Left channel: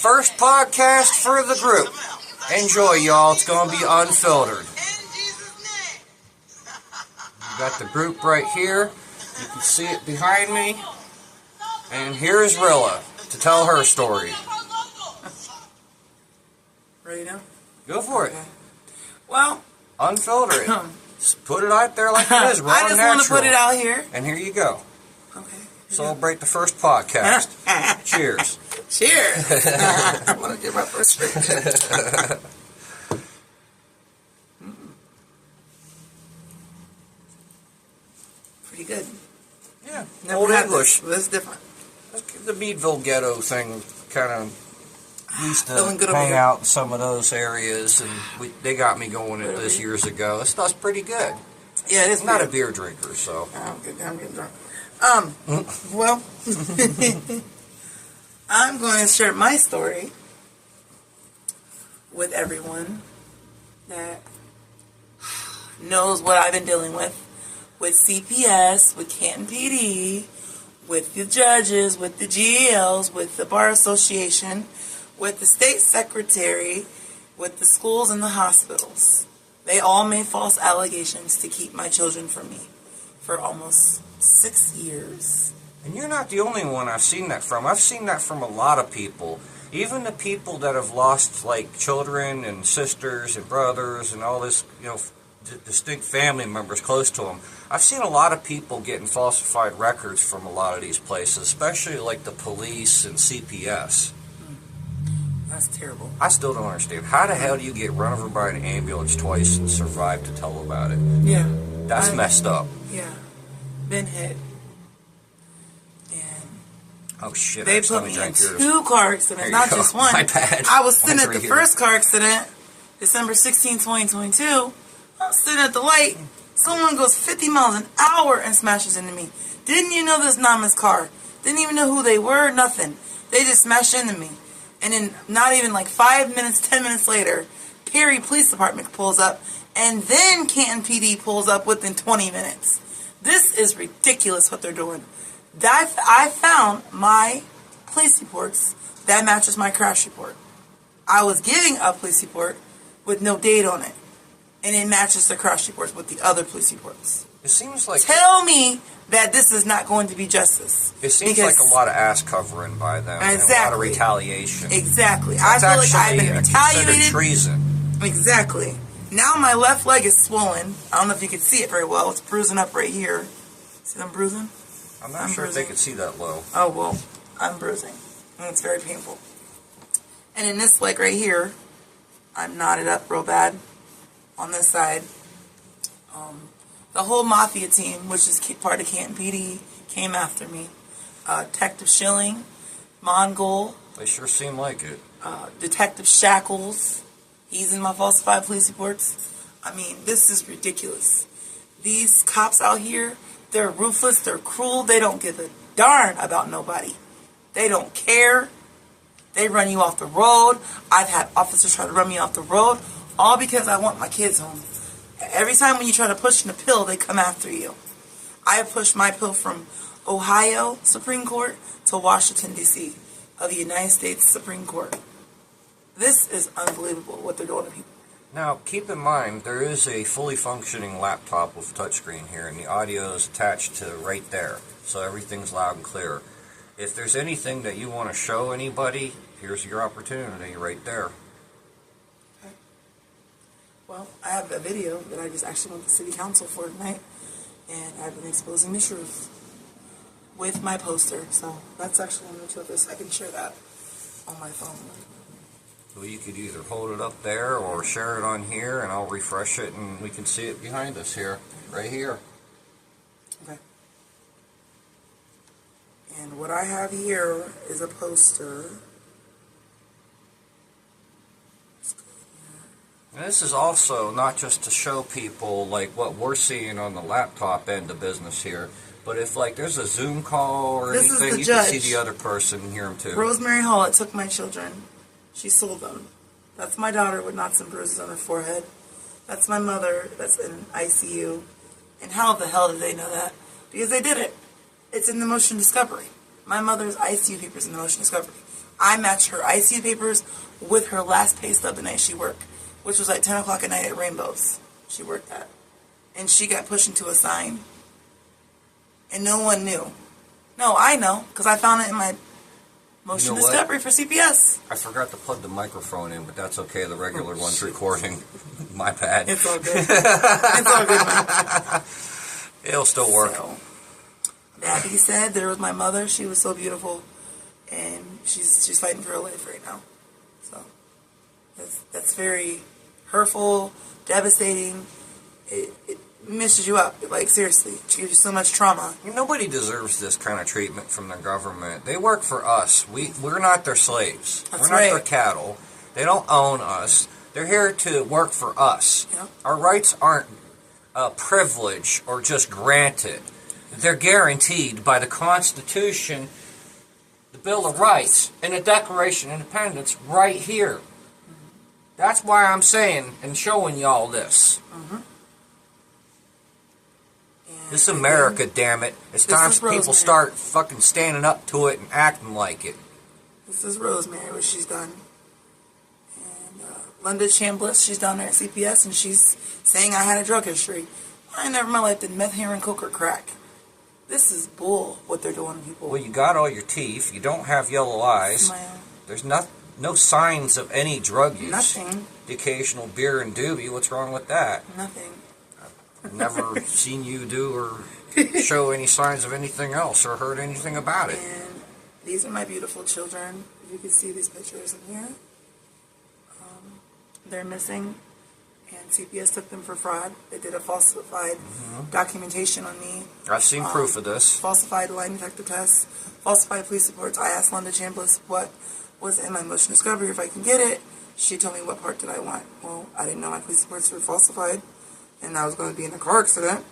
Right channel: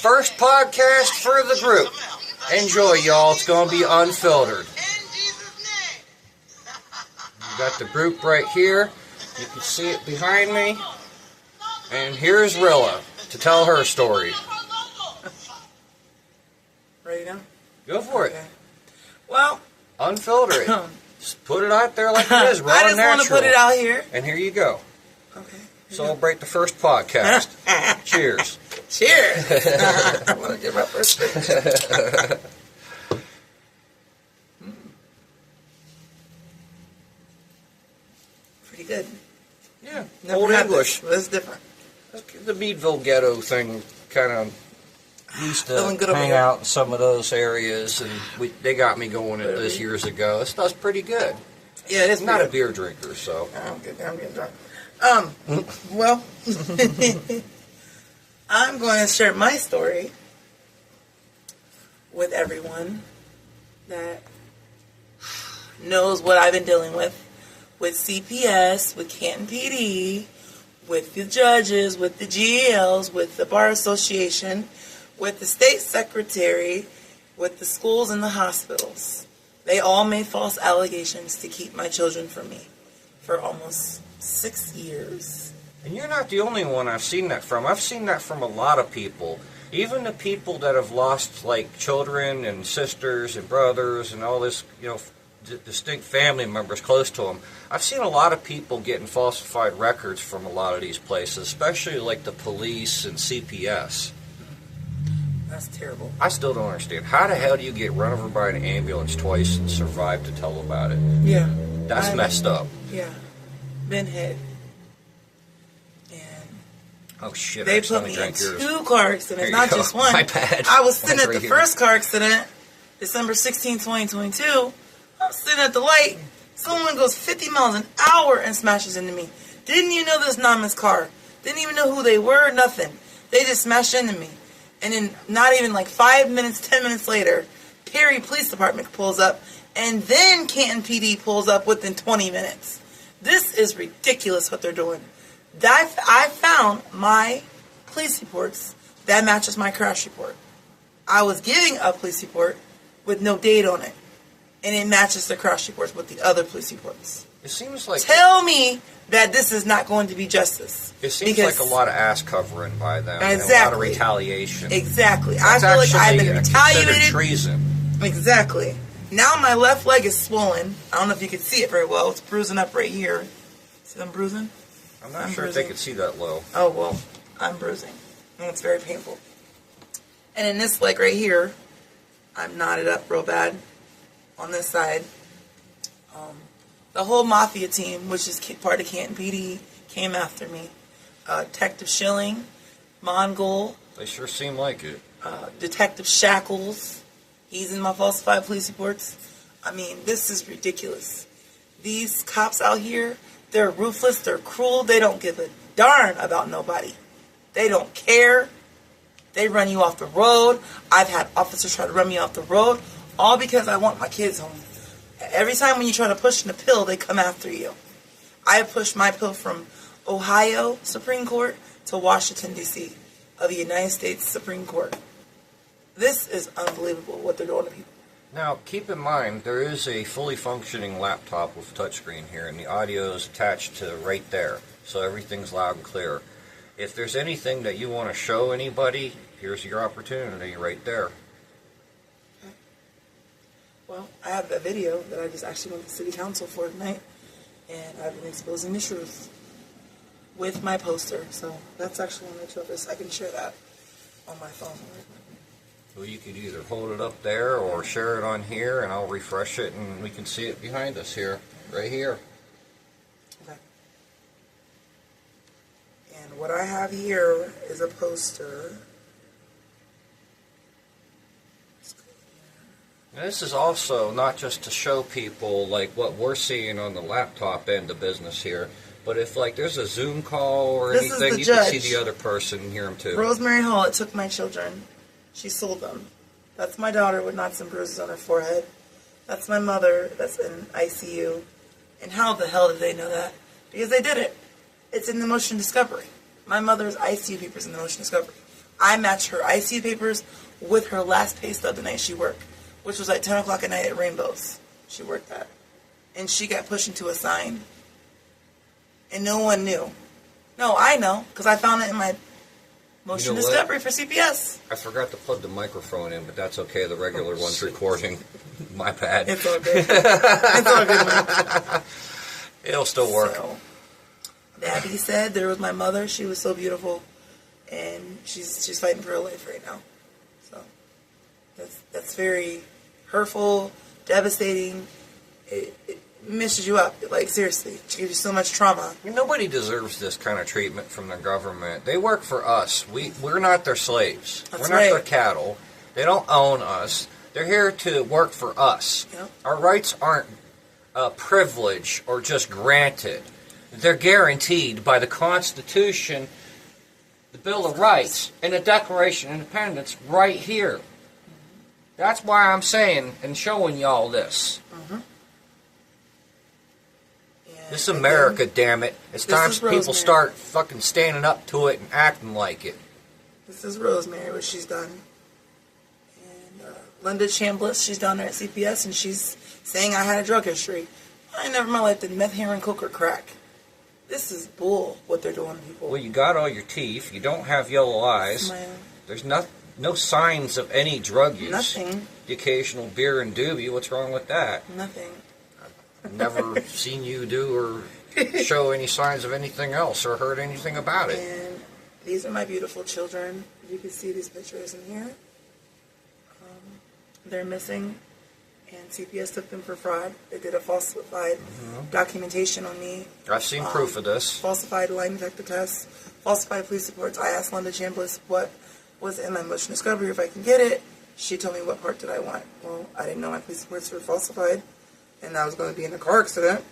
First podcast for the group. Enjoy, y'all. It's going to be unfiltered. Got the group right here. You can see it behind me. And here's Rilla to tell her story. Ready now? Go for it. Well, unfilter it. Just put it out there like it is. Raw I just want to put it out here. And here you go. Okay. Celebrate the first podcast. Cheers. Cheers. I want to get my first drink. Pretty good. Yeah. Never Old had English. This. That's different. The Meadville ghetto thing kind of used to good hang out in some of those areas, and they got me going at this years ago. This stuff's pretty good. Yeah, it is. I'm not a beer drinker, so. I'm getting drunk. Well, I'm going to share my story with everyone that knows what I've been dealing with CPS, with Canton PD, with the judges, with the GALs, with the Bar Association, with the state secretary, with the schools and the hospitals. They all made false allegations to keep my children from me for almost 6 years. And you're not the only one I've seen that from. I've seen that from a lot of people. Even the people that have lost, like, children and sisters and brothers and all this, distinct family members close to them. I've seen a lot of people getting falsified records from a lot of these places, especially like the police and CPS. That's terrible. I still don't understand. How the hell do you get run over by an ambulance twice and survive to tell about it? Yeah. That's messed up. Yeah. Been hit. And oh shit! They put me in 2 car accidents, not just one. My bad. I was sitting at the first car accident, December 16, 2022. I'm sitting at the light. Someone goes 50 miles an hour and smashes into me. Didn't even know this anonymous car. Didn't even know who they were, nothing. They just smashed into me. And then not even like 5 minutes, 10 minutes later, Perry Police Department pulls up. And then Canton PD pulls up within 20 minutes. This is ridiculous what they're doing. I found my police reports that matches my crash report. I was giving a police report with no date on it. And it matches the crash reports with the other police reports. It seems like... Tell me that this is not going to be justice. It seems like a lot of ass covering by them. Exactly. And a lot of retaliation. Exactly. That's I feel like I've been retaliated. Considered treason. Exactly. Now my left leg is swollen. I don't know if you can see it very well. It's bruising up right here. See them bruising? I'm not sure if they could see that low. Oh, well, I'm bruising. And it's very painful. And in this leg right here, I'm knotted up real bad on this side. The whole mafia team, which is part of Canton PD, came after me. Detective Schilling, Mongol. They sure seem like it. Detective Shackles. He's in my falsified police reports. I mean, this is ridiculous. These cops out here, they're ruthless, they're cruel, they don't give a darn about nobody. They don't care. They run you off the road. I've had officers try to run me off the road, all because I want my kids home. Every time when you try to push an appeal, they come after you. I pushed my appeal from Ohio Supreme Court to Washington, D.C. of the United States Supreme Court. This is unbelievable what they're doing to people. Now, keep in mind, there is a fully functioning laptop with touchscreen here, and the audio is attached to right there, so everything's loud and clear. If there's anything that you want to show anybody, here's your opportunity right there. Well, I have a video that I just actually went to City Council for tonight, and I've been exposing the truth with my poster. So that's actually one or two of this. I can share that on my phone. Well, you could either hold it up there or share it on here, and I'll refresh it, and we can see it behind us here, right here. Okay. And what I have here is a poster. And this is also not just to show people like what we're seeing on the laptop end of business here, but if like there's a Zoom call or anything, you can see the other person and hear them too. Rosemary Hall, it took my children. She sold them. That's my daughter with knots and bruises on her forehead. That's my mother that's in ICU. And how the hell did they know that? Because they did it. It's in the motion discovery. My mother's ICU papers in the motion discovery. I matched her IC papers with her last pay stub the night she worked, which was like 10 o'clock at night at Rainbows. She worked at. And she got pushed into a sign. And no one knew. No, I know, because I found it in my motion discovery for CPS. I forgot to plug the microphone in, but that's okay. The regular one's recording. My bad. It's all good. It's all good, man. It'll still work. So, that being said, there was my mother. She was so beautiful. And she's fighting for her life right now. So, that's very hurtful, devastating. It messes you up. Like, seriously. It gives you so much trauma. Nobody deserves this kind of treatment from the government. They work for us. We're not their slaves. That's We're not right. their cattle. They don't own us. They're here to work for us. Yep. Our rights aren't a privilege or just granted. They're guaranteed by the Constitution, the Bill of Rights, and the Declaration of Independence right here. That's why I'm saying and showing y'all this. Mm-hmm. This is America, damn it. It's time people start fucking standing up to it and acting like it. This is Rosemary, what she's done. And Linda Chambliss, she's down there at CPS, and she's saying I had a drug history. I never in my life did meth, heroin, coke, or crack. This is bull, what they're doing to people. Well, you got all your teeth. You don't have yellow eyes. Smile. There's no signs of any drug use. Nothing. The occasional beer and doobie. What's wrong with that? Nothing. I've never seen you do or show any signs of anything else or heard anything about it. And these are my beautiful children. If you can see these pictures in here. They're missing. And CPS took them for fraud. They did a falsified documentation on me. I've seen proof of this. Falsified lie detector tests, falsified police reports. I asked Linda Chambliss what was in my motion discovery if I can get it. She told me what part did I want. Well, I didn't know my police reports were falsified, and I was going to be in a car accident.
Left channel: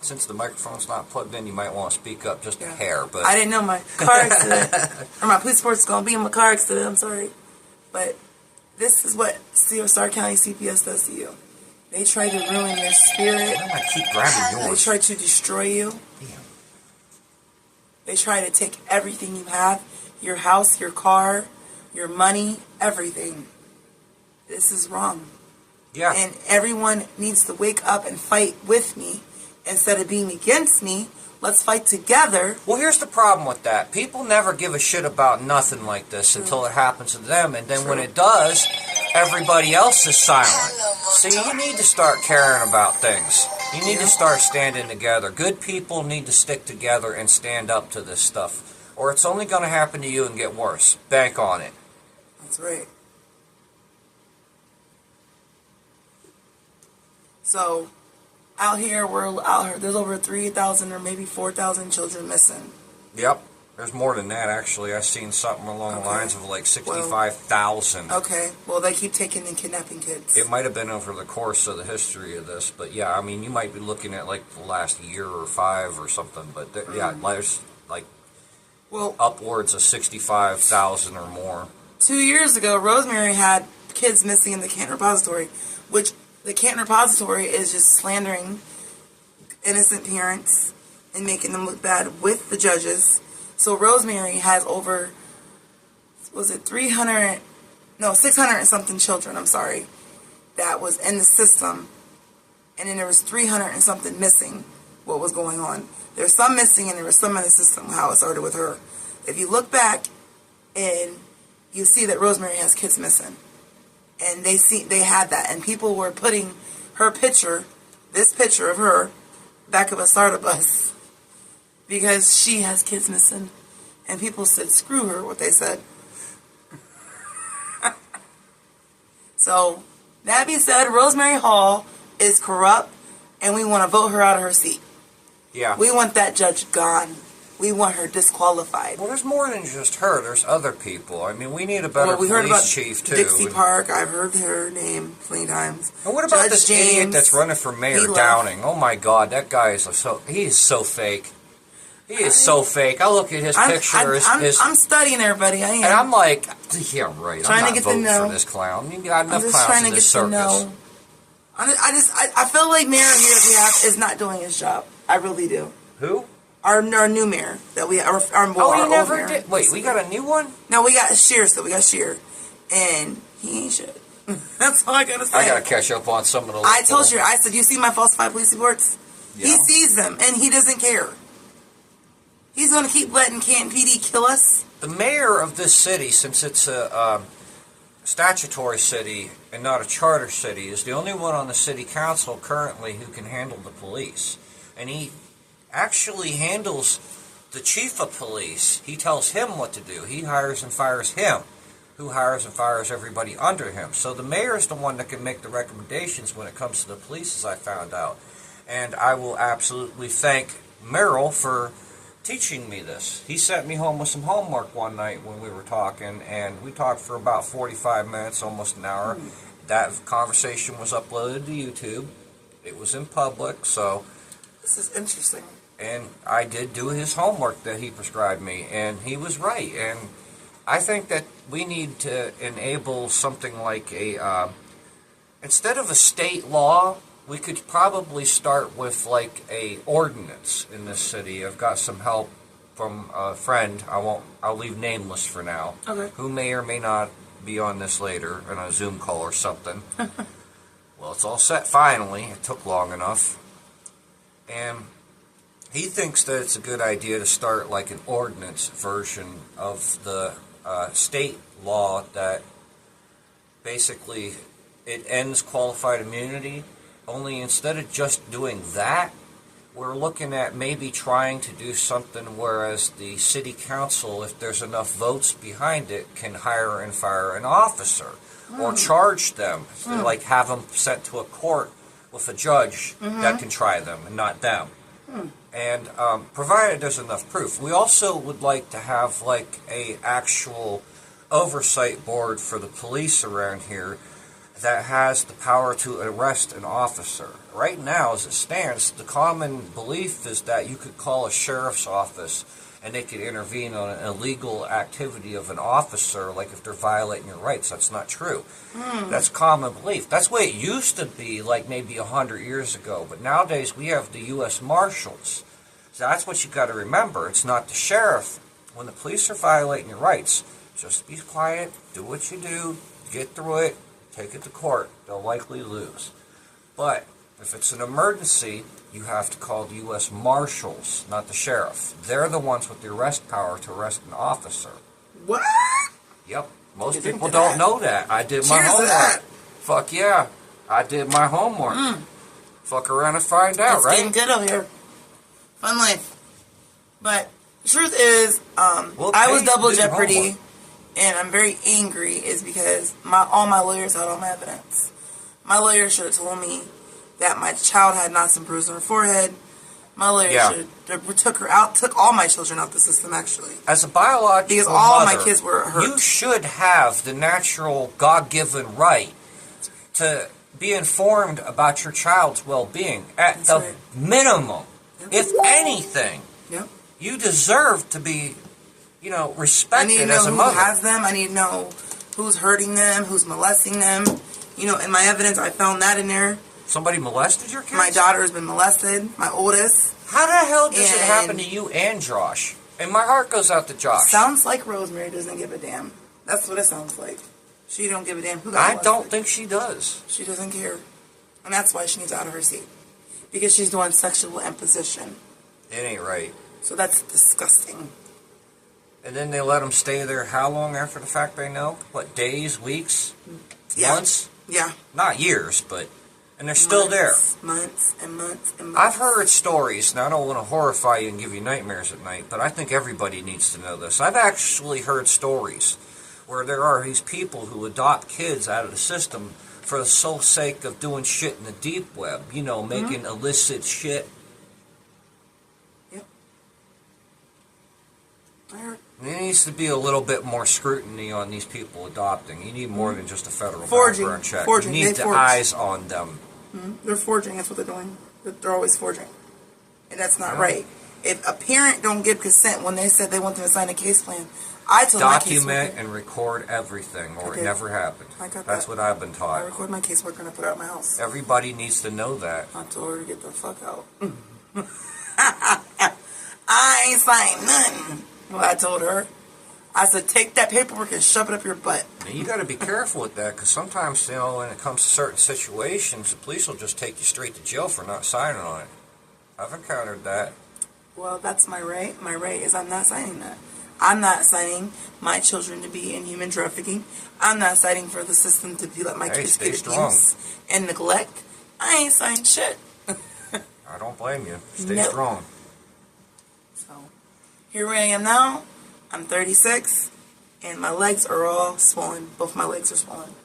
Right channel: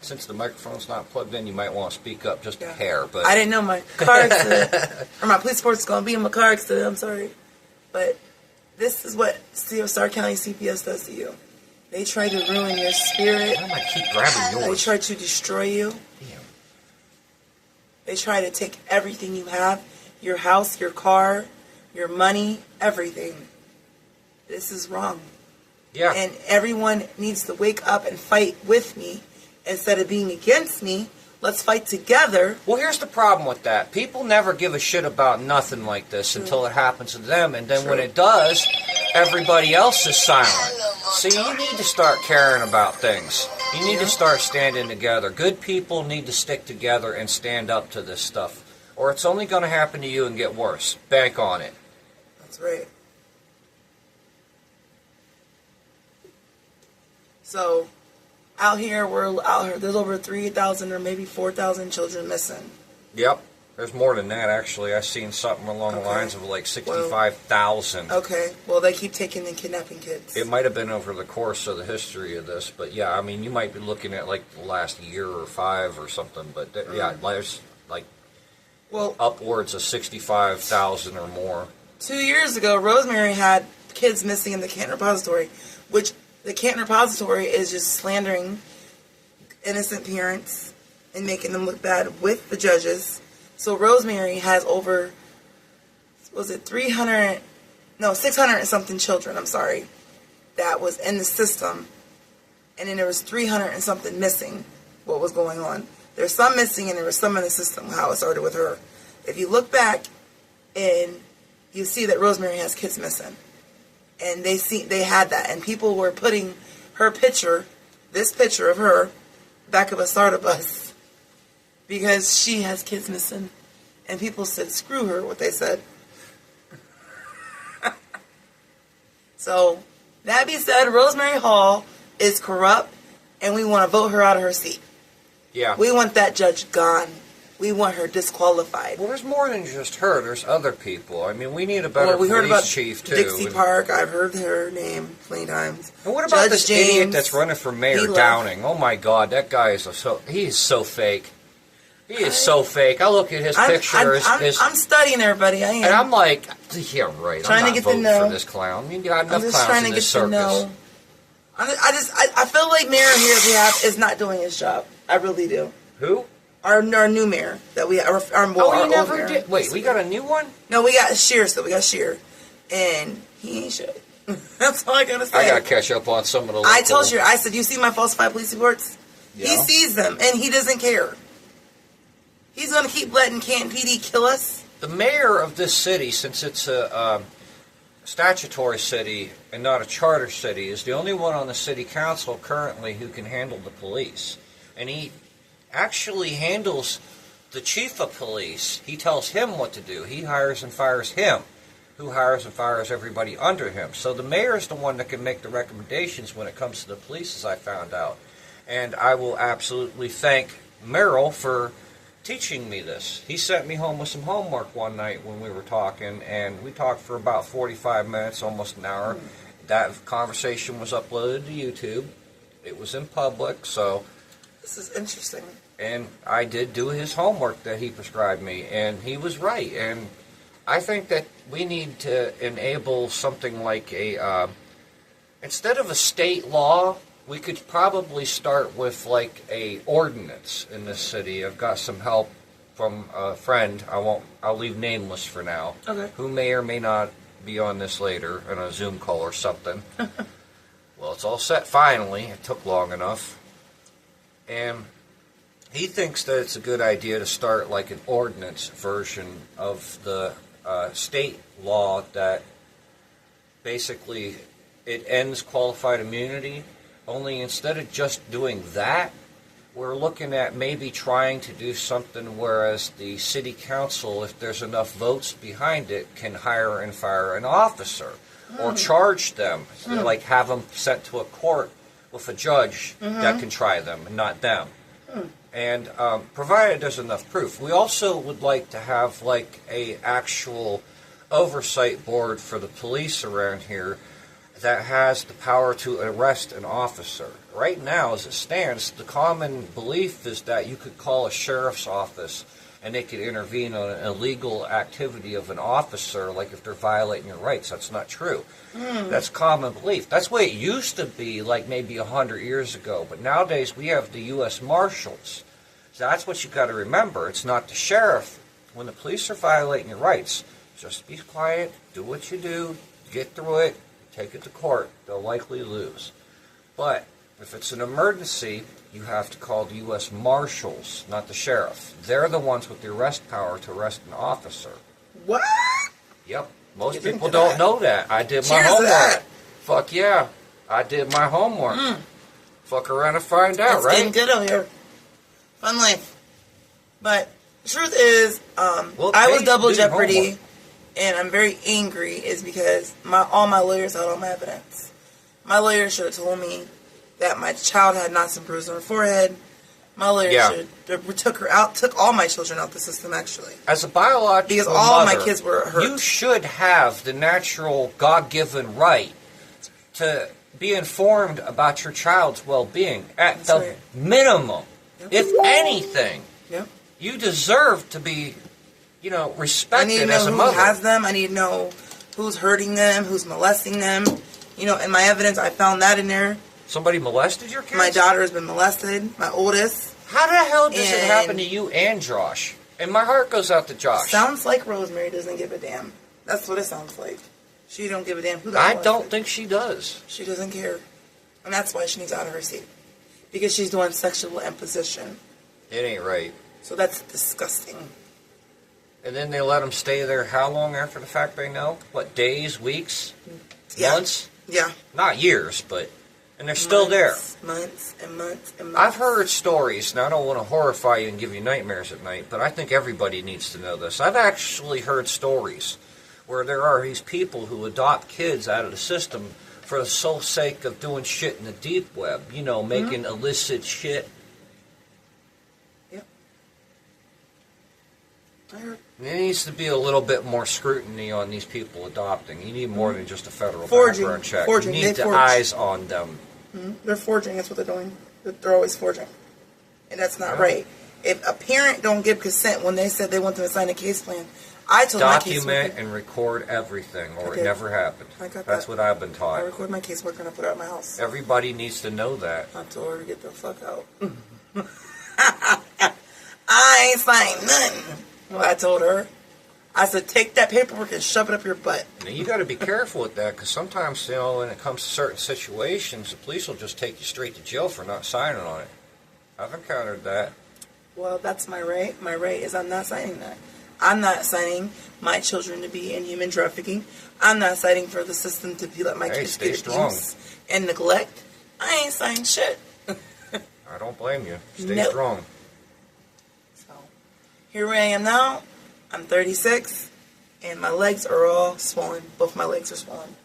Since the microphone's not plugged in, you might want to speak up just a hair. But I didn't know my car accident or my police report's going to be in my car accident. I'm sorry, but this is what Starr County CPS does to you. They try to ruin your spirit. Why do I keep grabbing yours? They try to destroy you. Damn. They try to take everything you have, your house, your car, your money, everything. This is wrong. Yeah. And everyone needs to wake up and fight with me instead of being against me. Let's fight together. Well, here's the problem with that. People never give a shit about nothing like this until it happens to them. And then when it does, everybody else is silent. See, you need to start caring about things. You need to start standing together. Good people need to stick together and stand up to this stuff. Or it's only going to happen to you and get worse. Bank on it. That's right. So, out here, there's over 3,000 or maybe 4,000 children missing. Yep. There's more than that, actually. I've seen something along the lines of like 65,000. Okay. Well, they keep taking and kidnapping kids. It might have been over the course of the history of this, but yeah, I mean, you might be looking at like the last year or 5 or something, but yeah, there's like upwards of 65,000 or more. 2 years ago, Rosemary had kids missing in the Canton repository, which the Canton repository is just slandering innocent parents and making them look bad with the judges. So Rosemary has over, 600 and something children, that was in the system. And then there was 300 and something missing, what was going on. There's some missing and there was some in the system, how it started with her. If you look back and you see that Rosemary has kids missing. And they had that. And people were putting her picture, this picture of her, back of a SARTA bus. Because she has kids missing. And people said, screw her, what they said. So, that being said, Rosemary Hall is corrupt. And we want to vote her out of her seat. Yeah. We want that judge gone. We want her disqualified. Well, there's more than just her. There's other people. I mean, we need a better police chief, too. Dixie Park. I've heard her name plenty times. And what about this idiot that's running for mayor, Downing? Oh, my God. That guy is he is so fake. He is so fake. I look at his picture. I'm studying everybody. I am. And I'm like, yeah, right. Trying I'm not to get voting to know. for this clown. You got enough clowns in this circus. I feel like Mayor here is not doing his job. I really do. Who? Our new mayor that we our you never mayor. did. Wait, we got a new one? No, we got Shear still. We got Shear, and he ain't shit. That's all I gotta say. I gotta catch up on some of the. I told you. I said, you see my falsified police reports? Yeah. He sees them, and he doesn't care. He's gonna keep letting Canton PD kill us. The mayor of this city, since it's a statutory city and not a charter city, is the only one on the city council currently who can handle the police, and he actually handles the chief of police. He tells him what to do. He hires and fires him, who hires and fires everybody under him. So the mayor is the one that can make the recommendations when it comes to the police, as I found out. And I will absolutely thank Merrill for teaching me this. He sent me home with some homework one night when we were talking, and we talked for about 45 minutes, almost an hour. That conversation was uploaded to YouTube. It was in public, so... This is interesting. And I did do his homework that he prescribed me, and he was right. And I think that we need to enable something like a, instead of a state law, we could probably start with like a ordinance in this city. I've got some help from a friend. I'll leave nameless for now. Okay. Who may or may not be on this later in a Zoom call or something. Well, it's all set finally. It took long enough. And he thinks that it's a good idea to start like an ordinance version of the state law that basically it ends qualified immunity. Only instead of just doing that, we're looking at maybe trying to do something whereas the city council, if there's enough votes behind it, can hire and fire an officer or charge them, like have them sent to a court with a judge that can try them and not them. And provided there's enough proof. We also would like to have like a actual oversight board for the police around here that has the power to arrest an officer. Right now, as it stands, the common belief is that you could call a sheriff's office and they could intervene on an illegal activity of an officer, like if they're violating your rights. That's not true. That's common belief. That's the way it used to be, like maybe 100 years ago. But nowadays, we have the U.S. Marshals. So that's what you got to remember. It's not the sheriff. When the police are violating your rights, just be quiet, do what you do, get through it, take it to court. They'll likely lose. But if it's an emergency, you have to call the U.S. Marshals, not the sheriff. They're the ones with the arrest power to arrest an officer. What? Yep. Most people don't know that. I did my homework. Fuck yeah. I did my homework. Fuck around and find out, It's right? getting good over here. Fun life. But the truth is, I was double jeopardy, and I'm very angry is because all my lawyers had all my evidence. My lawyer should have told me that my child had knots and bruises on her forehead. My lawyer should took all my children out the system, actually. As a biological because all mother, my kids were hurt. You should have the natural God-given right to be informed about your child's well-being at the minimum. Yep. If anything, you deserve to be, respected as a mother. I need to know who has them. I need to know who's hurting them, who's molesting them. In my evidence, I found that in there. Somebody molested your kids? My daughter has been molested, my oldest. How the hell does it happen to you and Josh? And my heart goes out to Josh. Sounds like Rosemary doesn't give a damn. That's what it sounds like. She don't give a damn who got molested. I don't think she does. She doesn't care. And that's why she needs out of her seat. Because she's doing sexual imposition. It ain't right. So that's disgusting. And then they let them stay there how long after the fact they know? What, days, weeks, months? Yeah. Not years, but... And they're still there. Months and months and months. I've heard stories, and I don't want to horrify you and give you nightmares at night, but I think everybody needs to know this. I've actually heard stories where there are these people who adopt kids out of the system for the sole sake of doing shit in the deep web. Making illicit shit. Yep. I heard. There needs to be a little bit more scrutiny on these people adopting. You need more than just a federal Forging. background check. Forging. You need the eyes on them. They're forging. That's what they're doing. They're always forging. And that's not right. If a parent don't give consent when they said they want them to sign a case plan, I told my caseworker. Document and record everything, or it never happened. I got That's that. what I've been taught. I record my caseworker and I put it out my house. Everybody needs to know that. I told her to get the fuck out. I ain't signed nothing. Well, I told her. I said, take that paperwork and shove it up your butt. Now, you got to be careful with that, because sometimes, when it comes to certain situations, the police will just take you straight to jail for not signing on it. I've encountered that. Well, that's my right. My right is I'm not signing that. I'm not signing my children to be in human trafficking. I'm not signing for the system to let my kids get abuse and neglect. I ain't signing shit. I don't blame you. Stay strong. So, here I am now. I'm 36, and my legs are all swollen. Both my legs are swollen.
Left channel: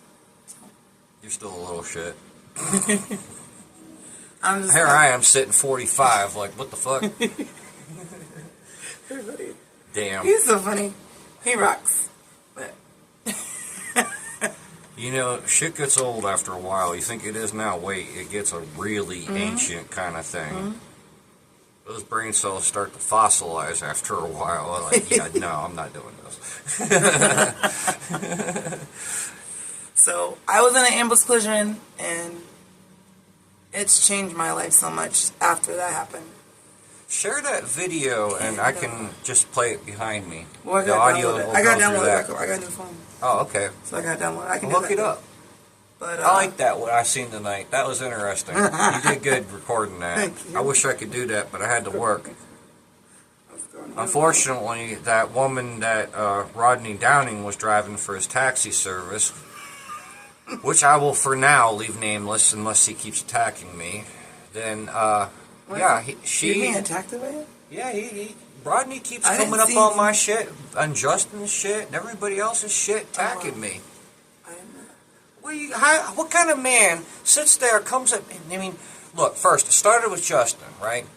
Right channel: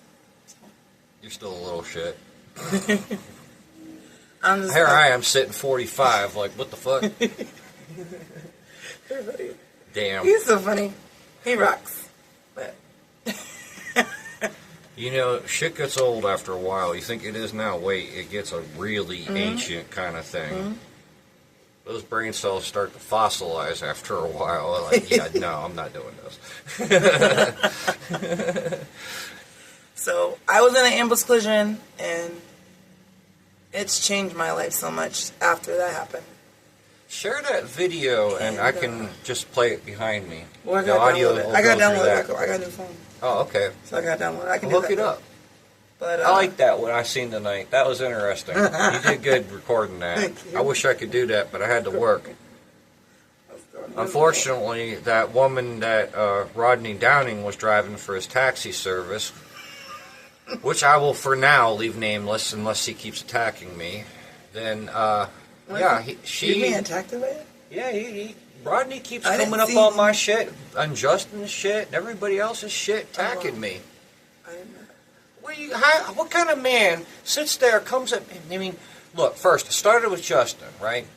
So. You're still a little shit. Here I am sitting 45, like, what the fuck? Damn. He's so funny. He rocks. But shit gets old after a while. You think it is now. Wait, it gets a really ancient kind of thing. Mm-hmm. Those brain cells start to fossilize after a while. Like, yeah, no, I'm not doing this. So, I was in an ambulance collision, and it's changed my life so much after that happened. Share that video, and I can just play it behind me. Well, the audio. I got downloaded. I got a new phone. Oh, okay. So I got downloaded. I can look it up. But I like that, what I seen tonight. That was interesting. You did good recording that. Thank you. I wish I could do that, but I had to work. Unfortunately, that woman that Rodney Downing was driving for his taxi service, which I will for now leave nameless unless he keeps attacking me, then, she... You being attacked by it? Yeah, Rodney keeps coming up on my shit, on Justin's shit, and everybody else's shit, attacking me. What kind of man sits there, comes up, I mean, look, first, it started with Justin, right?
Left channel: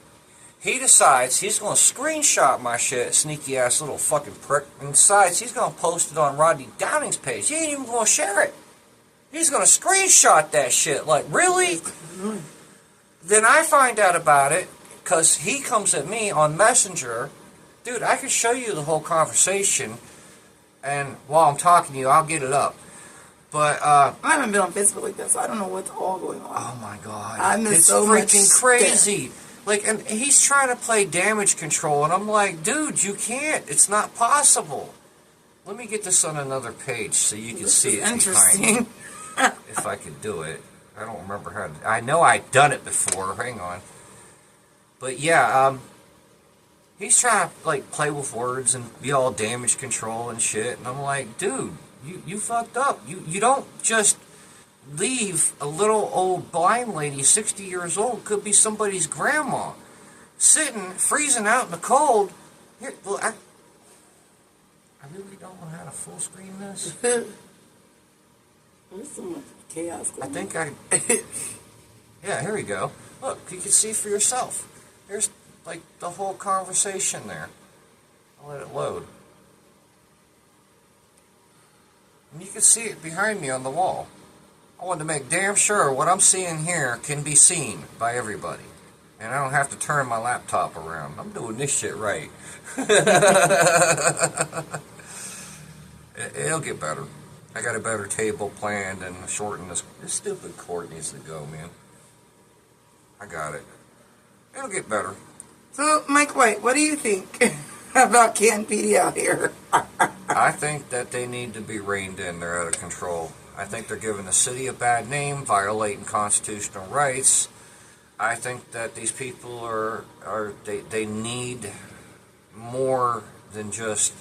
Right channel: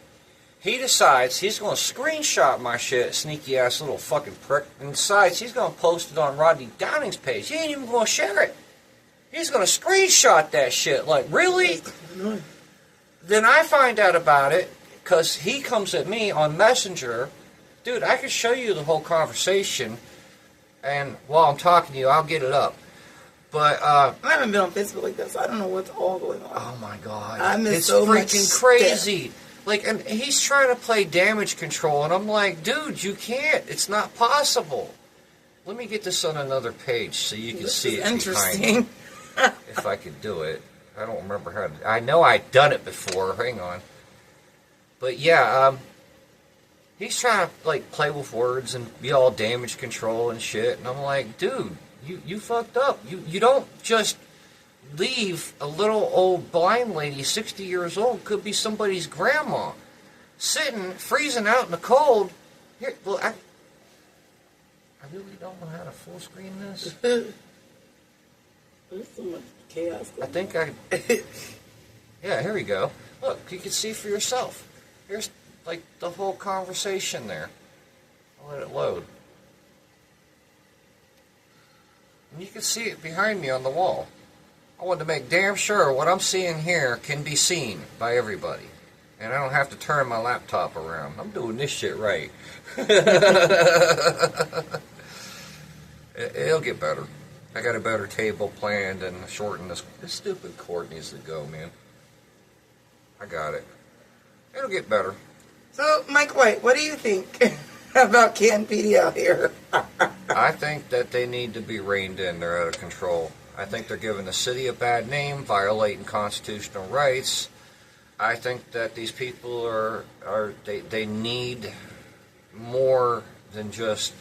He decides he's going to screenshot my shit, sneaky ass little fucking prick, and decides he's going to post it on Rodney Downing's page. He ain't even going to share it. He's going to screenshot that shit. Like, really? Then I find out about it, because he comes at me on Messenger. Dude, I can show you the whole conversation, and while I'm talking to you, I'll get it up. But I haven't been on Facebook like that, so I don't know what's all going on. Oh my god, I miss it's so freaking much crazy. Like, and he's trying to play damage control, and I'm like, dude, you can't. It's not possible. Let me get this on another page so you can see it behind me. If I can do it, I don't remember how to. I know I've done it before. Hang on. But yeah, he's trying to like play with words and be all damage control and shit, and I'm like, dude. You fucked up. You don't just leave a little old blind lady, 60 years old, could be somebody's grandma, sitting, freezing out in the cold. Here, well, I really don't know how to full screen this. There's so much chaos going on. Yeah, here we go. Look, you can see for yourself. Here's, like, the whole conversation there. I'll let it load. And you can see it behind me on the wall. I want to make damn sure what I'm seeing here can be seen by everybody. And I don't have to turn my laptop around. I'm doing this shit right. It'll get better. I got a better table planned and shorten this. This stupid cord needs to go, man. I got it. It'll get better. So, Mike White, what do you think about Canton PD out here? I think that they need to be reined in. They're out of control. I think they're giving the city a bad name, violating constitutional rights. I think that these people they need more than just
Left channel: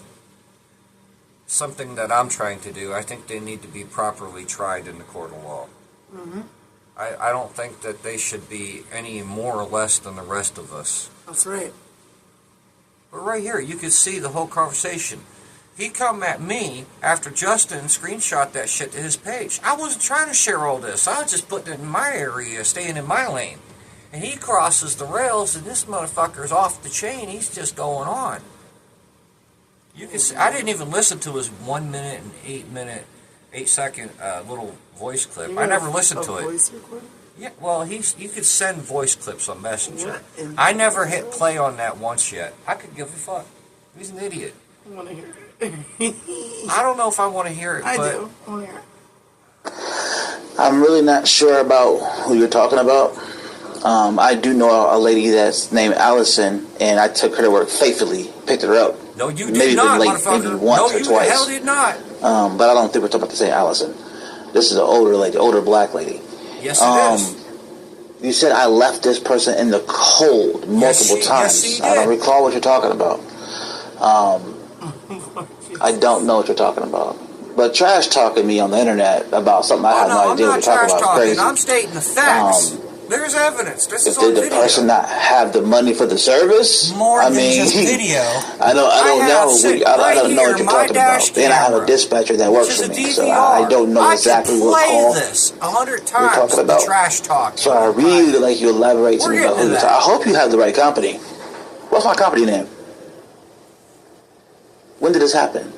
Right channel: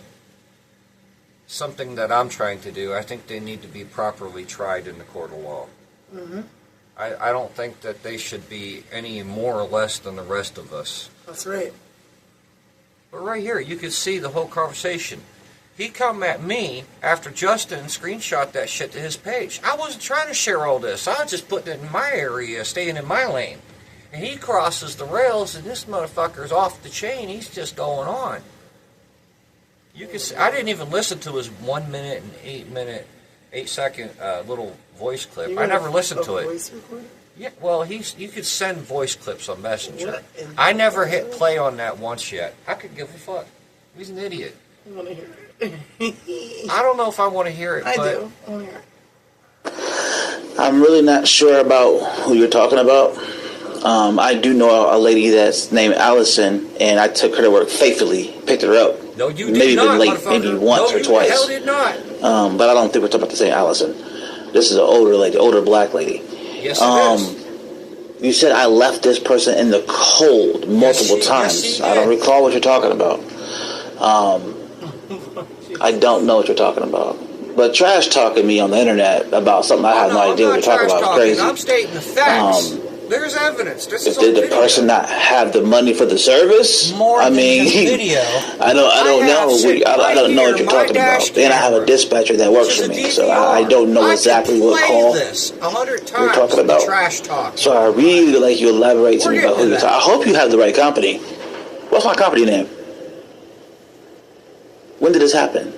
something that I'm trying to do. I think they need to be properly tried in the court of law. Mm-hmm. I don't think that they should be any more or less than the rest of us. That's right. But right here, you can see the whole conversation. He come at me after Justin screenshot that shit to his page. I wasn't trying to share all this. I was just putting it in my area, staying in my lane. And he crosses the rails, and this motherfucker's off the chain. He's just going on. You can see, I didn't even listen to his 1 minute and 8 second little voice clip. I never listened to it. Voice recorder? Yeah, well, you could send voice clips on Messenger. I never hit play on that once yet. I could give a fuck. He's an idiot. I want to hear it. I don't know if I want to hear it. I but do. I want to hear it. I'm really not sure about who you're talking about. I do know a lady that's named Allison, and I took her to work faithfully, picked her up. No, you did maybe not, late, motherfucker. maybe once no, or you twice. the hell did not. But I don't think we're talking about the same Allison. This is an older lady, older black lady. Yes, it is. You said I left this person in the cold multiple times. Yes, I don't recall what you're talking about. I don't know what you're talking about. But trash talking me on the internet about something I have no idea what you're talking about is crazy. I'm stating the facts. There's evidence. This is on Did the video. person not have the money for the service? More than just video. I don't know what you're talking about. Then I have a dispatcher that works for me, so I don't know exactly what call this 100 times. You're talking about. The trash talk. So I really like you elaborate to me about who you're talking. I hope you have the right company. What's my company name? When did this happen?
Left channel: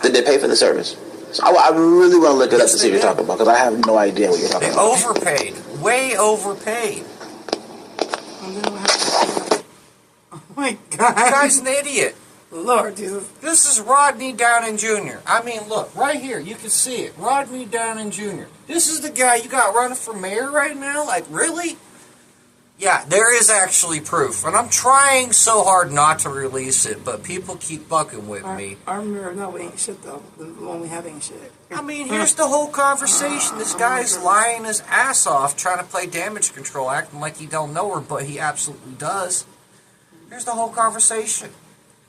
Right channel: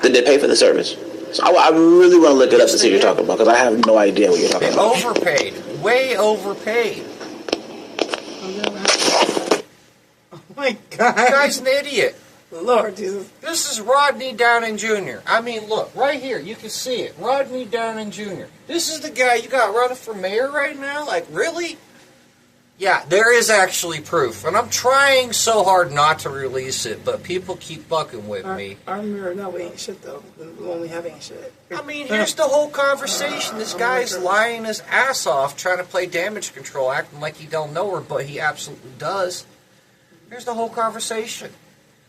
Did they pay for the service? So I really want to look it up to see what you're talking about, because I have no idea what you're talking about. They overpaid. Way overpaid. Oh my God. The guy's an idiot. Lord Jesus. This is Rodney Downing Jr. I mean, look, right here, you can see it. Rodney Downing Jr. This is the guy you got running for mayor right now? Like, really? Yeah, there is actually proof. And I'm trying so hard not to release it, but people keep fucking with me. Our mirror, no, we ain't shit, though. The one we have ain't shit. I mean, here's the whole conversation. This guy's lying his ass off, trying to play damage control, acting like he don't know her, but he absolutely does. Here's the whole conversation.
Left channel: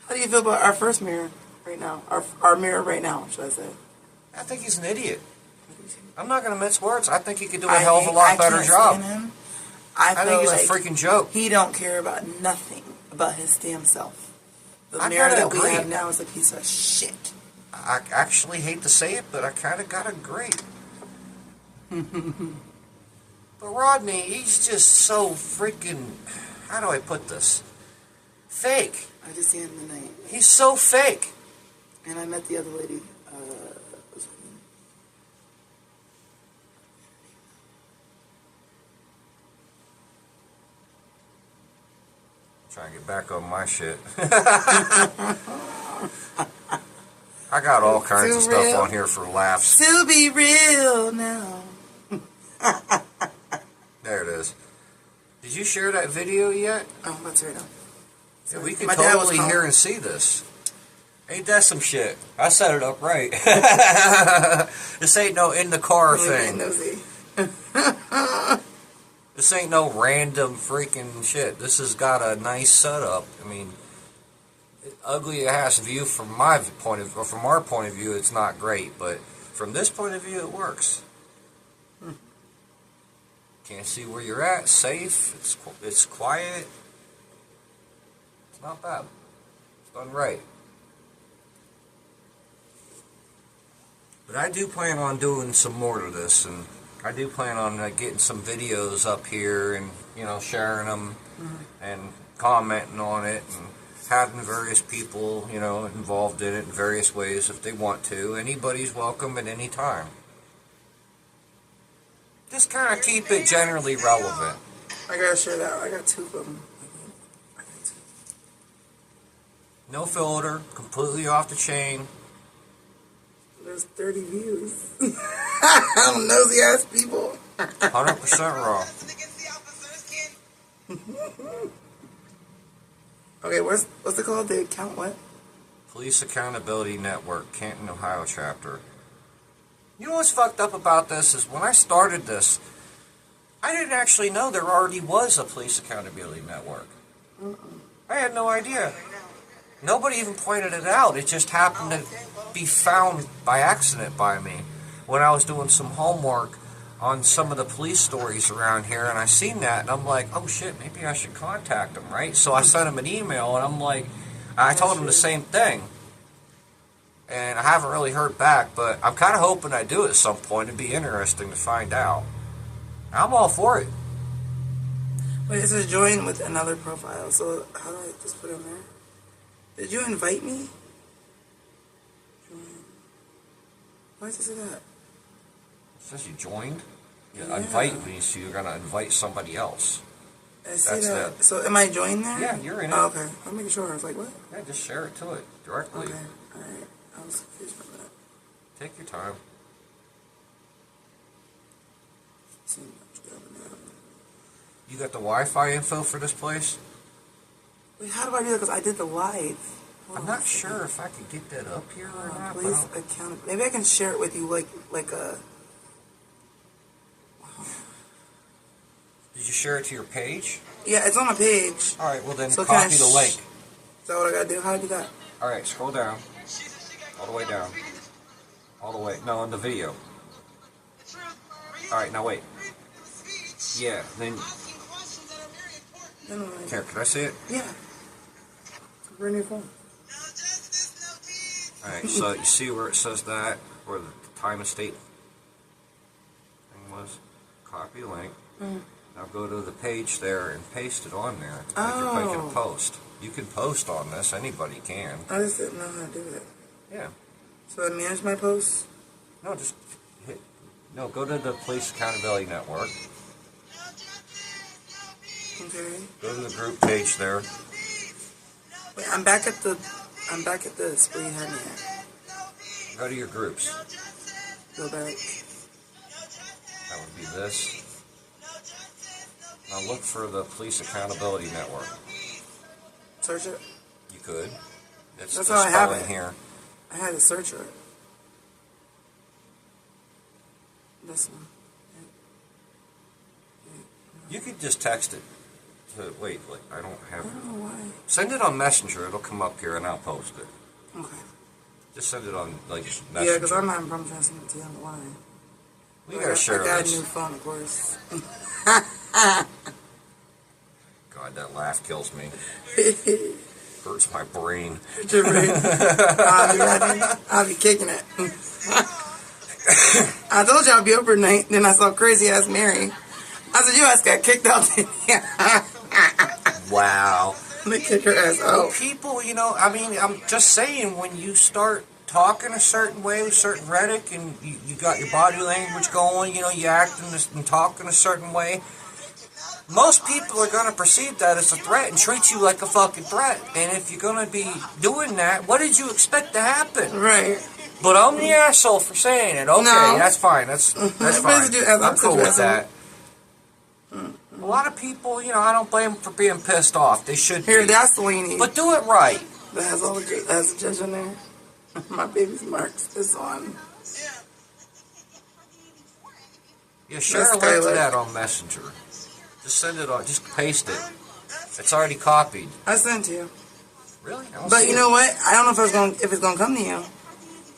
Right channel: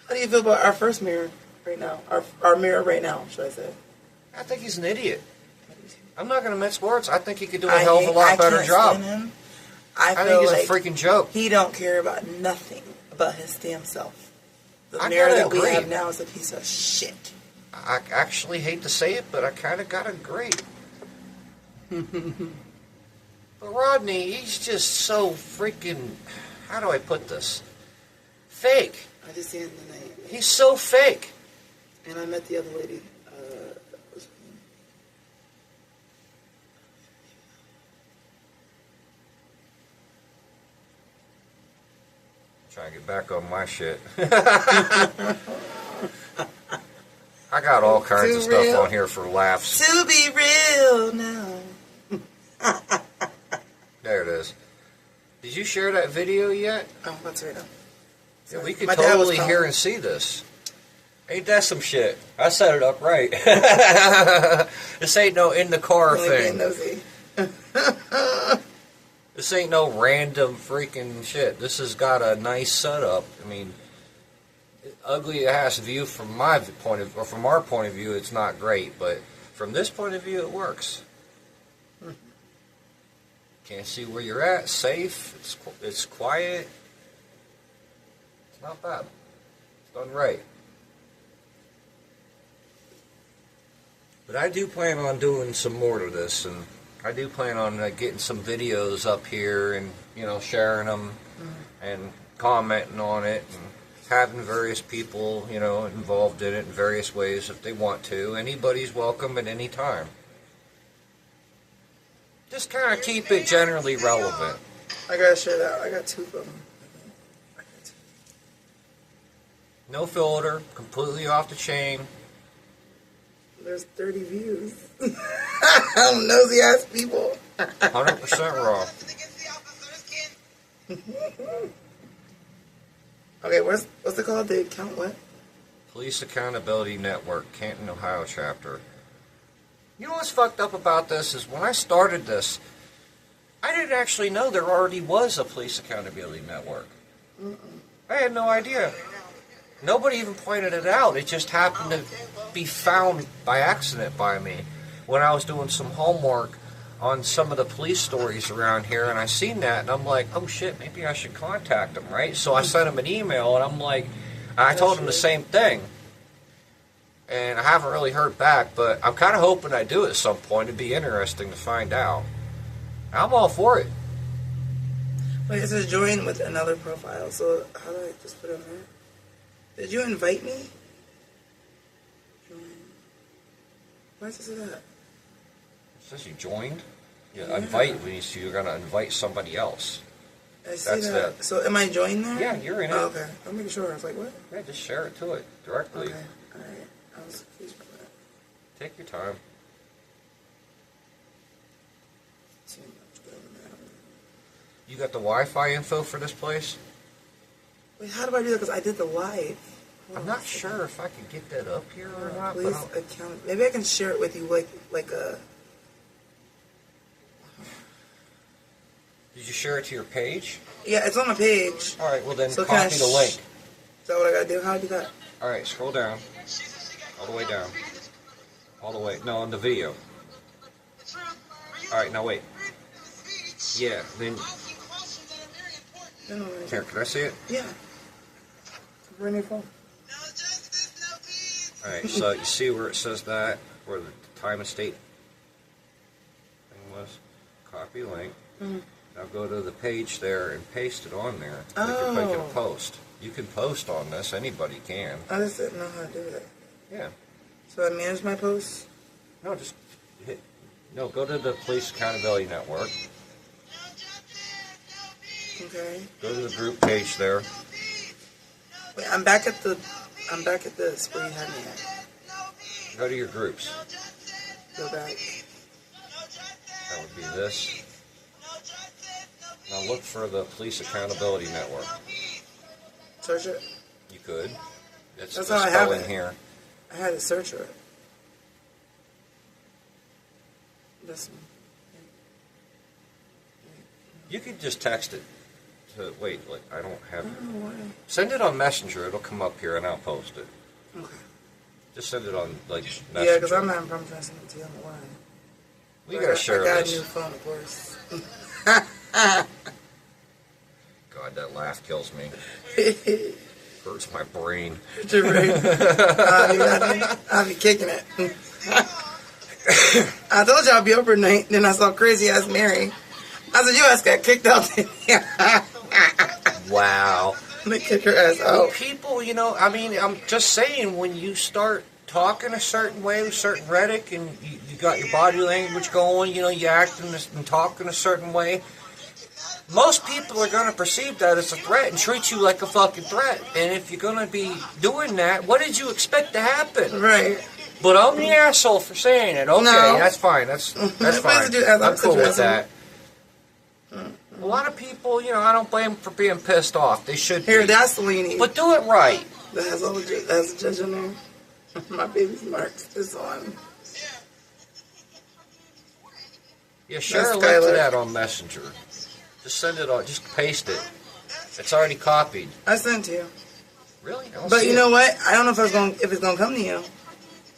How do you feel about our first mirror right now? Our mirror right now, should I say? I think he's an idiot. I'm not going to mince words. I think he could do a hell of a lot better job. I think he's a freaking joke. He don't care about nothing about his damn self. The mirror that we have now is a piece of shit. I actually hate to say it, but I kind of gotta agree. But Rodney, he's just so freaking, how do I put this? Fake. I just seen him tonight. He's so fake. And I met the other lady. Trying to get back on my shit. I got all kinds of stuff on here for laughs. To be real now. There it is. Did you share that video yet? Oh, let's read it. Yeah, we could totally hear and see this. Ain't that some shit? I set it up right. This ain't no in the car thing. This ain't no random freaking shit. This has got a nice setup. I mean, ugly ass view from my point of, or from our point of view, it's not great. But from this point of view, it works. Can't see where you're at. Safe. It's quiet. It's not bad. It's done right. But I do plan on doing some more to this, and I do plan on getting some videos up here and, you know, sharing them and commenting on it and having various people, you know, involved in it in various ways if they want to. Anybody's welcome at any time. Just kind of keep it generally relevant. I gotta share that. I got two of them. No filter, completely off the chain. There's 30 views. Nosy ass people. 100% raw. Okay, what's it called? The account what? Police Accountability Network, Canton, Ohio chapter. You know what's fucked up about this is when I started this, I didn't actually know there already was a Police Accountability Network. I had no idea. Nobody even pointed it out. It just happened to be found by accident by me when I was doing some homework on some of the police stories around here, and I seen that, and I'm like, oh shit, maybe I should contact them, right? So I sent them an email, and I'm like, I told them the same thing, and I haven't really heard back, but I'm kind of hoping I do at some point. It'd be interesting to find out. I'm all for it. Wait, it says join with another profile, so how do I just put it in there? Did you invite me? Join. Why does it say that? It says you joined? Yeah. Invite means you're going to invite somebody else. I see that. So am I joined there? Yeah, you're in it. Oh, okay. I'm making sure. I was like, what? Yeah, just share it to it directly. Okay. All right. I was confused by that. Take your time. You got the Wi-Fi info for this place? Wait, how do I do that? Because I did the live. I'm not sure if I can get that up here or not. Please account. Maybe I can share it with you, like a. Did you share it to your page? Yeah, it's on my page. All right, well then So copy the link. Is that what I gotta do? How do you do that? All right, scroll down. All the way down. All the way. No, in the video. All right, now wait. Yeah, then. Here, can I see it? Yeah. Bring your phone. All right, so you see where it says that, where the time and state thing was? Copy link. Now go to the page there and paste it on there. If you're making a post. You can post on this. Anybody can. I just didn't know how to do it. Yeah. So I manage my posts? No, just hit. No, go to the Police Accountability Network. Okay. Go to the group page there. Wait, I'm back at this where you had me at. Go to your groups. Go back. That would be this. Now look for the Police Accountability Network. Search it? You could. It's That's the how I have spelling it. here. I had to search it. This one. You could just text it. Wait, I don't I have. don't know why. Send it on Messenger. It'll come up here, and I'll post it. Okay. Just send it on Messenger. Yeah, because I'm having problems trying to send it to you on the line. We gotta share I got this. a new phone, of course. God, that laugh kills me. Hurts my brain. I'll be kicking it. I told you I'd be over tonight. Then I saw crazy ass Mary. I said, your ass got kicked out. Wow. They kick her ass out. People, I mean, I'm just saying, when you start talking a certain way with certain rhetoric and you got your body language going, you acting and talking a certain way, most people are going to perceive that as a threat and treat you like a fucking threat. And if you're going to be doing that, what did you expect to happen? Right. But I'm the asshole for saying it. Okay, No. That's fine. That's fine. I'm cool with that. A lot of people, I don't blame them for being pissed off. They should Here, be. that's the one you need. But do it right. That has all the has the judge on there. My baby's marks is on. Yeah, share a That's link to Skylar. that on Messenger. Just send it on. Just paste it. It's already copied. I sent it to you. Really? I don't But see you it. know what? I don't know if it's gonna come to you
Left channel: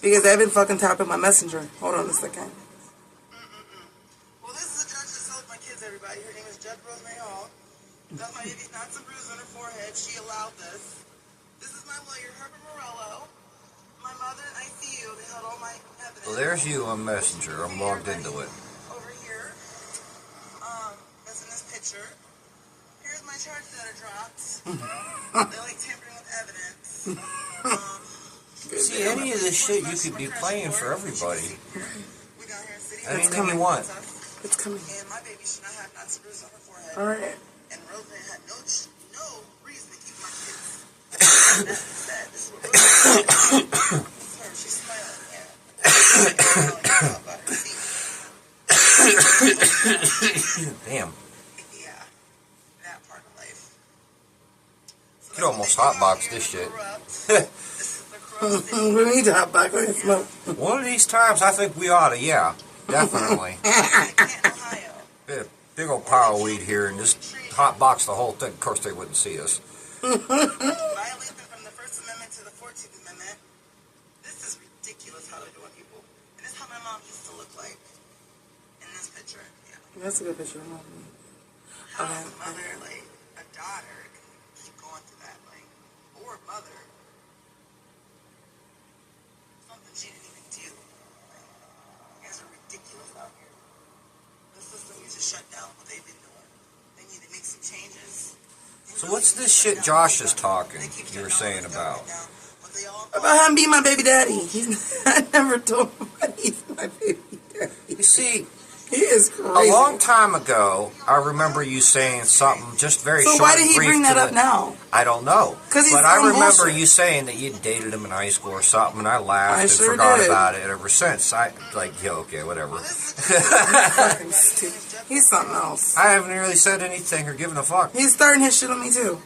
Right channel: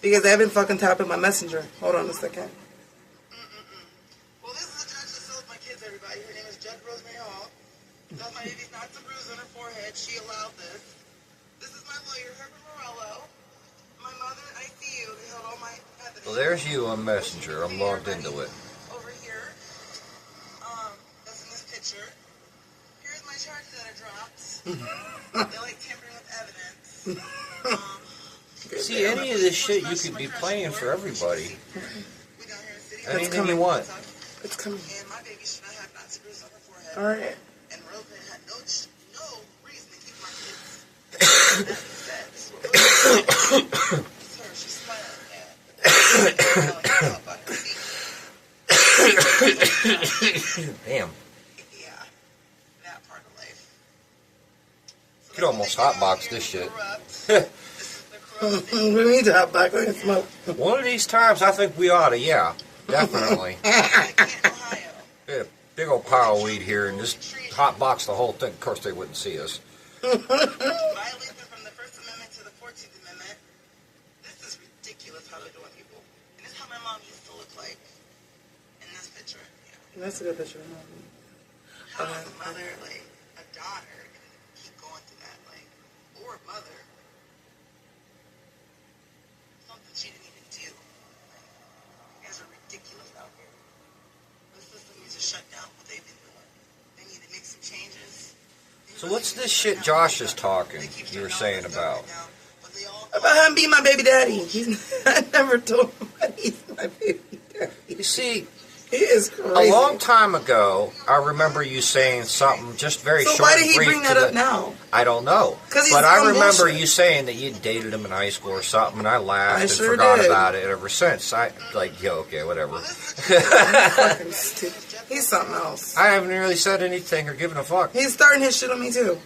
because I've been fucking tapping my messenger. Hold on a second. Well, this is the judge that sold my kids. Everybody, her name is Judge Rosemary Hall. That my baby's not some bruise on her forehead. She allowed this. This is my lawyer, Herbert Morello. My mother in ICU. They held all my evidence. Well, there's you on Messenger. I'm logged into it. Over here. That's in this picture. Here's my charges that are dropped. They're like tampering with evidence. See, any of this shit you could be playing for everybody. Anything you want. It's coming. And my baby should not have Nazi bruise on her forehead. All right. And Rosemary had no reason to keep my kids. This is what Rosemary said. She's smiling. Damn. Yeah. That part of life. You could almost hotbox this shit. We need to hotbox and smoke. One of these times, I think we ought to. Yeah, definitely. Yeah, big old pile of weed here and just hotbox the whole thing. Of course, they wouldn't see us. Violate them from the First Amendment to the 14th Amendment. This is ridiculous how they're doing people. And this is how my mom used to look like in this picture. Yeah. That's a good picture of mom. How a mother, like a daughter, can keep going through that, or a mother. Something she didn't even do. You guys are ridiculous out here. The system needs to shut down what they've been doing. They need to make some changes. So what's this shit Josh is talking, you were saying about? About him being my baby daddy. I never told him he's my baby daddy. You see, He is A crazy. long time ago, I remember you saying something just very short. So why did he brief bring that up now? I don't know. 'Cause he's But I on remember bullshit. you saying that you dated him in high school or something, and I laughed I and sure forgot did. about it ever since. Okay, whatever. Fucking stupid. He's something else. I haven't really said anything or given a fuck. He's starting his shit on me too.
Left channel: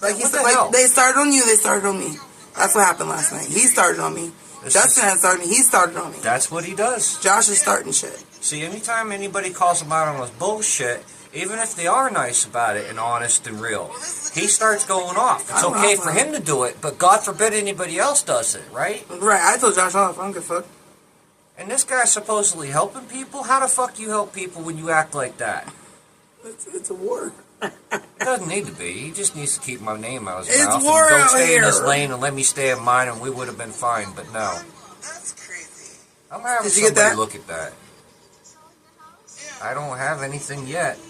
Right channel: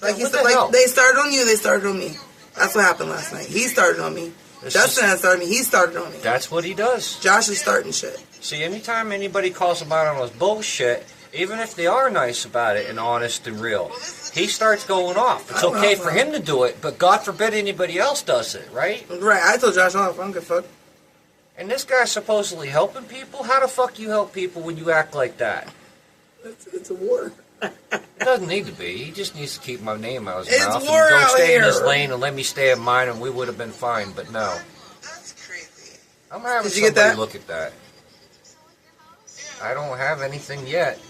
Like he What said, the like hell? they started on you, they started on me. That's what happened last night. He started on me. It's Justin just- had started me. He started on me. That's what he does. Josh is starting shit. See, anytime anybody calls him out on his bullshit, even if they are nice about it and honest and real, he starts going off. It's I'm okay not for lying. him to do it, but God forbid anybody else does it, right? Right, I told Josh off. I don't give a fuck. And this guy's supposedly helping people? How the fuck you help people when you act like that? It's a war. It doesn't need to be. He just needs to keep my name out of his It's mouth war and go out stay in his here. lane and let me stay in mine and we would have been fine, but no. That's crazy. I'm having Did you get somebody that? look at that. I don't have anything yet.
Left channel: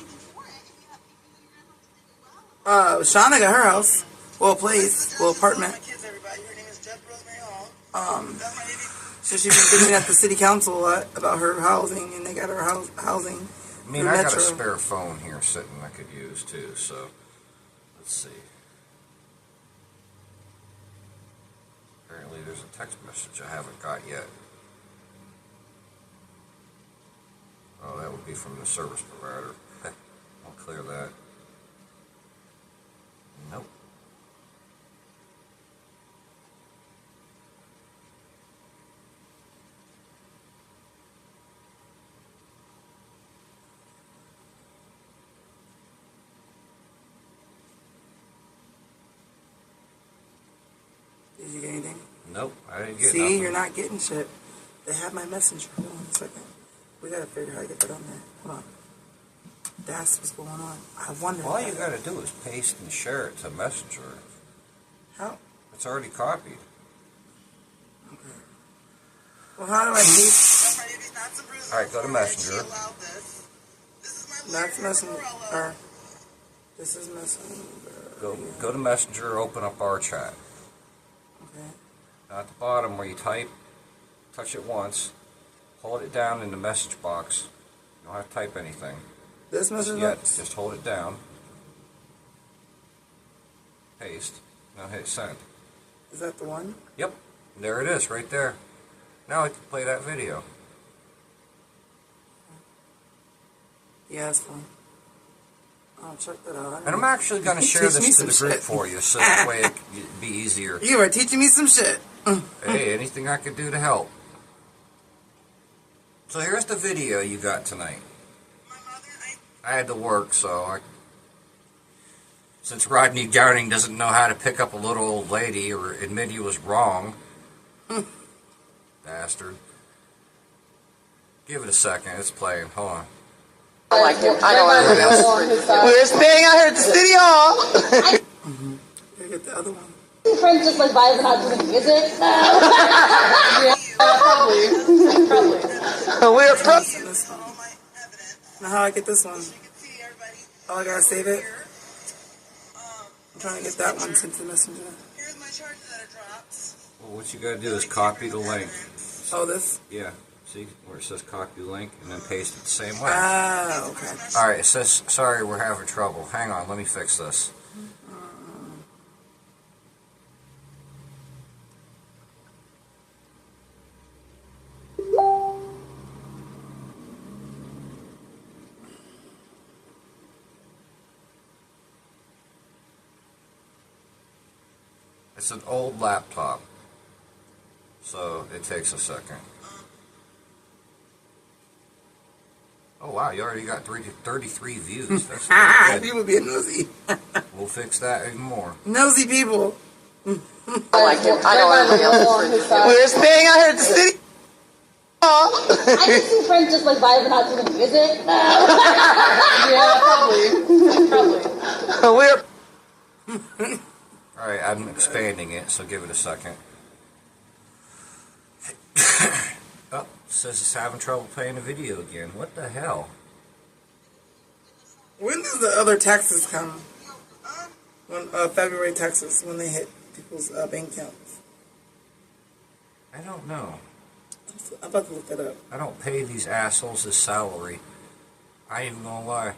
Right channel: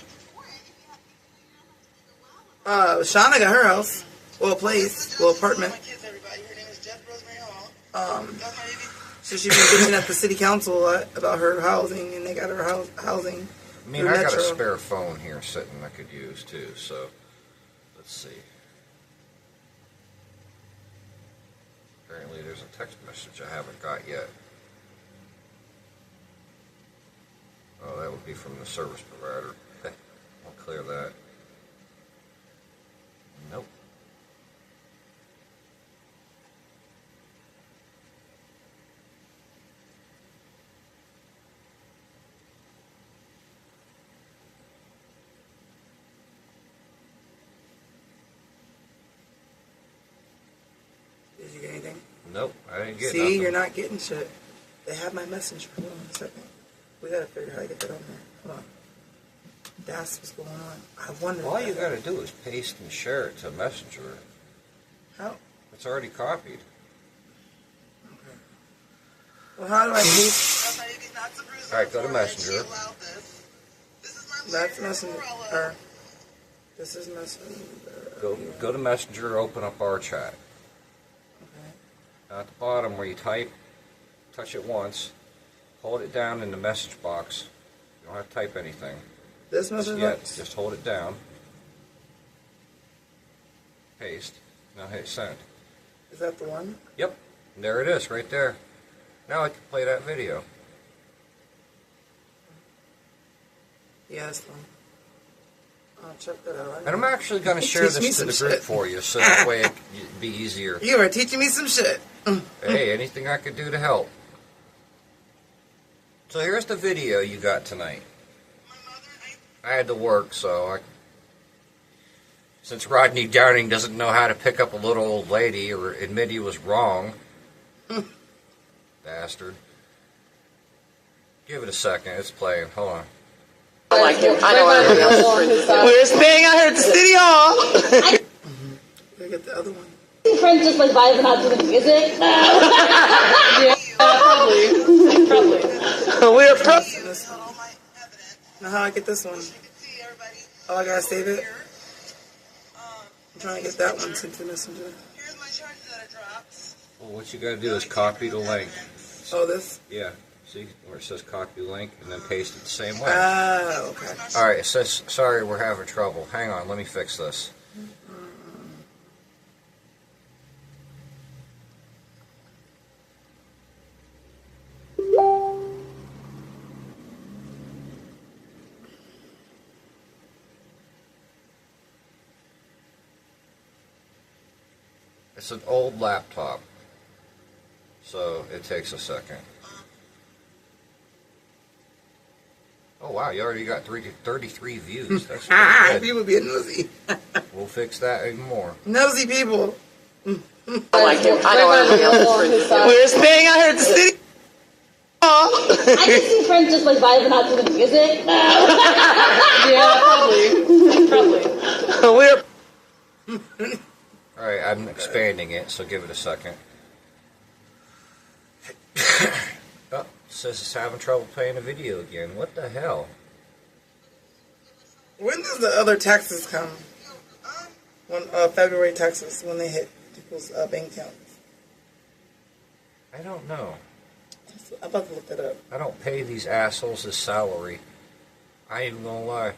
Shauna got her house. Well, place. Well, apartment. So she's been bitching at the city council a lot about her housing, and they got her housing. I mean, through I got a Metro. spare phone here sitting I could use too, so let's see. Apparently there's a text message I haven't got yet. Oh, that would be from the service provider. I'll clear that. Nope. Did you get anything? Nope, I didn't get See, nothing. you're not getting shit. They have my messenger. Hold on a second. We gotta figure out how to get that on there. Hold on. That's what's going on. I wonder. All you gotta do is paste and share it to Messenger. How? It's already copied. Okay. Well, how do I paste? Alright, go to Messenger. That's messenger. Or, this is messenger. Go to Messenger, open up our chat. Okay. Now at the bottom where you type, touch it once, hold it down in the message box. You don't have to type anything This message yet. box? Just hold it down. Paste. Now hit send. Is that the one? Yep. There it is, right there. Now I can play that video. Yeah, that's the one. I'll check that out. And I'm actually going to share Teach me this to the some group shit. for you, so that way it can be easier. You are teaching me some shit. Hey, anything I could do to help. So here's the video you got tonight. I had to work, so since Rodney Downing doesn't know how to pick up a little old lady or admit he was wrong, bastard. Give it a second. It's playing. Hold on. I like him. I know I heard him. We're staying out here at the city hall. Gotta get the other one. Friends just like vibing out to the music. Probably. We're This one. Now how I get this one? Oh, I gotta save it? I'm trying to get that one sent to Messenger. Well, what you got to do is copy the link. Oh, this? Yeah. See where it says copy link and then paste it the same way. Ah, okay. All right. It says, sorry, we're having trouble. Hang on. Let me fix this. It's an old laptop, so it takes a second. Oh wow, you already got 33 views. That's pretty good. People being nosy. We'll fix that even more. Nosy people. I like him. I know I heard him. We're staying out here at the city hall. I can see friends just like vibing out to the music. Yeah, probably. All right, I'm expanding it, so give it a second. Oh, it says it's having trouble playing the video again. What the hell? When does the other taxes come? When February taxes, when they hit people's bank accounts. I don't know. I'm about to look that up. I don't pay these assholes his salary. I ain't even gonna lie.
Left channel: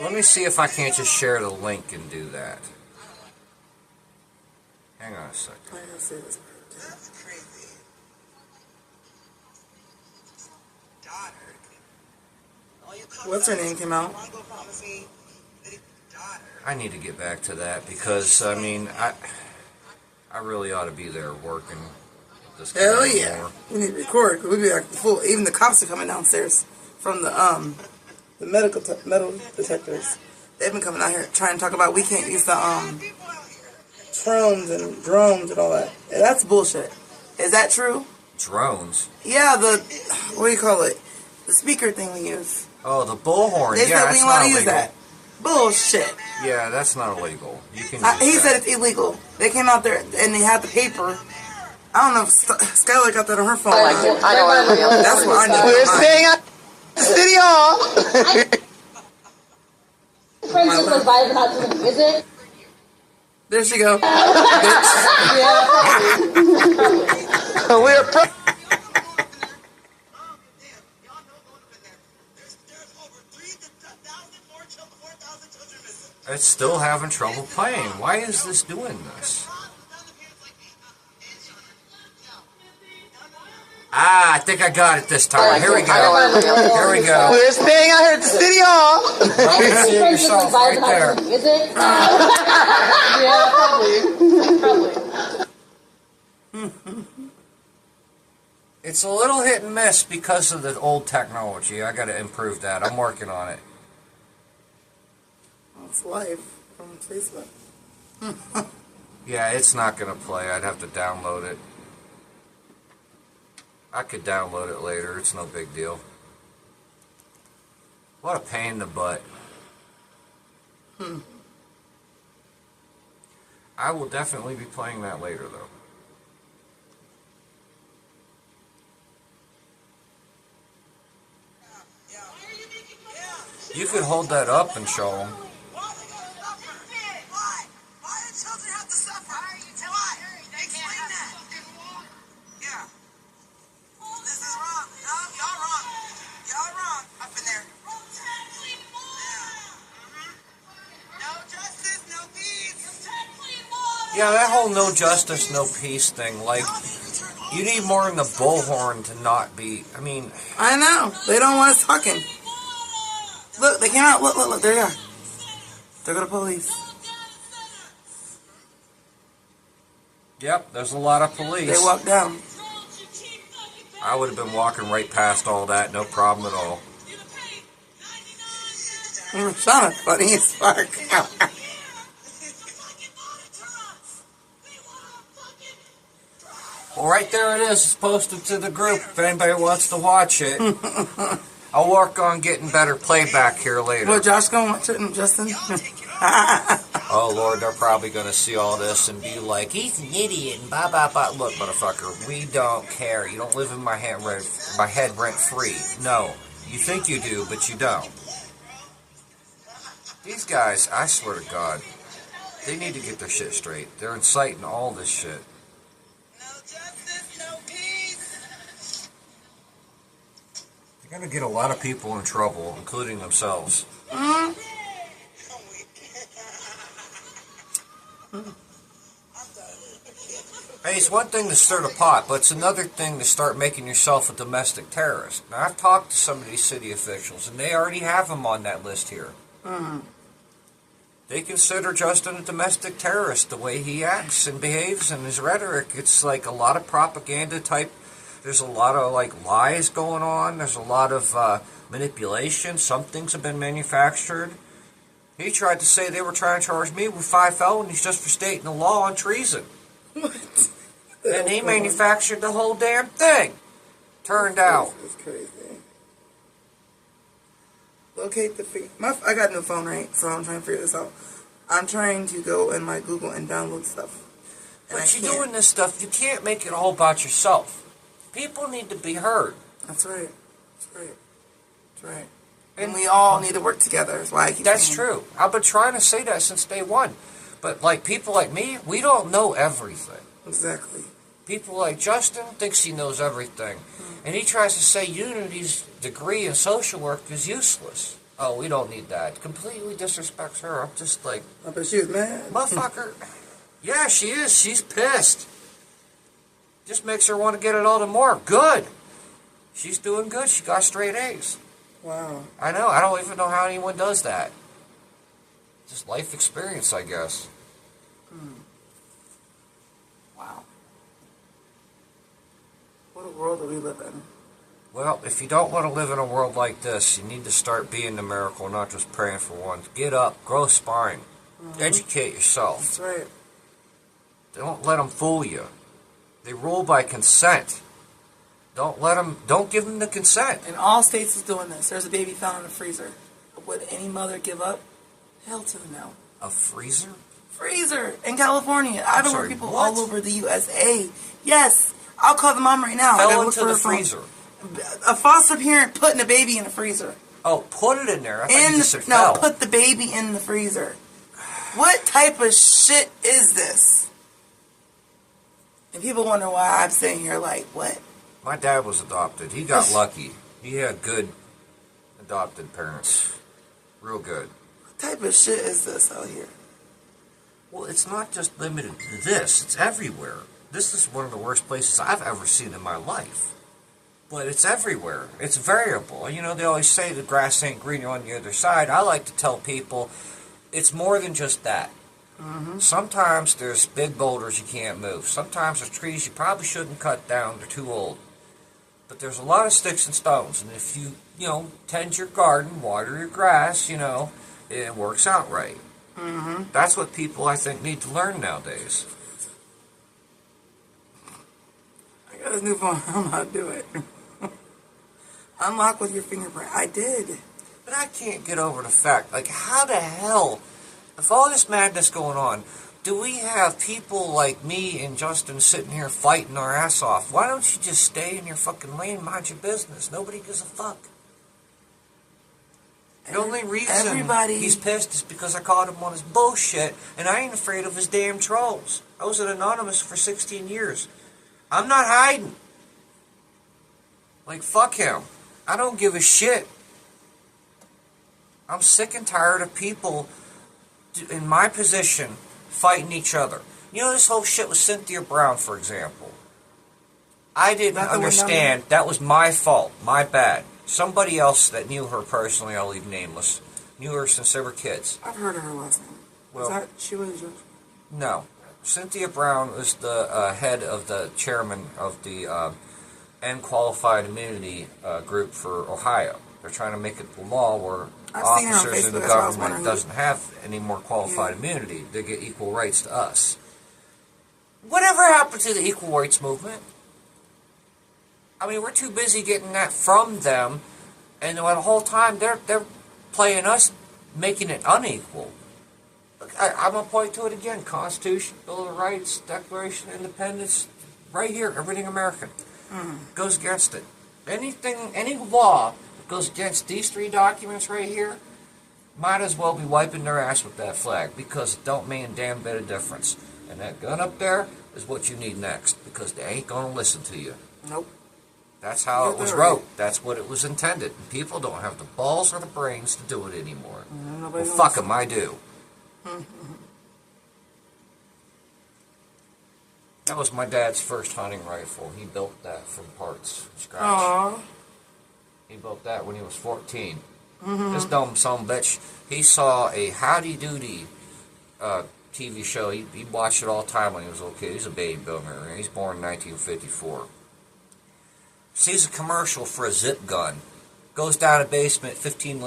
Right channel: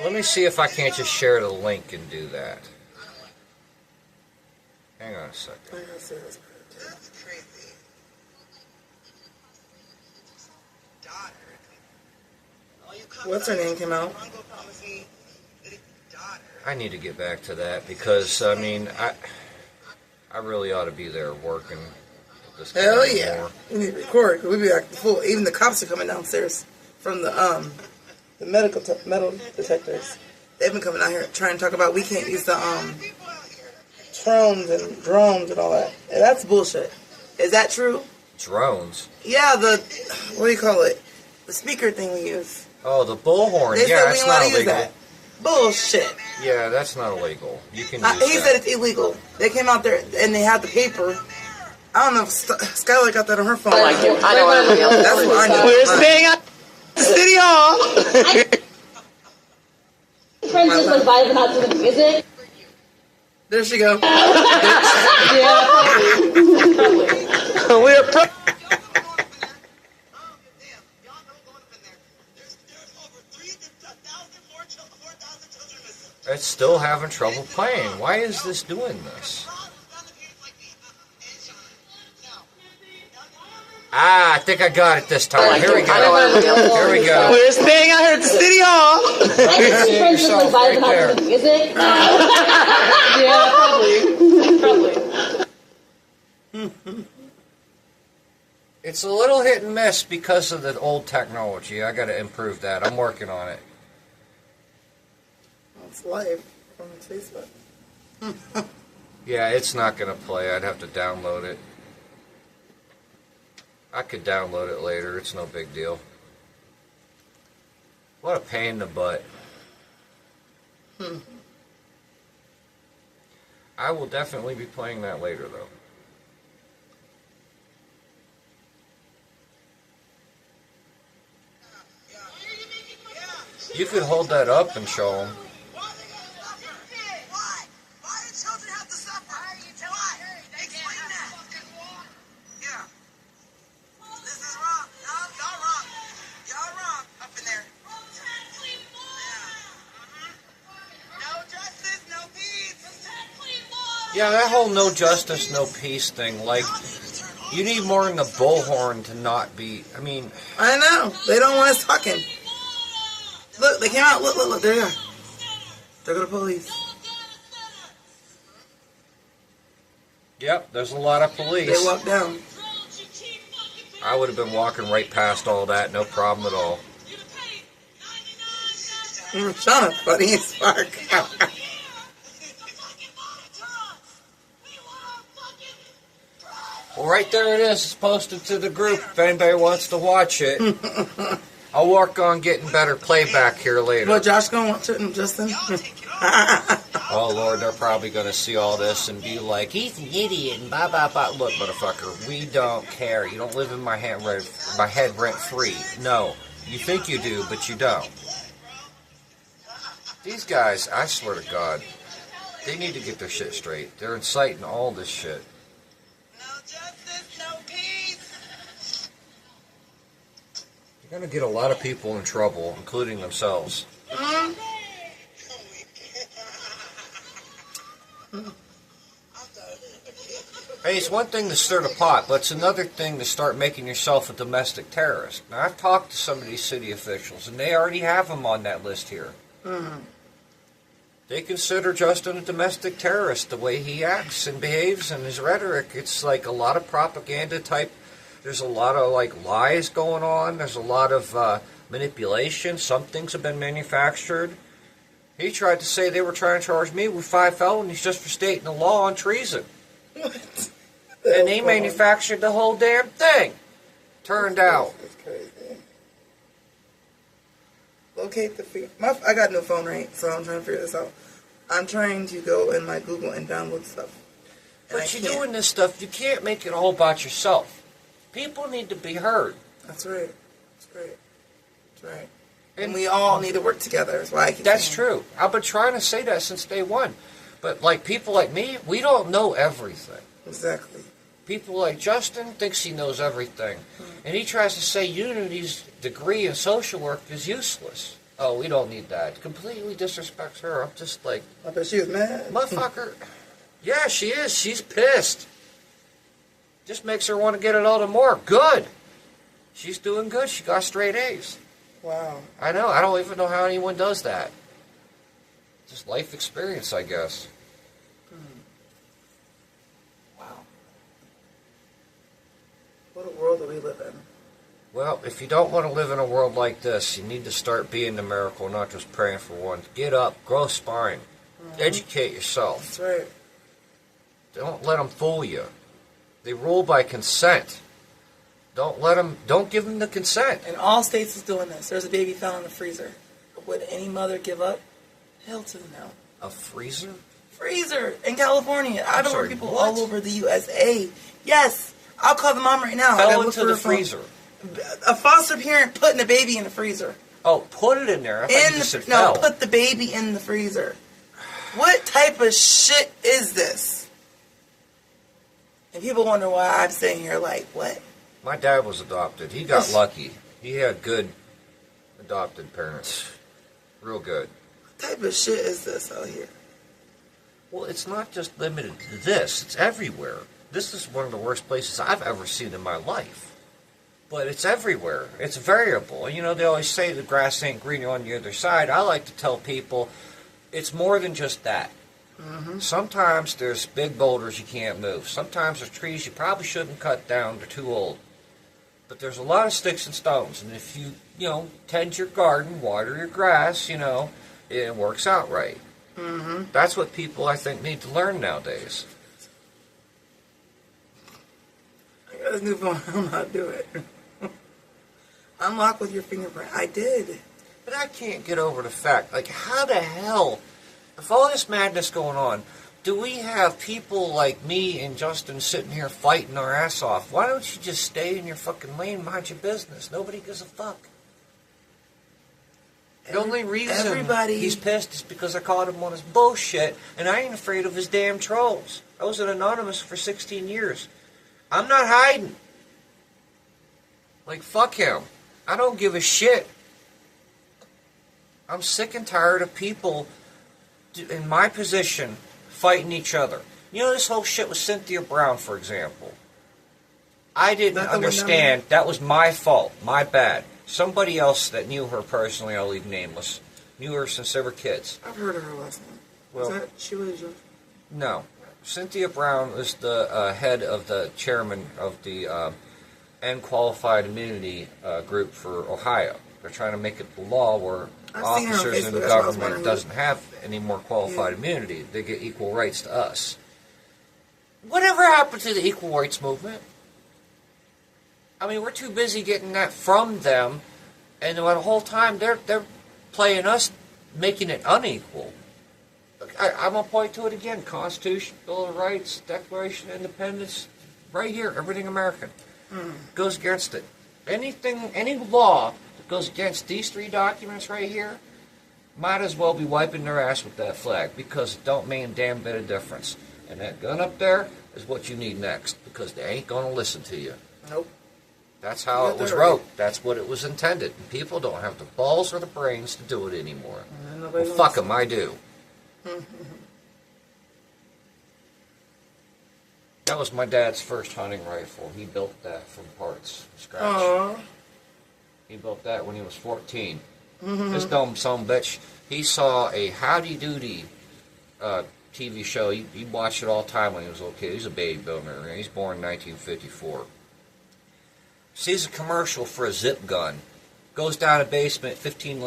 Let me see if I can't just share the link and do that. Hang on a second. I gotta say this part. That's crazy. Daughter. What's her name came out? I need to get back to that because I mean I really ought to be there working. This Hell yeah! We need to record because we be acting full. Even the cops are coming downstairs from the metal detectors. They've been coming out here trying to talk about we can't use the drones and all that. Yeah, that's bullshit. Is that true? Drones? Yeah, the what do you call it? The speaker thing we use. Oh, the bullhorn. They Yeah, said we that's ain't not allowed to use illegal. that. Bullshit. Yeah, that's not illegal. You can. He said it's illegal. They came out there and they had the paper. I don't know if Skylar got that on her phone. That's what I need. We're staying at City Hall. Friends just like vibing out to the music. There she go. We're It's still having trouble playing. Why is this doing this? I think I got it this time. Here we go. Here we go. We're staying out here at the City Hall. Oh, you see it Friends just yourself like right vibing out there. to the music. Yeah, probably. It's a little hit and miss because of the old technology. I got to improve that. I'm working on it. It's live on Facebook. Yeah, it's not going to play. I'd have to download it. I could download it later. It's no big deal. What a pain in the butt. I will definitely be playing that later, though. You could hold that up and show them. Yeah, that whole no justice, no peace thing, like, you need more than the bullhorn to not be, I mean... I know. They don't want us talking. Look, they came out. Look. There you are. There go the police. Yep, there's a lot of police. They walked down. I would have been walking right past all that, no problem at all. Shauna, funny as fuck. Well, right there it is. It's posted to the group if anybody wants to watch it. I'll work on getting better playback here later. What, Josh gonna watch it and Justin? Oh, Lord, they're probably going to see all this and be like, he's an idiot and blah, blah, blah. Look, motherfucker, we don't care. You don't live in my head rent-free. No, you think you do, but you don't. These guys, I swear to God, they need to get their shit straight. They're inciting all this shit. They're going to get a lot of people in trouble, including themselves. Hey, it's one thing to stir the pot, but it's another thing to start making yourself a domestic terrorist. Now, I've talked to some of these city officials, and they already have him on that list here. They consider Justin a domestic terrorist, the way he acts and behaves and his rhetoric. It's like a lot of propaganda type. There's a lot of, like, lies going on. There's a lot of manipulation. Some things have been manufactured. He tried to say they were trying to charge me with 5 felonies just for stating the law on treason. What? And he manufactured the whole damn thing. Turned out. That's crazy. Locate the feed. I got a new phone, right? So I'm trying to figure this out. I'm trying to go in my Google and download stuff. But you're doing this stuff, you can't make it all about yourself. People need to be heard. That's right. That's right. That's right. And we all need to work together. That's why I keep That's saying true. I've been trying to say that since day one. But like people like me, we don't know everything. Exactly. People like Justin thinks he knows everything. And he tries to say Unity's degree in social work is useless. Oh, we don't need that. Completely disrespects her. I'm just like, I bet she was mad. motherfucker. Yeah, she is. She's pissed. Just makes her want to get it all the more. Good. She's doing good. She got straight A's. Wow. I know. I don't even know how anyone does that. Just life experience, I guess. Wow. What a world that we live in. Well, if you don't want to live in a world like this, you need to start being the miracle, not just praying for one. Get up, grow a spine, educate yourself. That's right. Don't let them fool you. They rule by consent. Don't give them the consent. And all states is doing this. There's a baby found in the freezer. Would any mother give up? Hell to the no. A freezer? Freezer in California. I know where people what? all over the USA. Yes. I'll call the mom right now. I gotta Fell look into for the her phone. freezer. A foster parent putting a baby in the freezer. Oh, put it in there. I thought you just said No, fell. put the baby in the freezer. What type of shit is this? And people wonder why I'm sitting here like, what? My dad was adopted. He got lucky. He had good adopted parents. Real good. What type of shit is this out here? Well, it's not just limited to this. It's everywhere. This is one of the worst places I've ever seen in my life. But it's everywhere. It's variable. You know, they always say the grass ain't greener on the other side. I like to tell people it's more than just that. Sometimes there's big boulders you can't move. Sometimes there's trees you probably shouldn't cut down. They're too old. But there's a lot of sticks and stones. And if you tend your garden, water your grass, it works out right. That's what people, I think, need to learn nowadays. I got this new phone. I don't know how to do it. Unlock with your fingerprint. I did. But I can't get over the fact, like, how the hell, if all this madness going on, do we have people like me and Justin sitting here fighting our ass off? Why don't you just stay in your fucking lane, mind your business? Nobody gives a fuck. The only reason he's pissed is because I caught him on his bullshit, and I ain't afraid of his damn trolls. I was an anonymous for 16 years. I'm not hiding. Like, fuck him. I don't give a shit. I'm sick and tired of people in my position fighting each other. You know, this whole shit with Cynthia Brown, for example. I didn't understand. That was my fault. My bad. Somebody else that knew her personally, I'll leave nameless, knew her since they were kids. I've heard of her last name. Well, Is that Sheila George? No. Cynthia Brown was the head of the chairman of the Unqualified Immunity group for Ohio. They're trying to make it the law where officers in the government doesn't have any more qualified immunity. They get equal rights to us. Whatever happened to the equal rights movement? I mean, we're too busy getting that from them, and the whole time they're playing us, making it unequal. I'm going to point to it again. Constitution, Bill of Rights, Declaration of Independence, right here, everything American. Goes against it. Any law that goes against these three documents right here, might as well be wiping their ass with that flag, because it don't mean a damn bit of difference. And that gun up there is what you need next, because they ain't going to listen to you. Nope. That's how it was wrote. That's what it was intended. And people don't have the balls or the brains to do it anymore. Well, fuck them, I do. That was my dad's first hunting rifle. He built that from parts, from scratch. Aww. He built that when he was 14. This dumb son of a bitch, he saw a Howdy Doody TV show. He watched it all the time when he was a little kid. He's a baby builder. He's born in 1954. Sees a commercial for a zip gun. Goes down a basement, 15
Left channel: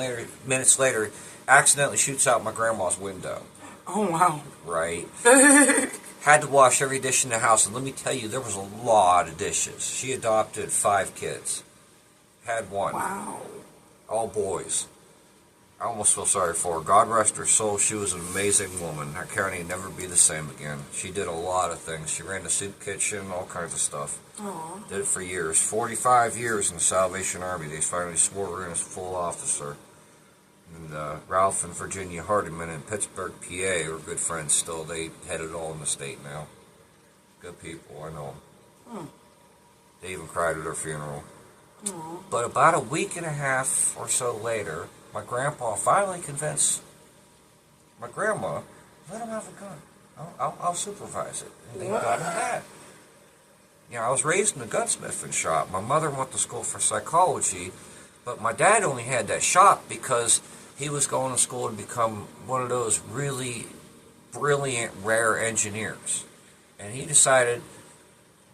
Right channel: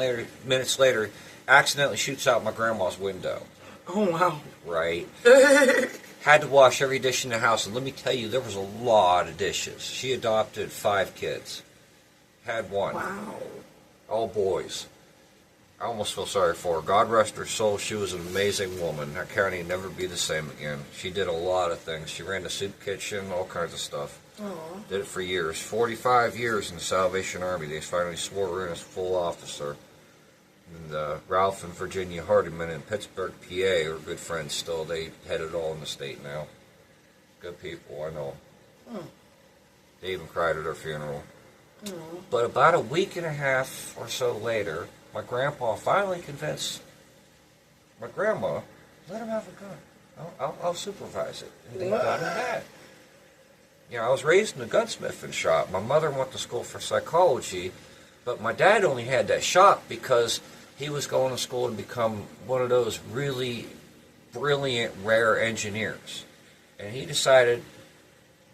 minutes later, accidentally shoots out my grandma's window. Oh, wow. Right. Had to wash every dish in the house, and let me tell you, there was a lot of dishes. She adopted 5 kids. Had one. Wow. All boys. I almost feel sorry for her. God rest her soul. She was an amazing woman. That county would never be the same again. She did a lot of things. She ran the soup kitchen, all kinds of stuff. Aww. Did it for years. 45 years in the Salvation Army. They finally swore her in as full officer. And Ralph and Virginia Hardiman in Pittsburgh, PA are good friends still. They head it all in the state now. Good people, I know. They even cried at her funeral. But about a week and a half or so later, my grandpa finally convinced my grandma, let him have a gun. I'll supervise it. And they got him that. You know, I was raised in a gunsmithing shop. My mother went to school for psychology, but my dad only had that shop because he was going to school to become one of those really brilliant, rare engineers. And he decided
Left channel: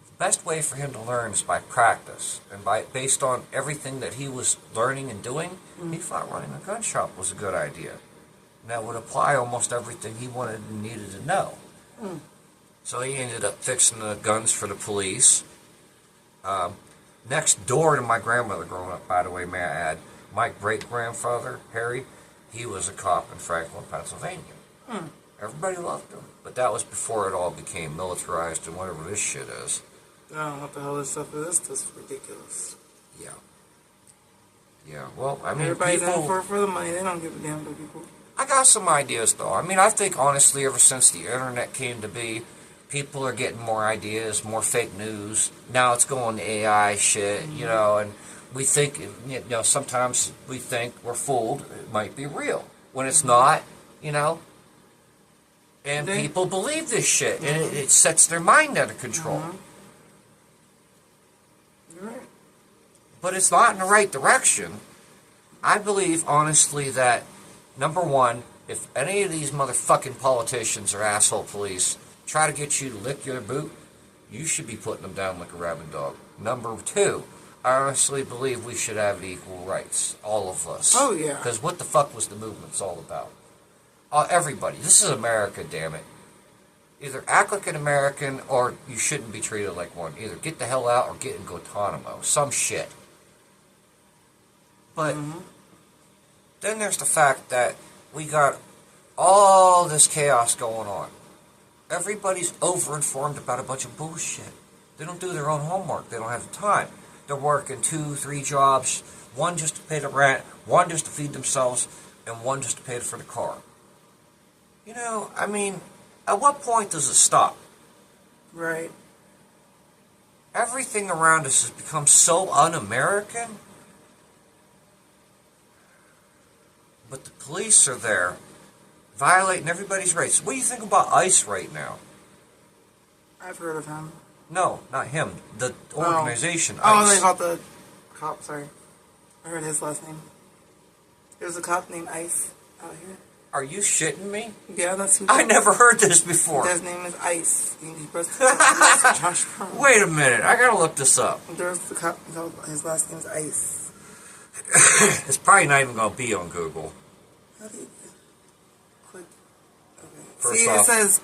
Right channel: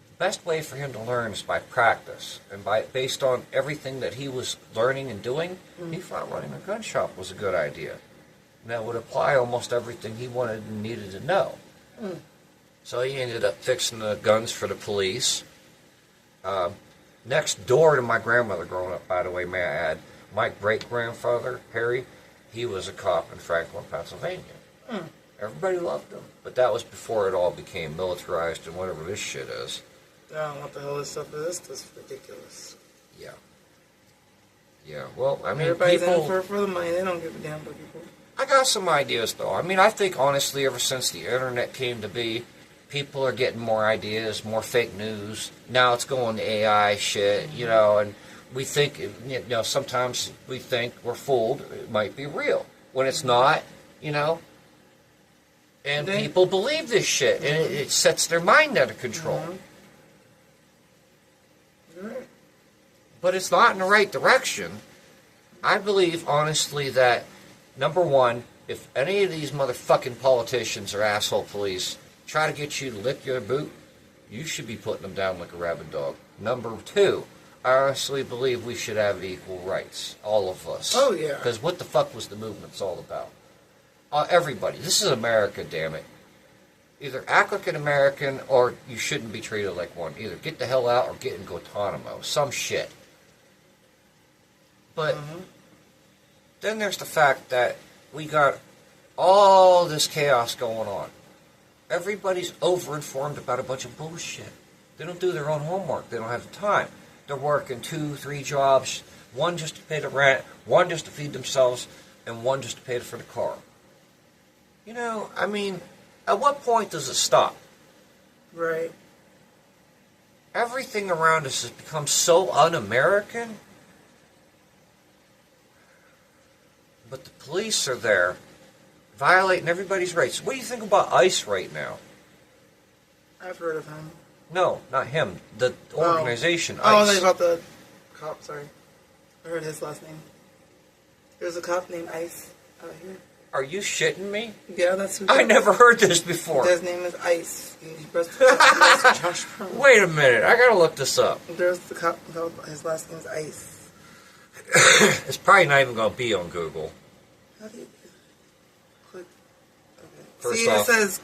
the best way for him to learn is by practice. And based on everything that he was learning and doing, he thought running a gun shop was a good idea. And that would apply almost everything he wanted and needed to know. So he ended up fixing the guns for the police. Next door to my grandmother growing up, by the way, may I add, my great-grandfather, Harry, he was a cop in Franklin, Pennsylvania. Everybody loved him. But that was before it all became militarized and whatever this shit is. I don't know what the hell this stuff is. This is ridiculous. Yeah. Yeah, well, I mean, Everybody's people... in for the money. They don't give a damn about people. I got some ideas, though. I mean, I think, honestly, ever since the internet came to be, people are getting more ideas, more fake news. Now it's going to AI shit, you know, and we think, you know, sometimes we think we're fooled. It might be real. When it's not, you know, and people believe this shit, and it sets their mind out of control. But it's not in the right direction. I believe, honestly, that, number one, if any of these motherfucking politicians or asshole police try to get you to lick your boot, you should be putting them down like a rabid dog. Number two, I honestly believe we should have equal rights. All of us. Oh, yeah. Because what the fuck was the movement's all about? Everybody. This is America, damn it. Either act like an American or you shouldn't be treated like one. Either get the hell out or get in Guantanamo. Some shit. But then there's the fact that we got all this chaos going on. Everybody's overinformed about a bunch of bullshit. They don't do their own homework. They don't have the time. They're working 2, 3 jobs, one just to pay the rent, one just to feed themselves, and one just to pay for the car. You know, I mean, at what point does it stop? Right. Everything around us has become so un-American. But the police are there, violating everybody's rights. What do you think about ICE right now? I've heard of him. No, not him. The organization, Oh, ICE. they about the cop, sorry. I heard his last name. There's a cop named Ice out here. Are you shitting me? Yeah, that's who. I never heard this before. His name is Ice. Josh Brown. Wait a minute. I gotta look this up. There's the cop. His last name is Ice. It's probably not even gonna be on Google. How do you click? Okay. First See, off, it says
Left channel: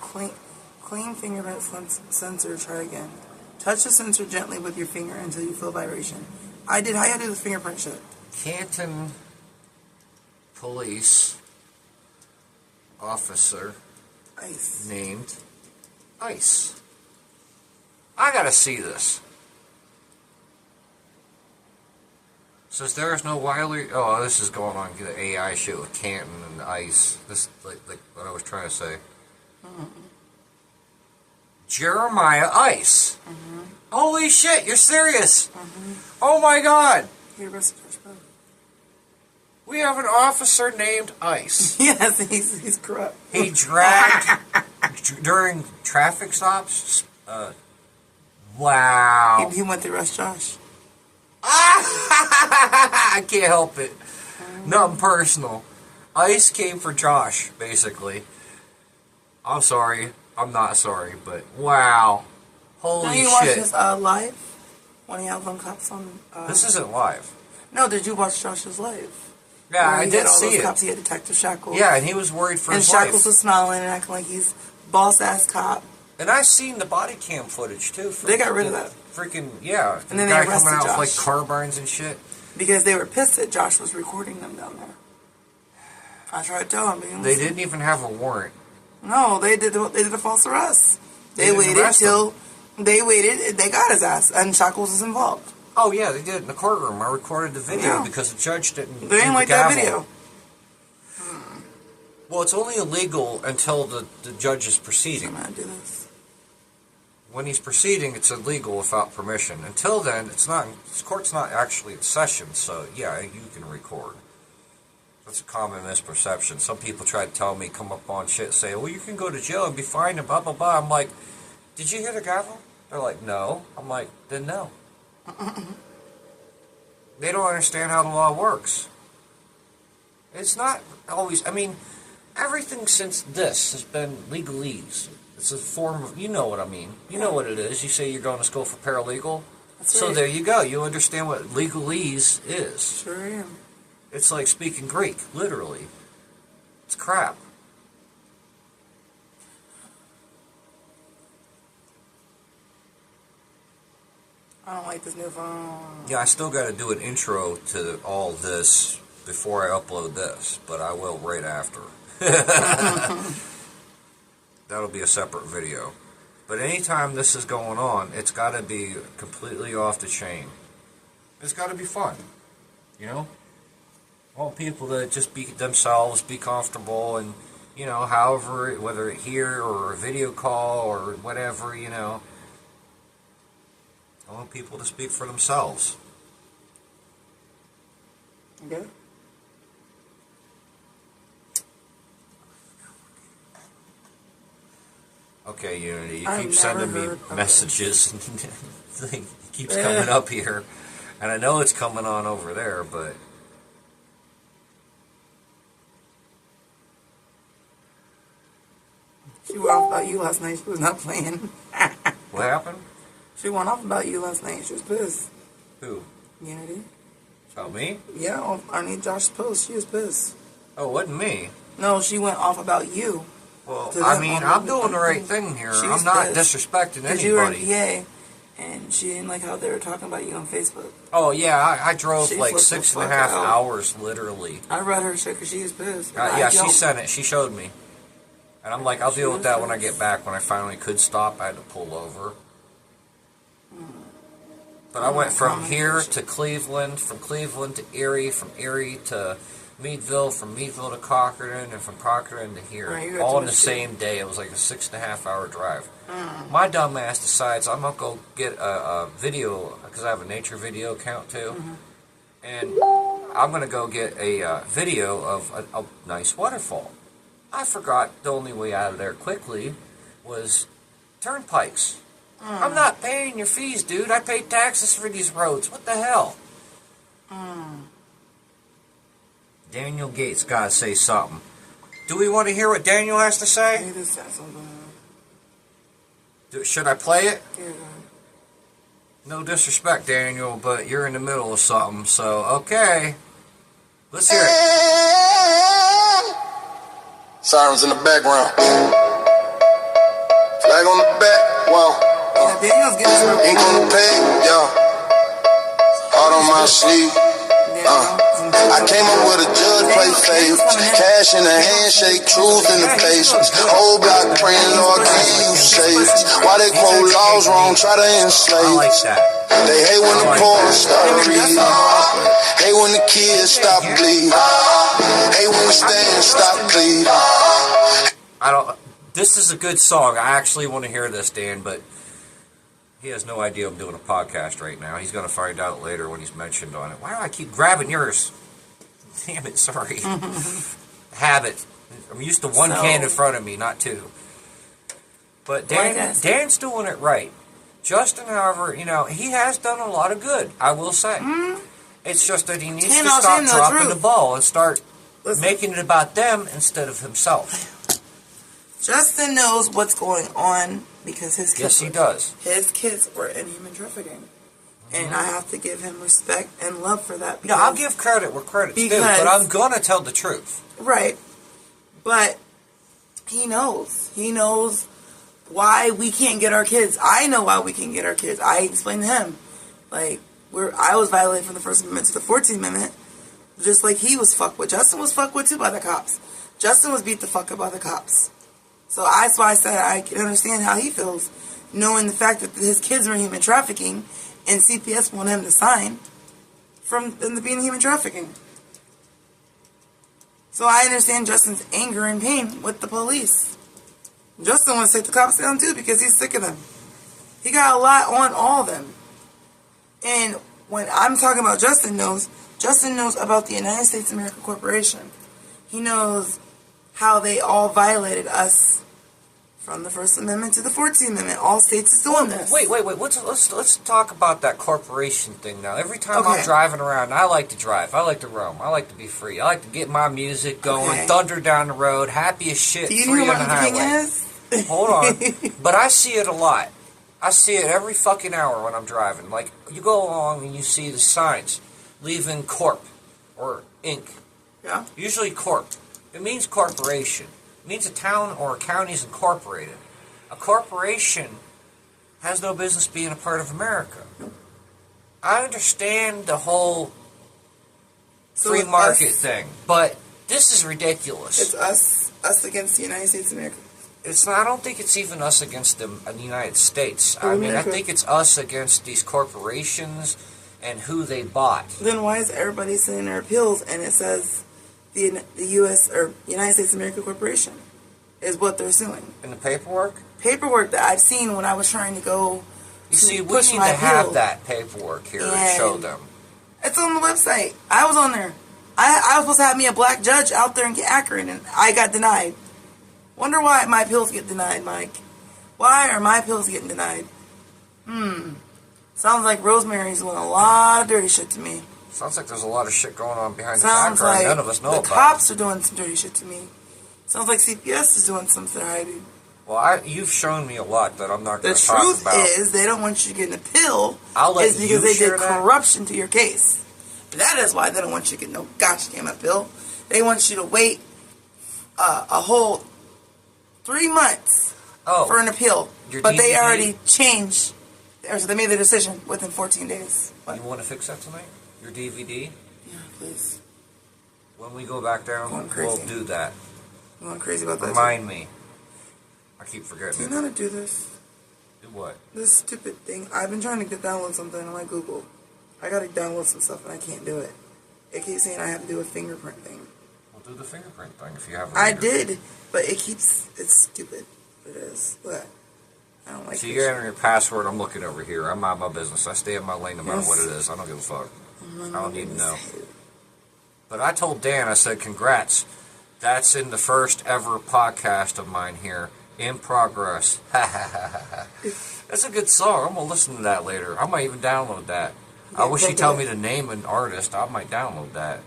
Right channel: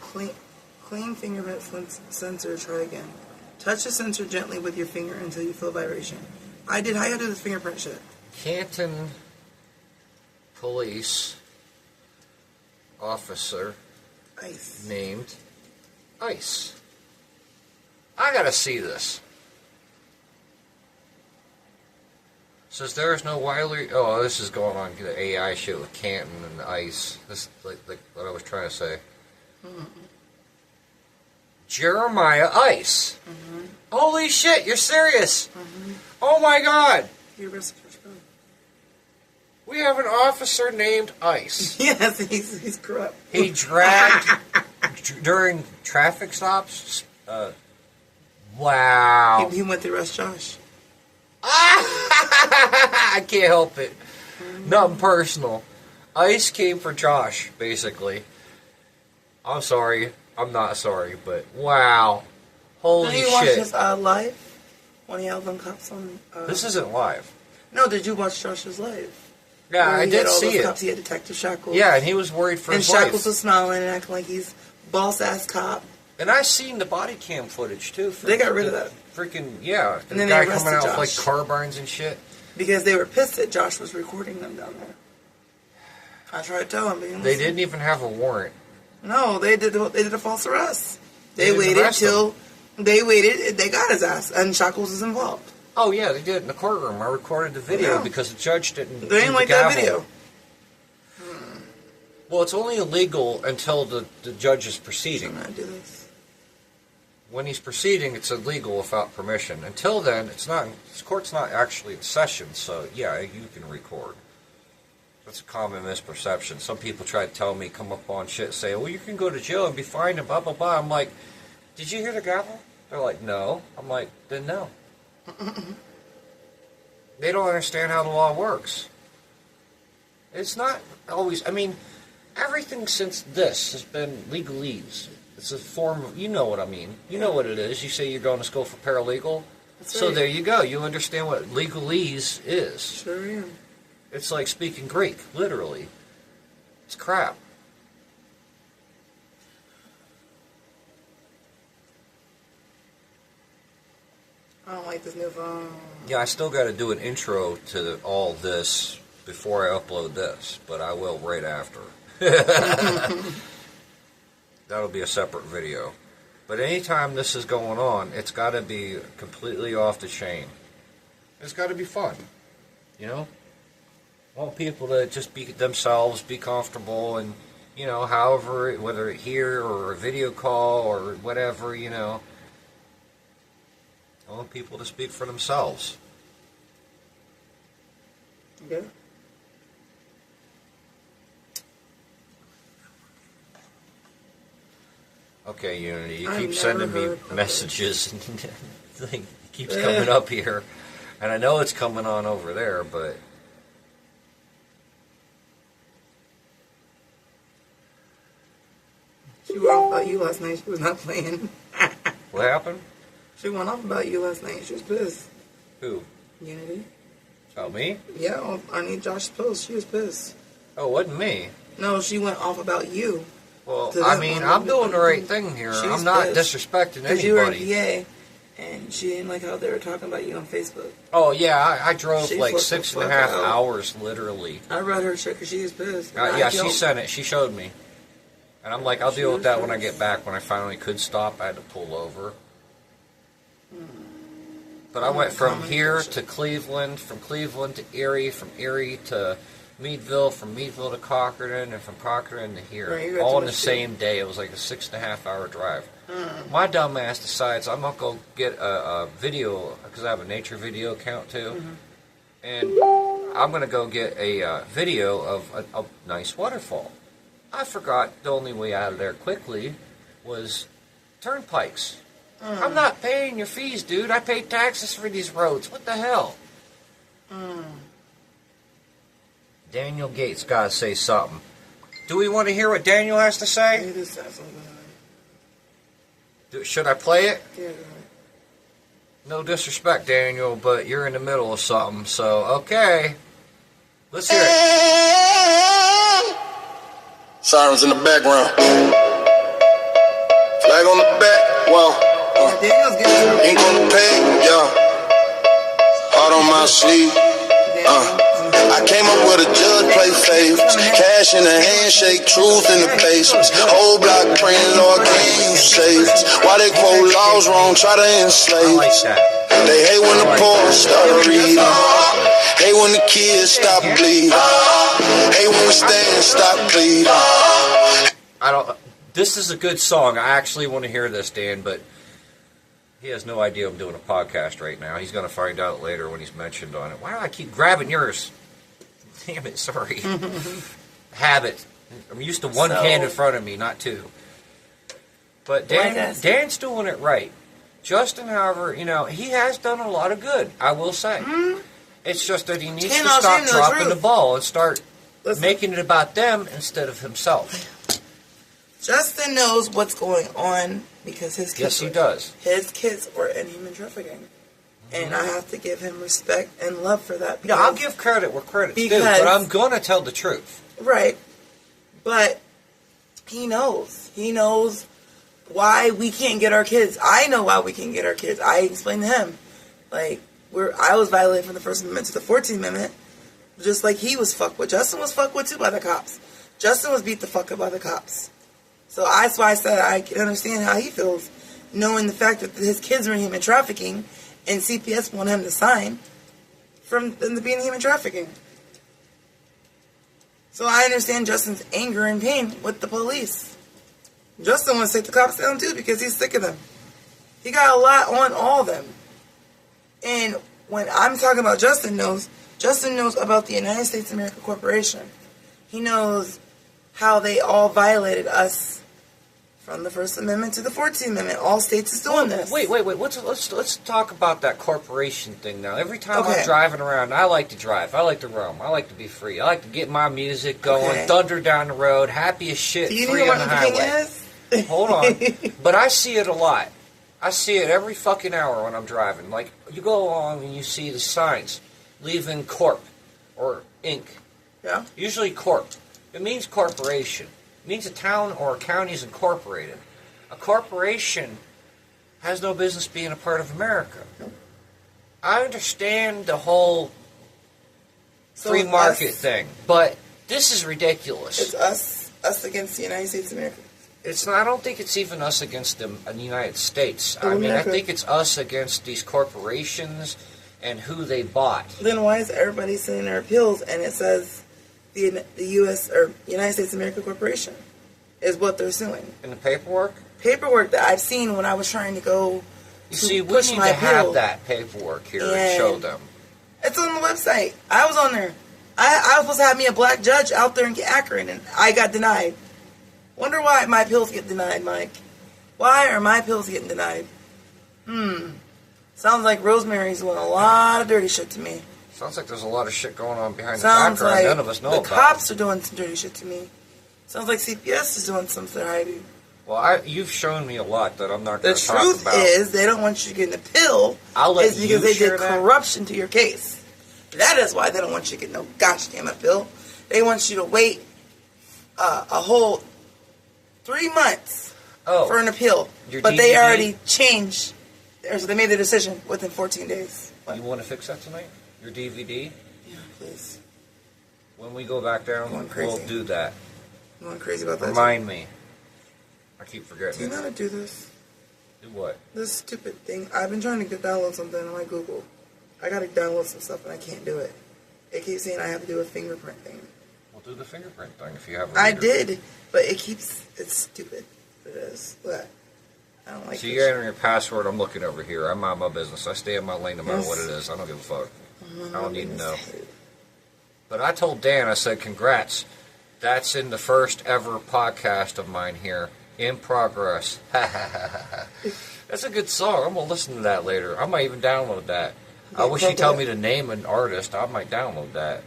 clean fingerprint sensor. Try again. Touch the sensor gently with your finger until you feel vibration. I did. How you do this fingerprint shit? Canton police officer Ice. named Ice. I gotta see this. Says there is no widely. Oh, this is going on the AI shit with Canton and Ice. This like what I was trying to say. Jeremiah Ice. Holy shit! You're serious? Oh my God! He arrested Josh Brown. We have an officer named Ice. Yes, he's corrupt. He dragged during traffic stops. Wow. He went to arrest Josh. I can't help it. Nothing personal. Ice came for Josh, basically. I'm sorry. I'm not sorry, but wow. Holy Did you shit. watch his live? When he had them cops on... This isn't live. No, did you watch Josh's live? Yeah, Where I he did had all see those it. Cops. He had Detective Shackles. Yeah, and he was worried for and his Shackles life. was smiling and acting like he's boss-ass cop. And I seen the body cam footage, too. They got rid of that. Freaking, yeah. And then the they guy coming arrested out with, Josh. like, carbines and shit. Because they were pissed that Josh was recording them down there. I tried to tell him. But he They listened. didn't even have a warrant. No, they did a false arrest. They didn't waited arrest till... They waited. They got his ass. And Shackles is involved. Oh, yeah, they did in the courtroom. I recorded the video Yeah. because the judge didn't They do didn't the like that gavel. video. Well, it's only illegal until the judge is proceeding. I'm gonna do this. when he's proceeding, it's illegal without permission. Until then, it's not. This court's not actually in session, so yeah, you can record. That's a common misperception. Some people try to tell me, come up on shit, say, well, you can go to jail and be fined and blah, blah, blah. I'm like, did you hear the gavel? They're like, no. I'm like, then no. They don't understand how the law works. It's not always, I mean, everything since this has been legalese. It's a form of, you know what I mean. You know what it is. You say you're going to school for paralegal. That's So right. there you go. You understand what legalese is. Sure am. It's like speaking Greek, literally. It's crap. I don't like this new phone. Yeah, I still got to do an intro to all this before I upload this, but I will right after. That'll be a separate video. But anytime this is going on, it's got to be completely off the chain. It's got to be fun, you know? I want people to just be themselves, be comfortable, and, you know, however, whether here or a video call or whatever, you know, I want people to speak for themselves. Okay. Okay, Unity, you I've keep never sending me heard of messages, and it keeps coming up here, and I know it's coming on over there, but... She went off about you last night. She was not playing. What happened? She went off about you last night. She was pissed. Who? Unity. About me? Yeah, I need Josh's post. She was pissed. Oh, it wasn't me. No, she went off about you. Well, To I them mean, on I'm doing the right thing here. She was I'm not pissed. disrespecting Because you were in anybody. PA, and she didn't like how they were talking about you on Facebook. Oh, yeah, I drove She like flipped the 6.5 fuck out. hours, literally. I read her shit because she was pissed. Yeah, she sent it. She showed me. And I'm like, I'll She deal with was that when I pissed. get back. When I finally could stop, I had to pull over. But I went from here to Cleveland, from Cleveland to Erie, from Erie to Meadville, from Meadville to Cochrane, and from Cochrane to here. Right, you got all too in the much same day. It was like a 6.5 hour drive. My dumb ass decides I'm going to go get a video, because I have a nature video account too. And I'm going to go get a video of a nice waterfall. I forgot the only way out of there quickly was turnpikes. I'm not paying your fees, dude. I pay taxes for these roads. What the hell? Daniel Gates got to say something. Do we want to hear what Daniel has to say? He just said something. Should I play it? Yeah. No disrespect, Daniel, but you're in the middle of something, so okay. Let's hear it. Sirens in the background. Flag on the back, wow. Yeah, Daniel's getting some Ink on the page, yeah. Heart on my sleeve. I came up with a judge play favorites. Cash in the handshake, truth in the faces. Whole block praying, Lord, can you save us? Why they quote laws wrong, try to I enslave like us? that. They hate when the poor stop bleeding. Hate when the kids stop bleeding. Hate when the stand stop bleeding. I don't. This is a good song. I actually want to hear this, Dan, but he has no idea I'm doing a podcast right now. He's going to find out later when he's mentioned on it. Why do I keep grabbing yours? Damn it, sorry. Habit. I'm used to one hand in front of me, not two. But Dan's doing it right. Justin, however, you know, he has done a lot of good, I will say. It's just that he needs to I'll stop say the dropping truth. the ball and start Listen. making it about them instead of himself. Justin knows what's going on because his kids. Yes, he does. His kids were in human trafficking, and I have to give him respect and love for that. No, I'll give credit where credit's due, but because- I'm going to tell the truth. Right, but he knows. He knows why we can't get our kids. I know why we can't get our kids. I explained to him, like I was violated from the First Amendment to the 14th Amendment, just like he was fucked with. Justin was fucked with too by the cops. Justin was beat the fuck up by the cops. So that's why I said I can understand how he feels, knowing the fact that his kids are in human trafficking, and CPS wanted him to sign from them to being human trafficking. So I understand Justin's anger and pain with the police. Justin wants to take the cops down too because he's sick of them. He got a lot on all of them. And when I'm talking about Justin knows about the United States of America Corporation. He knows how they all violated us from the First Amendment to the 14th Amendment. All states is doing this. Wait. Let's talk about that corporation thing now. Every time Okay. I'm driving around, I like to drive. I like to roam. I like to be free. I like to get my music going, Okay. thunder down the road, happy as shit, Do you free know on what the Martin King highway. is? Hold on. But I see it a lot. I see it every fucking hour when I'm driving. Like, you go along and you see the signs, leaving Corp or Inc. Yeah. Usually Corp. It means corporation. It means a town or a county is incorporated. A corporation has no business being a part of America. I understand the whole free it's market us- thing, but this is ridiculous. It's us against the United States of America. It's not, I don't think it's even us against the United States. Oh, I mean, I America. think it's us against these corporations and who they bought. Then why is everybody sending their appeals and it says the U.S. or United States of America Corporation is what they're suing? In the paperwork? Paperwork that I've seen when I was trying to go You to see, we push need my to have appeal. that paperwork here and And- show them. It's on the website. I was on there. I was supposed to have me a black judge out there in Akron, and I got denied. Wonder why my appeals get denied, Mike. Why are my appeals getting denied? Sounds like Rosemary's doing a lot of dirty shit to me. Sounds like there's a lot of shit going on behind the Sounds background like none of us know the about. cops are doing some dirty shit to me. Sounds like CPS is doing something hiding. Well, you've shown me a lot that I'm not The going to talk truth about. is, they don't want you to get an appeal. I'll let is because you they share did that. corruption to your case. That is why they don't want you to get no gosh damn appeal. They want you to wait a whole 3 months for an appeal. your But they DVD? already changed, or so they made their decision within 14 days. What? You want to fix that tonight? Your DVD? Yeah, please. When we go back down, Going crazy. we'll do that. I'm going crazy about that. Remind me. I keep Do forgetting you it. know how to do this? Do what? This stupid thing. I've been trying to download something on my Google. I gotta download some stuff and I can't do it. It keeps saying I have to do a fingerprint thing. We'll do the fingerprint thing if you have a I reader. did, but it's stupid. It is. But I don't like So this. you enter your password. I'm looking over here. I'm out my business. I stay in my lane no matter Yes. what it is. I don't give a fuck. Mm-hmm. I don't need to know. But I told Dan, I said, congrats. That's in the first ever podcast of mine here. In progress. That's a good song. I'm going to listen to that later. I might even download that. I wish you told me to name an artist. I might download that.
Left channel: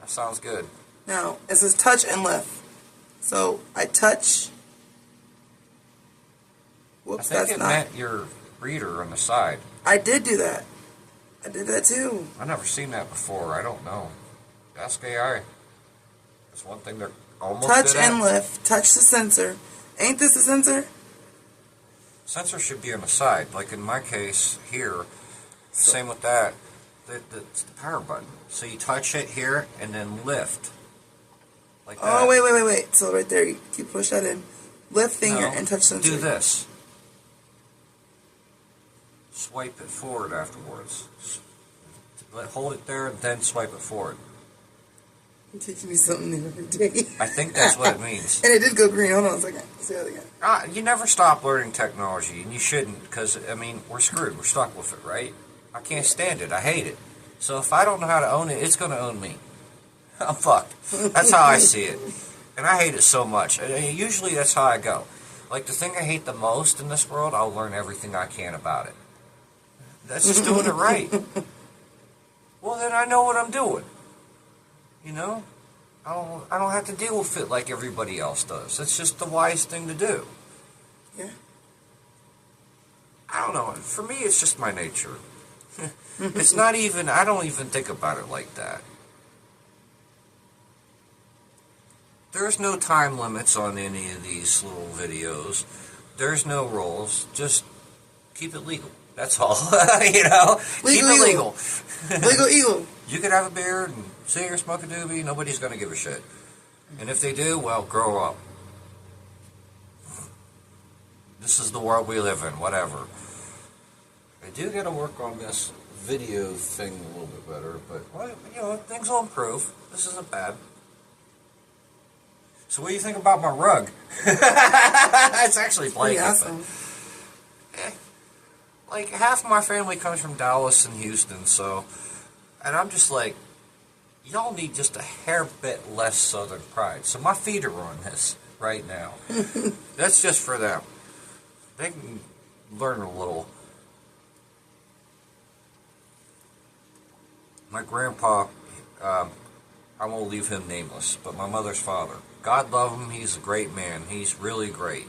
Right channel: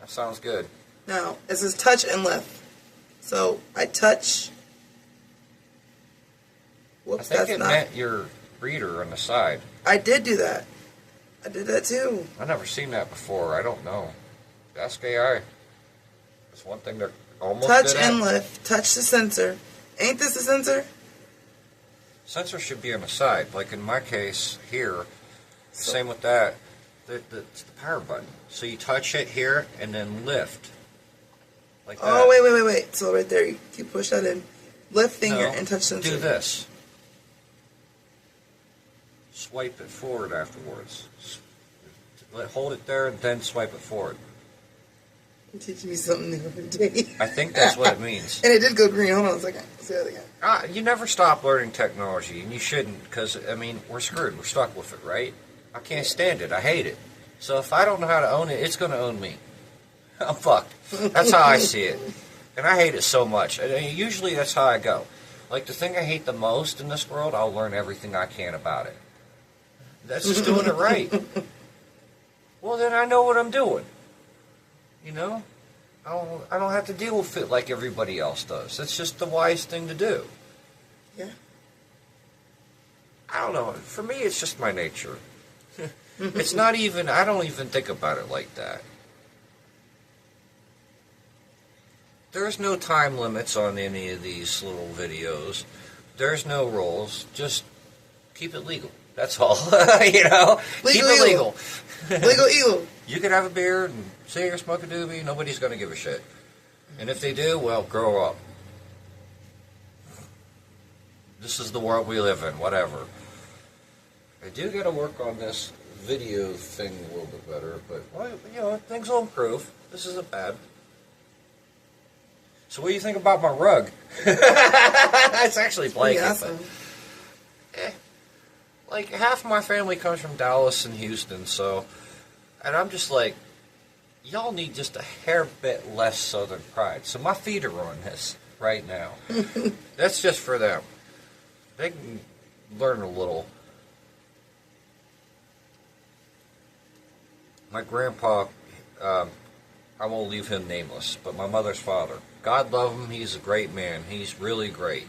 That sounds good. Now, it says touch and lift. So, I touch. I Whoops, think that's it not. meant your reader on the side. I did do that. I did that too. I've never seen that before. I don't know. Ask AI. It's one thing they're almost Touch good at. and lift. Touch the sensor. Ain't this the sensor? Sensor should be on the side. Like in my case here, same with that. It's the power button. So you touch it here and then lift. Like that. Oh, wait. So right there, you push that in. Lift finger No, and touch sensor. do this. Swipe it forward afterwards. Hold it there and then swipe it forward. You're teaching me something new every day. I think that's what it means. And it did go green. Hold on a second. Let's see that again. You never stop learning technology, and you shouldn't, because, I mean, we're screwed. We're stuck with it, right? I can't stand it. I hate it. So if I don't know how to own it, it's going to own me. I'm fucked. That's how I see it. And I hate it so much. Usually that's how I go. Like, the thing I hate the most in this world, I'll learn everything I can about it. That's just doing it right. Well, then I know what I'm doing. You know? I don't have to deal with it like everybody else does. It's just the wise thing to do. Yeah. I don't know. For me, it's just my nature. It's not even, I don't even think about it like that. There's no time limits on any of these little videos. There's no rules. Just keep it legal. That's all. You know? Keep it legal. Legal eagle. You could have a beer and sit here, smoke a doobie. Nobody's going to give a shit. And if they do, well, grow up. This is the world we live in. Whatever. I do got to work on this video thing a little bit better, but, well, you know, things will improve. This isn't bad. So what do you think about my rug? It's actually blanket. Awesome. But, like half my family comes from Dallas and Houston, so, and I'm just like, y'all need just a hair bit less Southern pride. So my feet are on this right now. That's just for them. They can learn a little. My grandpa, I won't leave him nameless, but my mother's father. God love him, he's a great man. He's really great.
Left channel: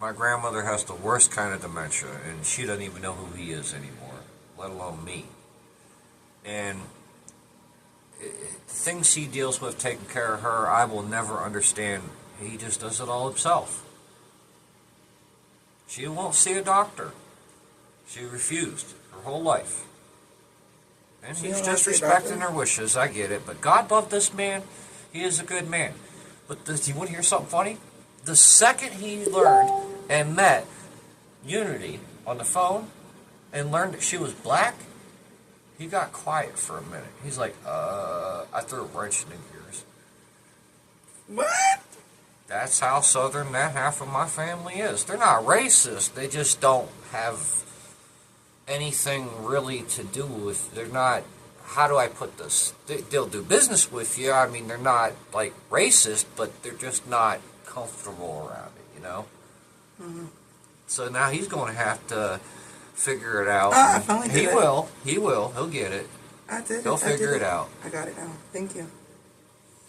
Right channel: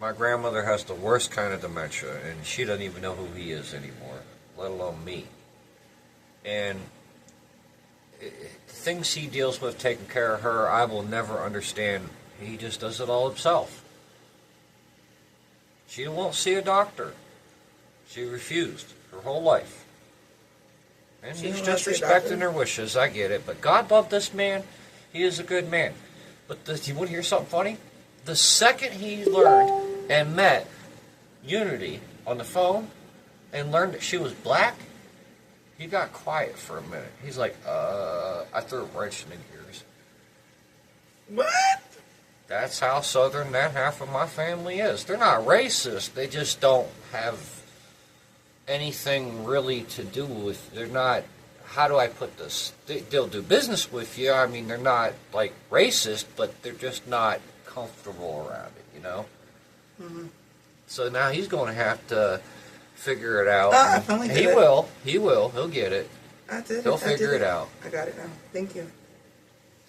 My grandmother has the worst kind of dementia, and she doesn't even know who he is anymore, let alone me. And the things he deals with taking care of her, I will never understand. He just does it all himself. She won't see a doctor. She refused her whole life. And he's just respecting her wishes. I get it. But God loved this man. He is a good man. But you want to hear something funny? The second he learned and met Unity on the phone and learned that she was black, he got quiet for a minute. He's like, I threw a wrench in gears. What? That's how Southern that half of my family is. They're not racist. They just don't have anything really to do with, they're not, how do I put this? They'll do business with you. I mean, they're not like racist, but they're just not comfortable around it, you know? Mm-hmm. So now he's going to have to figure it out. I finally did he it. will. He'll get it. I did He'll it. figure it out. I got it now. Thank you.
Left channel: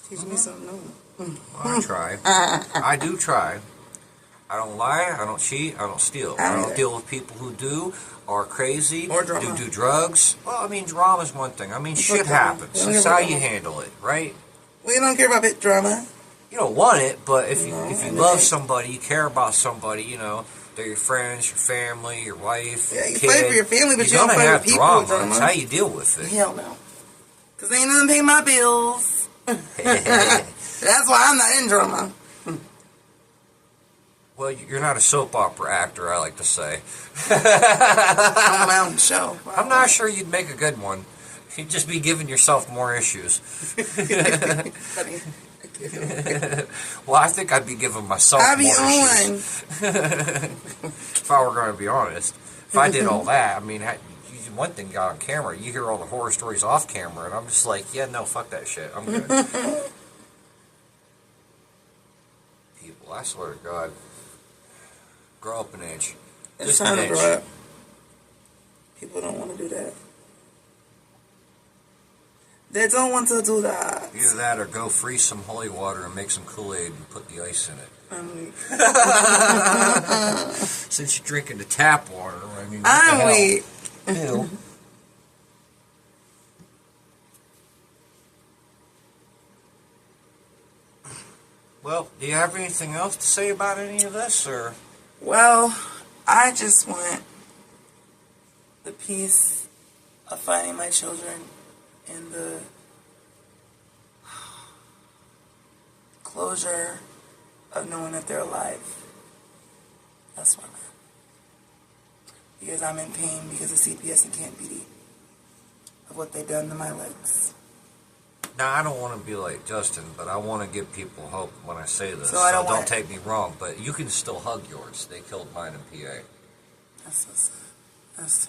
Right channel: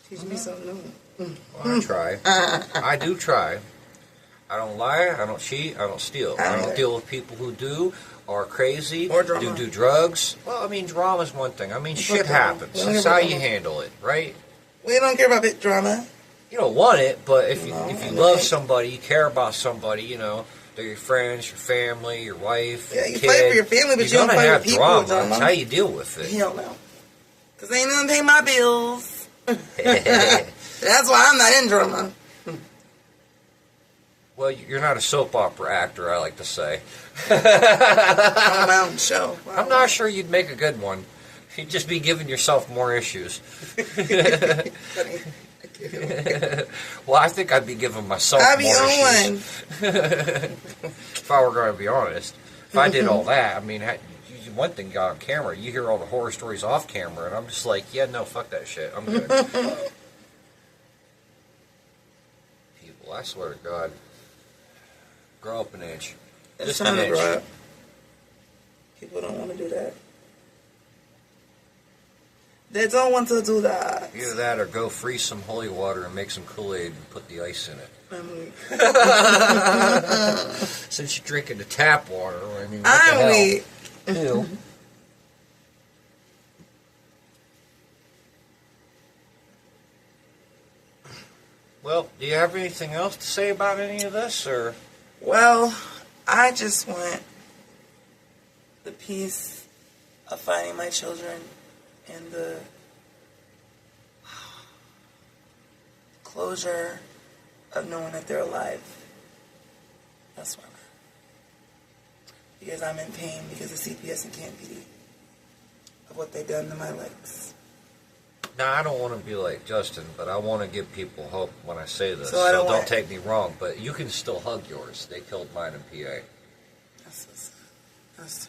Teach me something new. Well, I try. I do try. I don't lie, I don't cheat, I don't steal. I don't deal with people who do, are crazy, or drama. do drugs. Well, I mean, drama's one thing. I mean, shit happens. It's how you handle it, right? We don't care about bit drama. You don't want it, but if you love somebody, you care about somebody, you know, they're your friends, your family, your wife, yeah, your you kid, fight for your family, but you don't fight with people. Drama. Drama. That's how you deal with it. Hell no. Because ain't nothing pay my bills. That's why I'm not in drama. Well, you're not a soap opera actor, I like to say. On my own show. Wow. I'm not sure you'd make a good one. You'd just be giving yourself more issues. Well, I think I'd be giving myself more issues. If I were going to be honest. If I did all that, I mean, one thing got on camera, you hear all the horror stories off camera, and I'm just like, yeah, no, fuck that shit. I'm good. People, I swear to God. Grow up an inch. It's time to grow up. People don't want to do that. They don't want to do that. Either that or go freeze some holy water and make some Kool-Aid and put the ice in it. I'm weak. Since you're drinking the tap water, I mean, I'm weak. Ew. Well, do you have anything else to say about any of this, or? Well, I just want the peace of finding my children and the closure of knowing that they're alive. That's what I'm at. Because I'm in pain because of C.P.A.N and Canton of what they've done to my legs. Now, I don't want to be like Justin, but I want to give people hope when I say this. So I don't take me wrong, but you can still hug yours. They killed mine in PA. That's so sad. That's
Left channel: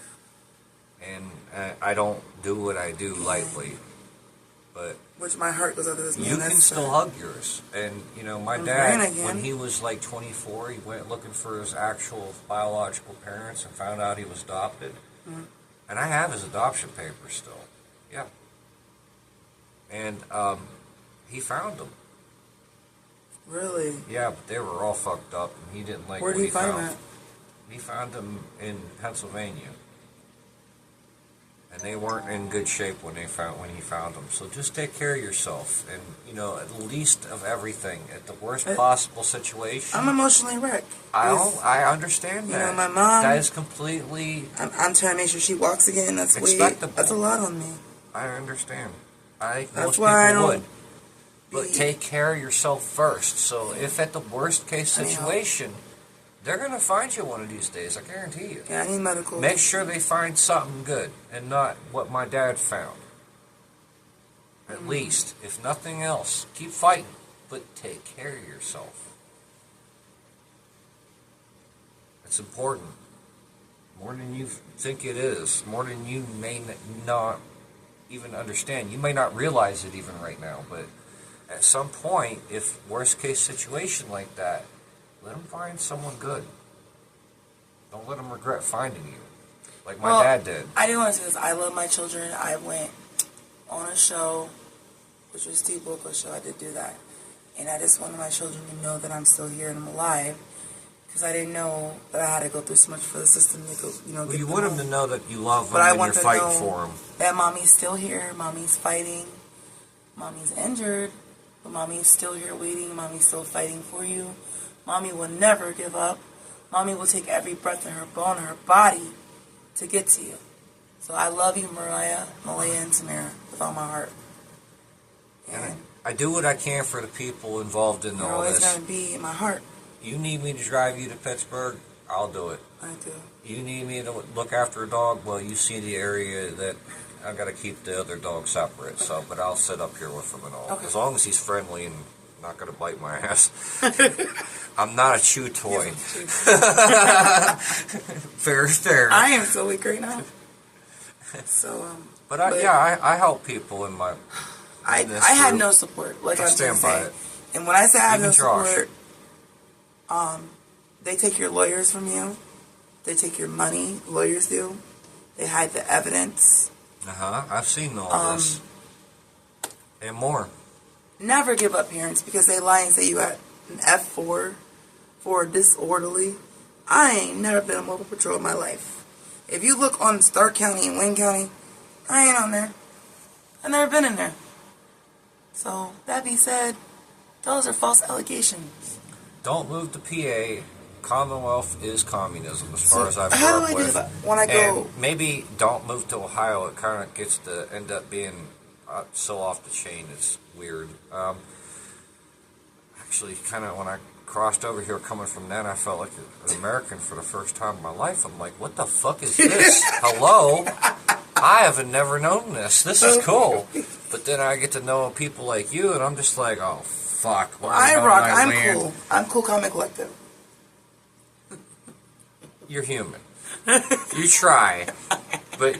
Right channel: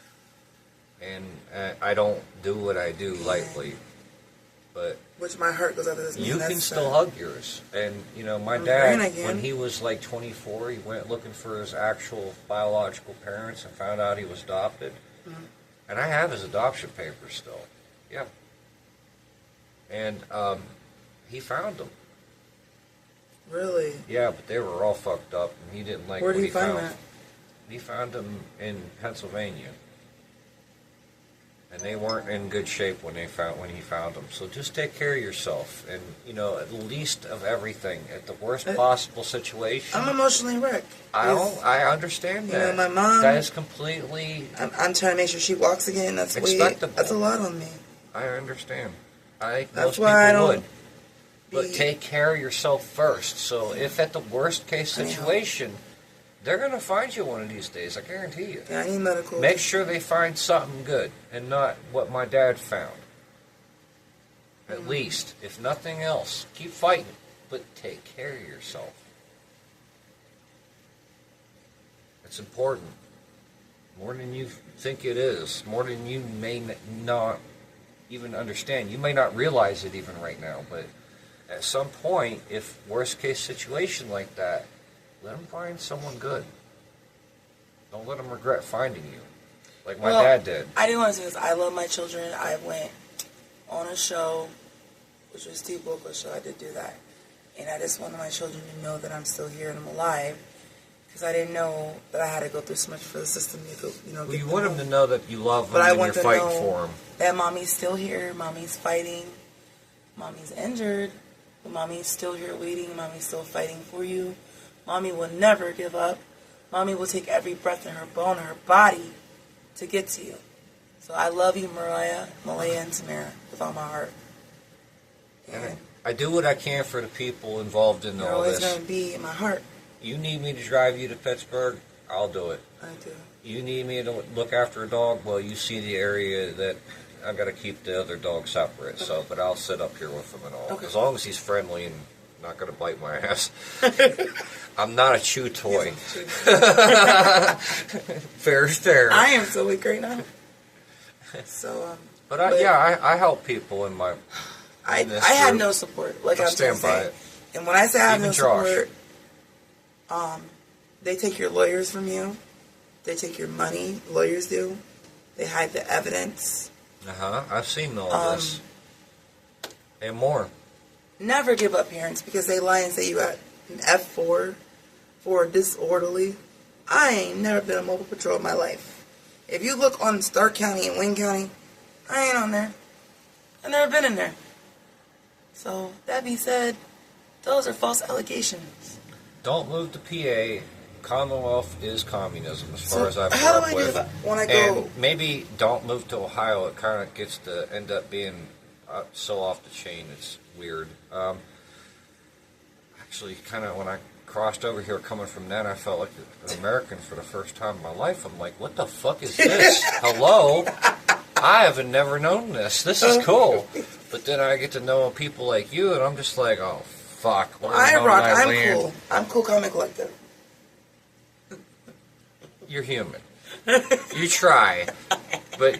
And I don't do what I do lightly, but which my heart goes out to this man. you can still hug yours. And, you know, my dad, when he was like 24, he went looking for his actual biological parents and found out he was adopted. Mm-hmm. And I have his adoption papers still. Yeah. And he found them. Really? Yeah, but they were all fucked up, and he didn't like Where what did he he find found. that? He found them in Pennsylvania. And they weren't in good shape when he found them. So just take care of yourself, and you know, at least of everything, at the worst possible situation. I'm emotionally wrecked. I understand that. You know, my mom. That is completely. I'm trying to make sure she walks again. That's expectable. That's a lot on me. I understand. That's most why people would. But take care of yourself first. So if at the worst case situation, they're going to find you one of these days. I guarantee you. Yeah, I need medical. Make sure they find something good and not what my dad found. At least, if nothing else, keep fighting, but take care of yourself. It's important. more than you think it is, more than you may not even understand. You may not realize it even right now, but at some point, if worst case situation like that, let them find someone good. Don't let them regret finding you, like my dad did. I do want to say this. I love my children. I went on a show, which was Steve Wilkos' show. I did do that. And I just wanted my children to know that I'm still here and I'm alive. Because I didn't know that I had to go through so much for the system to go, Well, you want them to know that you love them but I and want you're to fighting know for them. that mommy's still here. Mommy's fighting. Mommy's injured. But mommy's still here waiting. Mommy's still fighting for you. Mommy will never give up. Mommy will take every breath in her bone, her body, to get to you. So I love you, Malaya, and Tamara, with all my heart. And I do what I can for the people involved in you're all always this. going to be in my heart. You need me to drive you to Pittsburgh, I'll do it. I do. You need me to look after a dog, well, you see the area that I got to keep the other dog separate. So, but I'll sit up here with him and all, Okay. as long as he's friendly and not going to bite my ass. I'm not a chew toy. Fair is fair. I am so weak right now. So, But I help people in my. I in this had group. no support. Like I I'm stand by saying. it. And when I say I have Even no Josh. support, they take your lawyers from you. They take your money. Lawyers do. They hide the evidence. I've seen all this and more. Never give up, parents, because they lie and say you got an F4 for disorderly. I ain't never been on mobile patrol in my life. If you look on Stark County and Wayne County, I ain't on there. I've never been in there. So, that being said, those are false allegations. Don't move to PA. Commonwealth is communism, as far as I've how do grown I up do with. that when I go? And maybe don't move to Ohio. It kind of gets to end up being so off the chain. It's weird. Actually, kind of when I crossed over here, coming from then, I felt like an American for the first time in my life. I'm like, what the fuck is this? Hello? I haven't never known this. This is cool. But then I get to know people like you, and I'm just like, oh, fuck. I'm cool. I'm cool, calm, and collective. You're human. You try, but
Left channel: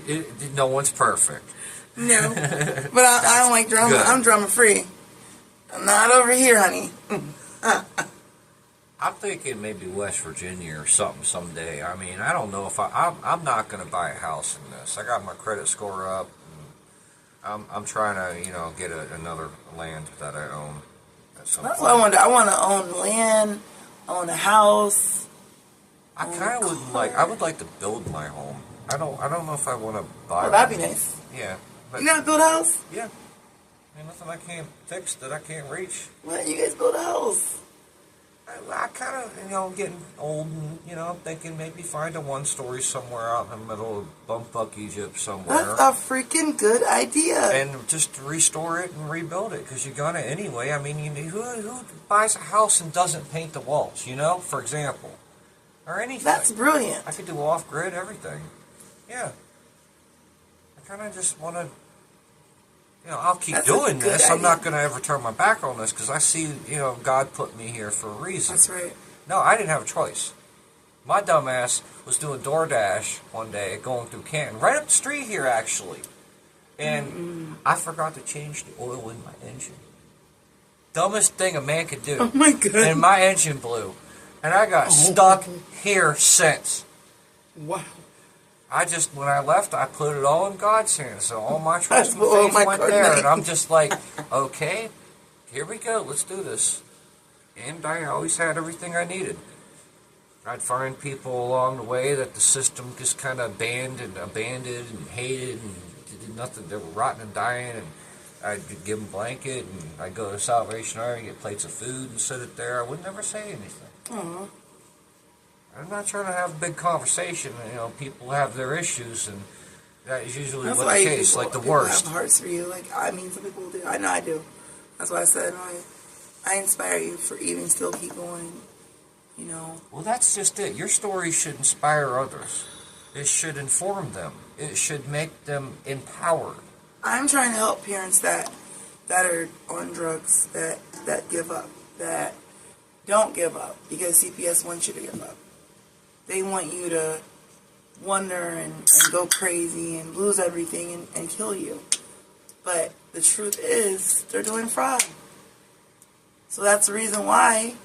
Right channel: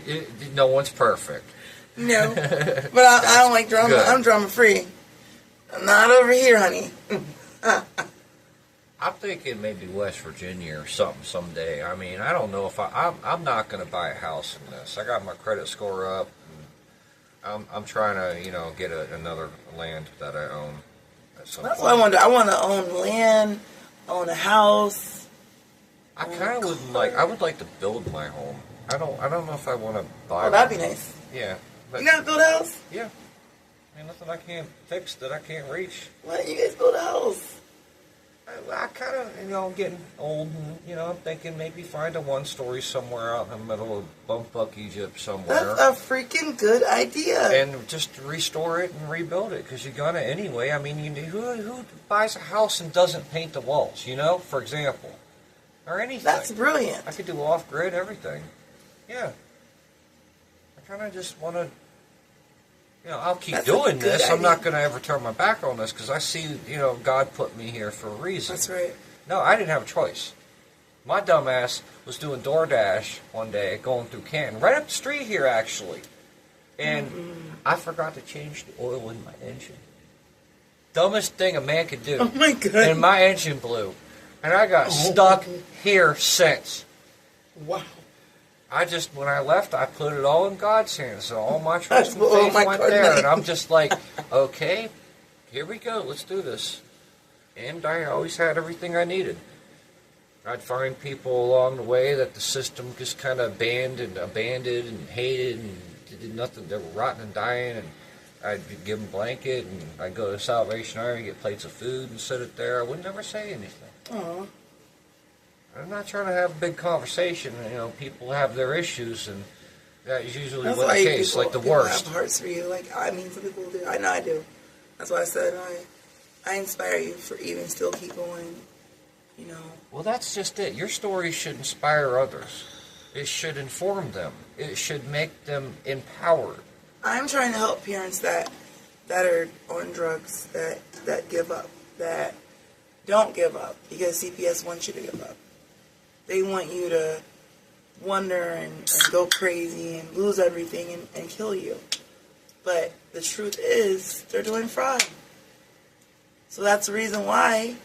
no one's perfect. No. But I don't like drama. Good. I'm drama free. I'm not over here, honey. I'm thinking maybe West Virginia or something someday. I mean, I don't know if I'm not going to buy a house in this. I got my credit score up. And I'm trying to, get another land that I own at some That's point. what I want to do. I want to own land, own a house. I kind of would like to build my home. I don't know if I want to buy Oh, that'd be one. nice. Yeah. But, You know how to build a house? yeah. I mean, nothing I can't fix that I can't reach. Why don't you guys build a house? I kind of, getting old and, I'm thinking maybe find a one-story somewhere out in the middle of bumfuck Egypt somewhere. That's a freaking good idea. And just restore it and rebuild it, because you're gonna anyway. I mean, who buys a house and doesn't paint the walls, for example? Or anything. That's brilliant. I could do off-grid everything. Yeah. I kind of just want to, I'll keep That's a doing good this. I'm idea. not going to ever turn my back on this, because I see, God put me here for a reason. That's right. No, I didn't have a choice. My dumbass was doing DoorDash one day, going through Canton, right up the street here, actually. And I forgot to change the oil in my engine. Dumbest thing a man could do. Oh, my God. And my engine blew. And I got stuck here since. Wow. When I left, I put it all in God's hands. So all my trust and Oh, faith my went goodness. there. And I'm just like, okay, here we go. Let's do this. And I always had everything I needed. I'd find people along the way that the system just kind of abandoned and hated and did nothing. They were rotting and dying. And I'd give them a blanket. And I'd go to Salvation Army, get plates of food and sit it there. I would never say anything. Aww. I'm not trying to have a big conversation. People have their issues, and that is usually That's what why the case, like the people worst. have hearts for you. Some people do. I know I do. That's why I said I inspire you for even still keep going. Well, that's just it. Your story should inspire others. It should inform them. It should make them empowered. I'm trying to help parents that are on drugs, that give up, that don't give up, because CPS wants you to give up. They want you to wonder and go crazy and lose everything and kill you. But the truth is, they're doing fraud. So that's the reason why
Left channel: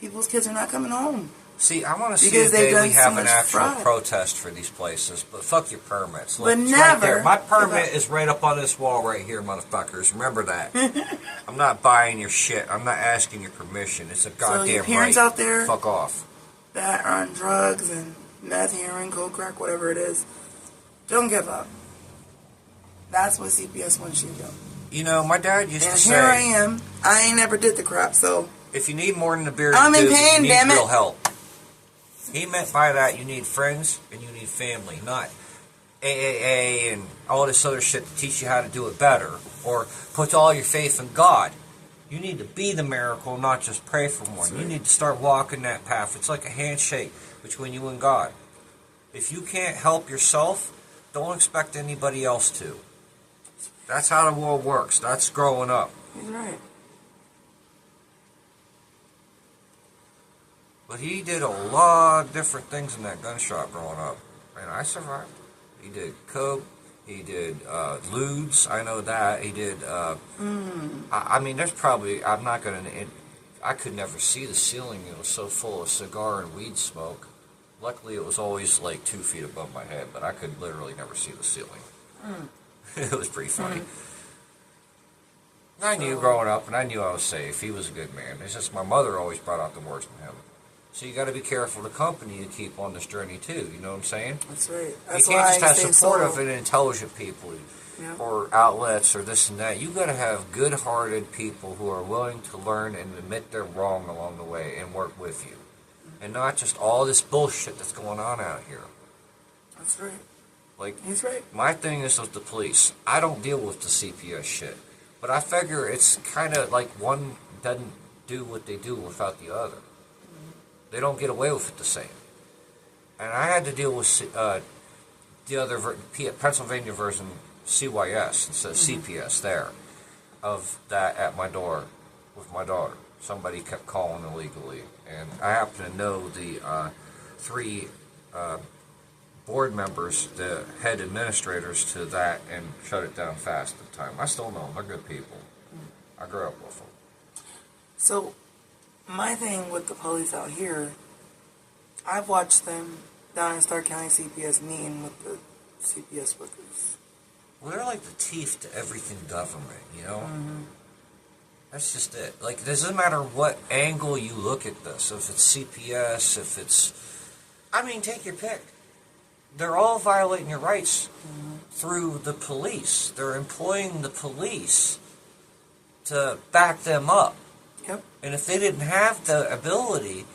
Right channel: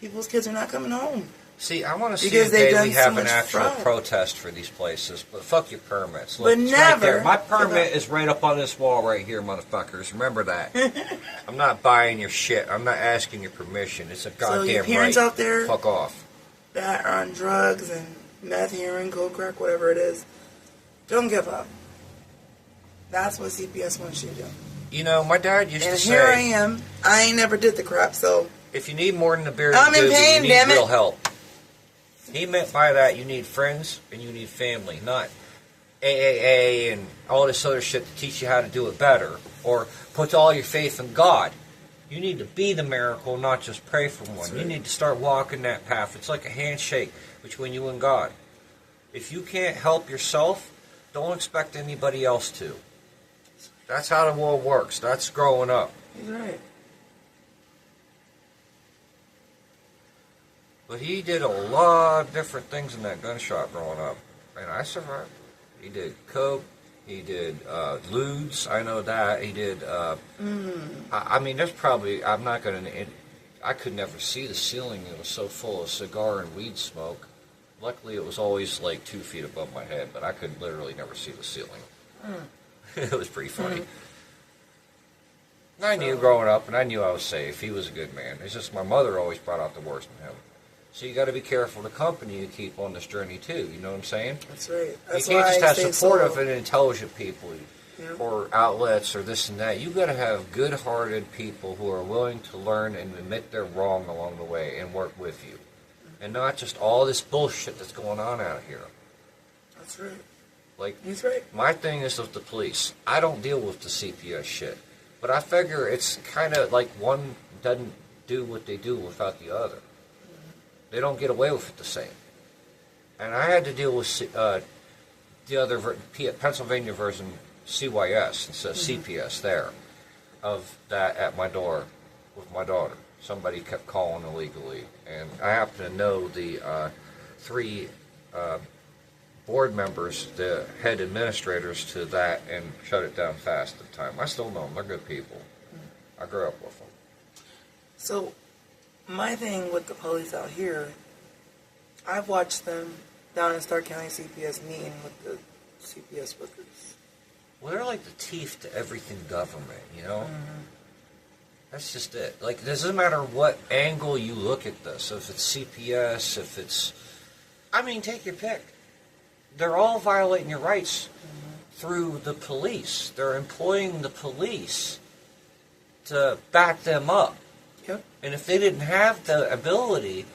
people's kids are not coming home. See, I want to see Because a they've day done we so have an much actual fraud. protest for these places, but fuck your permits. Look, But it's never right there. My give permit up. is right up on this wall right here, motherfuckers. Remember that. I'm not buying your shit. I'm not asking your permission. It's a goddamn So your parents right. out there Fuck off. that are on drugs and meth, heroin, coke, crack, whatever it is, don't give up. That's what CPS wants you to do. You know, my dad used And to here I say, am. I ain't never did the crap, so if you need more than a beer I'm to in do, pain, you damn need it. real help. He meant by that you need friends and you need family, not AAA and all this other shit to teach you how to do it better or put all your faith in God. You need to be the miracle, not just pray for one. You need to start walking that path. It's like a handshake between you and God. If you can't help yourself, don't expect anybody else to. That's how the world works. That's growing up. he's right. But he did a lot of different things in that gun shop growing up. And I survived. He did coke. He did lewds. I know that. He did... I mean, there's probably... I'm not going to... I could never see the ceiling. It was so full of cigar and weed smoke. Luckily, it was always like 2 feet above my head, but I could literally never see the ceiling. It was pretty funny. And I knew growing up, and I knew I was safe. He was a good man. It's just my mother always brought out the worst in him. So you got to be careful the company you keep on this journey too. You know what I'm saying? That's right. That's you can't why just I have stay supportive solo. and intelligent people Yeah. or outlets or this and that. You got to have good-hearted people who are willing to learn and admit they're wrong along the way and work with you, and not just all this bullshit that's going on out here. That's right. Like, He's right. my thing is with the police. I don't deal with the CPS shit, but I figure it's kind of like one doesn't do what they do without the other. They don't get away with it the same. And I had to deal with the other Pennsylvania version, CYS, instead of CPS there, of that at my door with my daughter. Somebody kept calling illegally. And I happen to know the 3 board members, the head administrators to that, and shut it down fast at the time. I still know them. They're good people. I grew up with them. So, my thing with the police out here, I've watched them down in Stark County CPS meeting with the CPS workers. Well, they're like the teeth to everything government, you know? That's just it. Like, it doesn't matter what angle you look at this. If it's CPS, if it's... I mean, take your pick. They're all violating your rights through the police. They're employing the police to back them up. Yep. And if they didn't have the ability,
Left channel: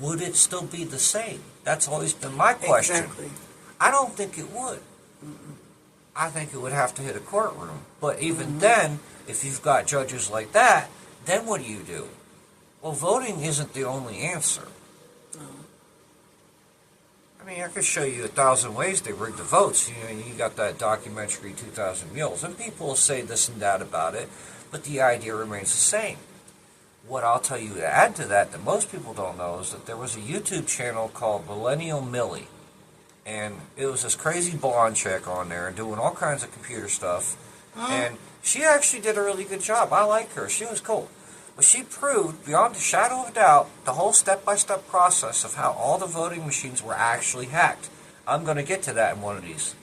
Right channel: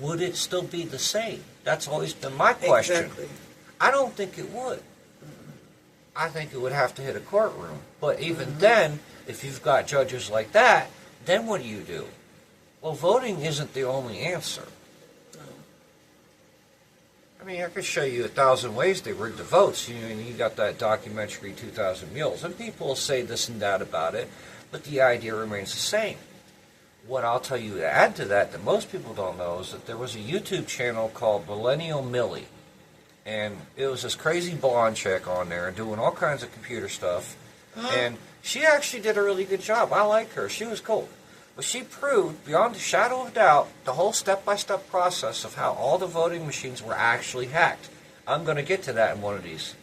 would it still be the same? That's always been my question. Exactly. I don't think it would. I think it would have to hit a courtroom. But even then, if you've got judges like that, then what do? Well, voting isn't the only answer. I mean, I could show you 1,000 ways they rigged the votes. You got that documentary, 2,000 Mules, and people will say this and that about it, but the idea remains the same. What I'll tell you to add to that most people don't know is that there was a YouTube channel called Millennial Millie, and it was this crazy blonde chick on there doing all kinds of computer stuff, and she actually did a really good job. I like her. She was cool. But she proved, beyond a shadow of a doubt, the whole step-by-step process of how all the voting machines were actually hacked. I'm going to get to that in one of these.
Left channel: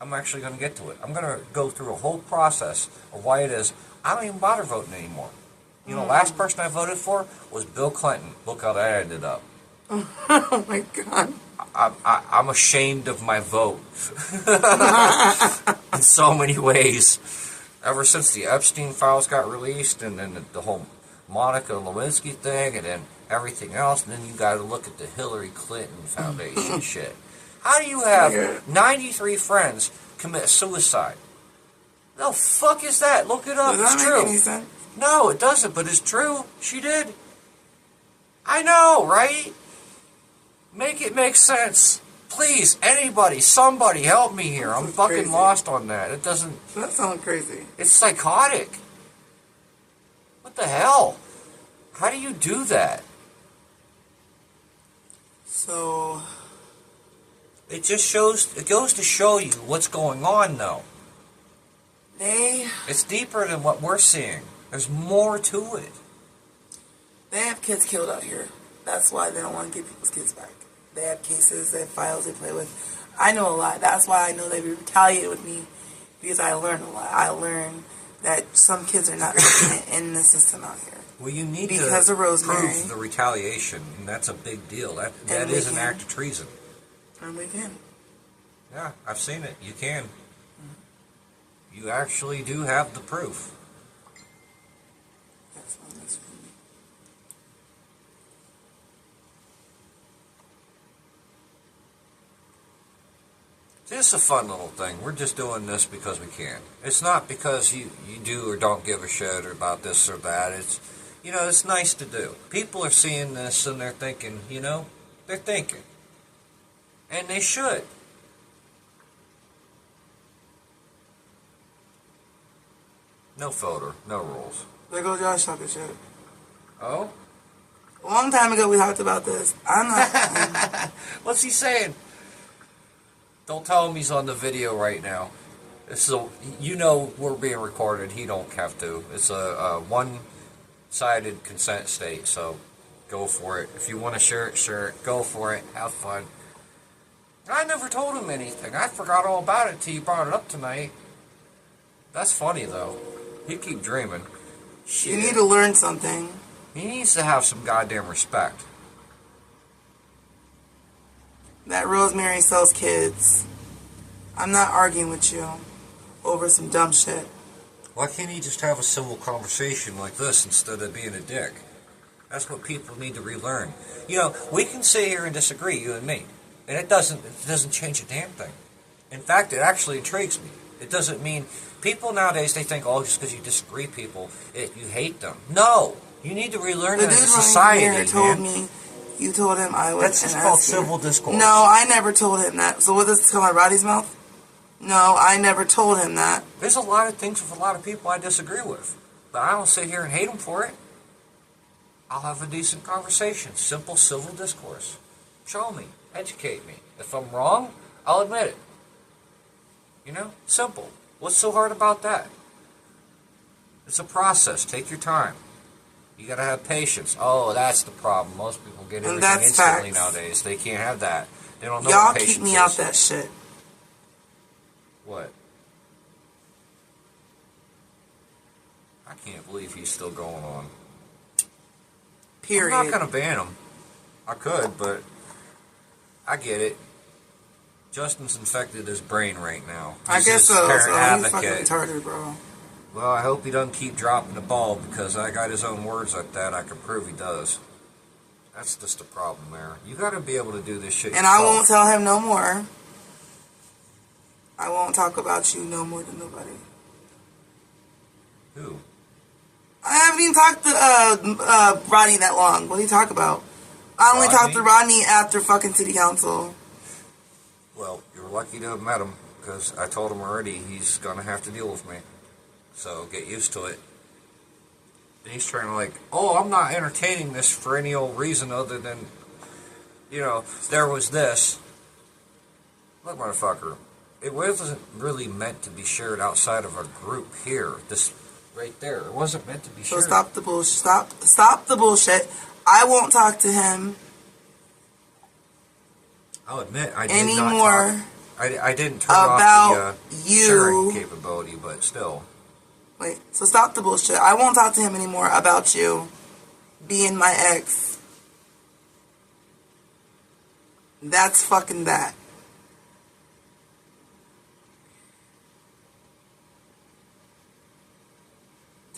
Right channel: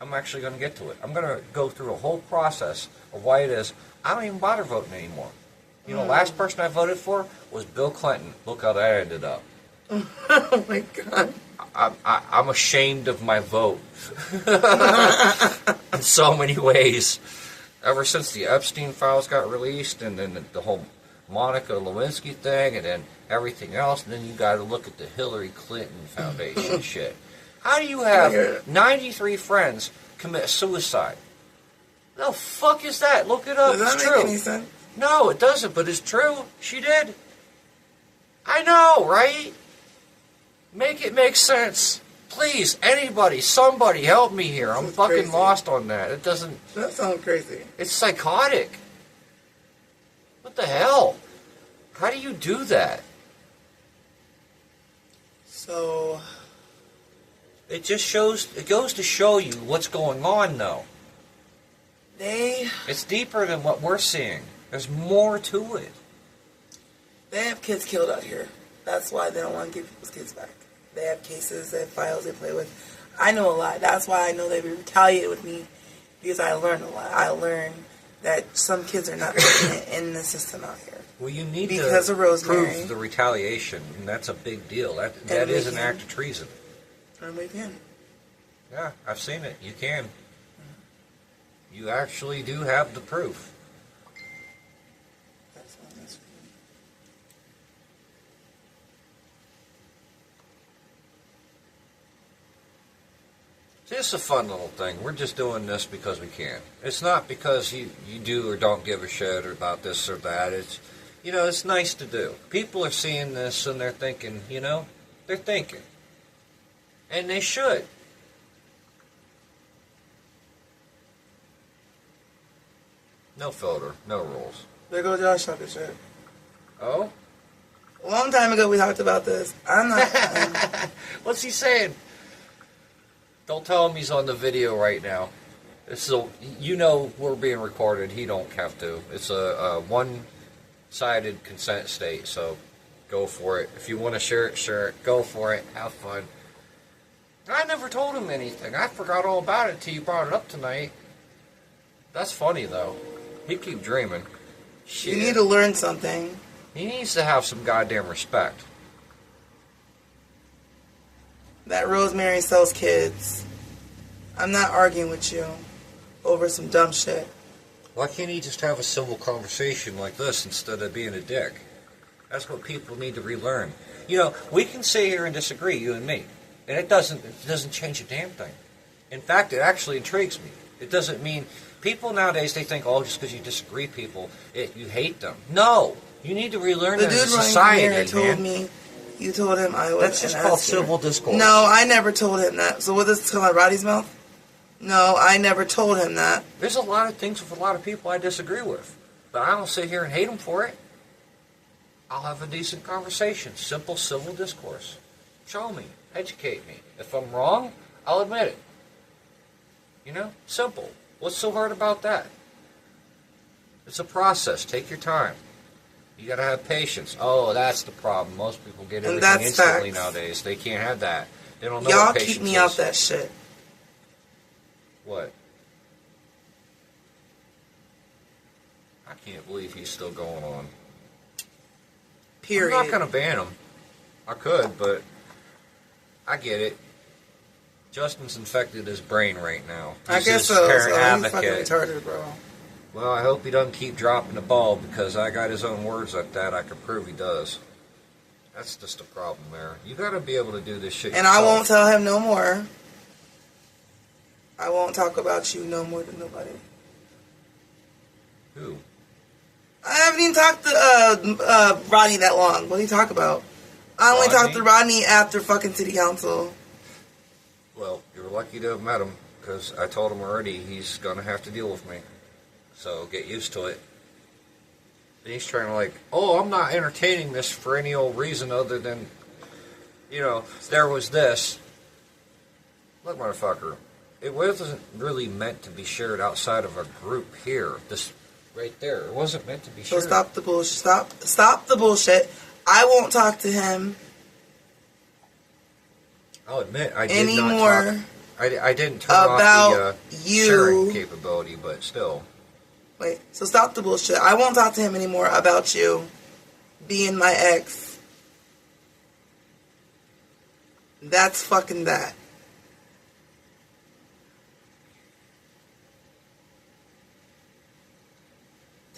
I'm actually going to get to it. I'm going to go through a whole process of why it is I don't even bother voting anymore. You know, the last person I voted for was Bill Clinton. Look how that ended up. Oh, my God. I'm ashamed of my vote in so many ways. Ever since the Epstein files got released and then the whole Monica Lewinsky thing and then everything else, and then you got to look at the Hillary Clinton Foundation shit. How do you have 93 friends commit suicide? The fuck is that? Look it up. Does It's that true. make any sense? No, it doesn't, but it's true. She did. I know, right? Make it make sense. Please, anybody, somebody, help me here. I'm fucking crazy. lost on that. It doesn't... That sounds crazy. It's psychotic. What the hell? How do you do that? So, It just goes to show you what's going on, though. It's deeper than what we're seeing. There's more to it. They have kids killed out here. That's why they don't want to give people's kids back. They have cases, they have files they play with. I know a lot. That's why I know they retaliated with me, because I learned a lot. I learned that some kids are not making it in the system out here. Well, you need because to of Rosemary, prove the retaliation, and that's a big deal. That is an act of treason. And we can. Yeah, I've seen it. You can. You actually do have the proof. It's a fun little thing. We're just doing this because we can. It's not because you do or don't give a shit about this or that. It's, it's nice to do. People are seeing this and they're thinking, they're thinking. And they should. No filter, no rules. There goes Josh talking shit. Oh? A long time ago we talked about this. I'm not... What's he saying? Don't tell him he's on the video right now. So we're being recorded. He don't have to. It's a one-sided consent state, so go for it. If you want to share it. Go for it. Have fun. I never told him anything. I forgot all about it until you brought it up tonight. That's funny, though. He'd keep dreaming. Shit. You need to learn something. He needs to have some goddamn respect. That Rosemary sells kids. I'm not arguing with you over some dumb shit. Why can't he just have a civil conversation like this instead of being a dick? That's what people need to relearn. We can sit here and disagree, you and me, and it doesn't change a damn thing. In fact, it actually intrigues me. It doesn't mean people nowadays, they think, just because you disagree, you hate them. No, you need to relearn that as a society. The dude told me. You told him I was. That's just called civil discourse. No, I never told him that. So what, this is coming out of Roddy's mouth? No, I never told him that. There's a lot of things with a lot of people I disagree with. But I don't sit here and hate them for it. I'll have a decent conversation. Simple civil discourse. Show me. Educate me. If I'm wrong, I'll admit it. Simple. What's so hard about that? It's a process. Take your time. You gotta have patience. Oh, that's the problem. Most people get everything instantly nowadays. They can't have that. They don't know what patience is. Y'all keep me out that shit. What? I can't believe he's still going on. Period. I'm not gonna ban him. I could, but I get it. Justin's infected his brain right now. I guess so. He's fucking retarded, bro. Well, I hope he doesn't keep dropping the ball, because I got his own words like that. I can prove he does. That's just a problem there. You got to be able to do this shit and yourself. I won't tell him no more. I won't talk about you no more than nobody. Who? I haven't even talked to Rodney that long. What do you talk about? I only talked to Rodney after fucking city council. Well, you're lucky to have met him, because I told him already he's going to have to deal with me. So get used to it. And he's trying to I'm not entertaining this for any old reason other than, there was this. Look, motherfucker, it wasn't really meant to be shared outside of a group here. This right there. It wasn't meant to be shared. So stop the bullshit. Stop the bullshit. I won't talk to him. I'll admit, I did not talk. I didn't turn about off the sharing capability, but still. Wait, so stop the bullshit. I won't talk to him anymore about you being my ex. That's fucking that.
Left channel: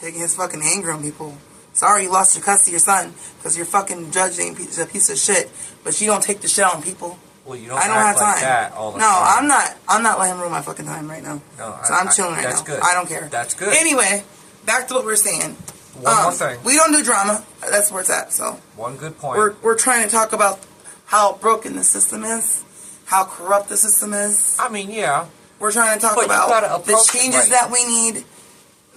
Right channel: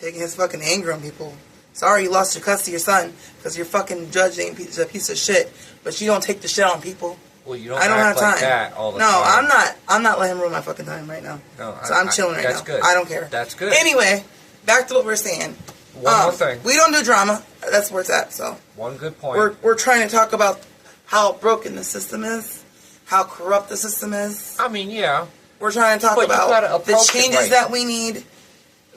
Taking his fucking anger on people. Sorry you lost your custody of your son because your fucking judge ain't a piece of shit. But you don't take the shit on people. Well, you don't have time. That all the time. I'm not letting him ruin my fucking time right now. No, so I'm chilling right now. That's good. I don't care. That's good. Anyway, back to what we're saying. One more thing. We don't do drama. That's where it's at. So one good point. We're trying to talk about how broken the system is, how corrupt the system is. I mean, yeah. We're trying to talk about the changes that we need.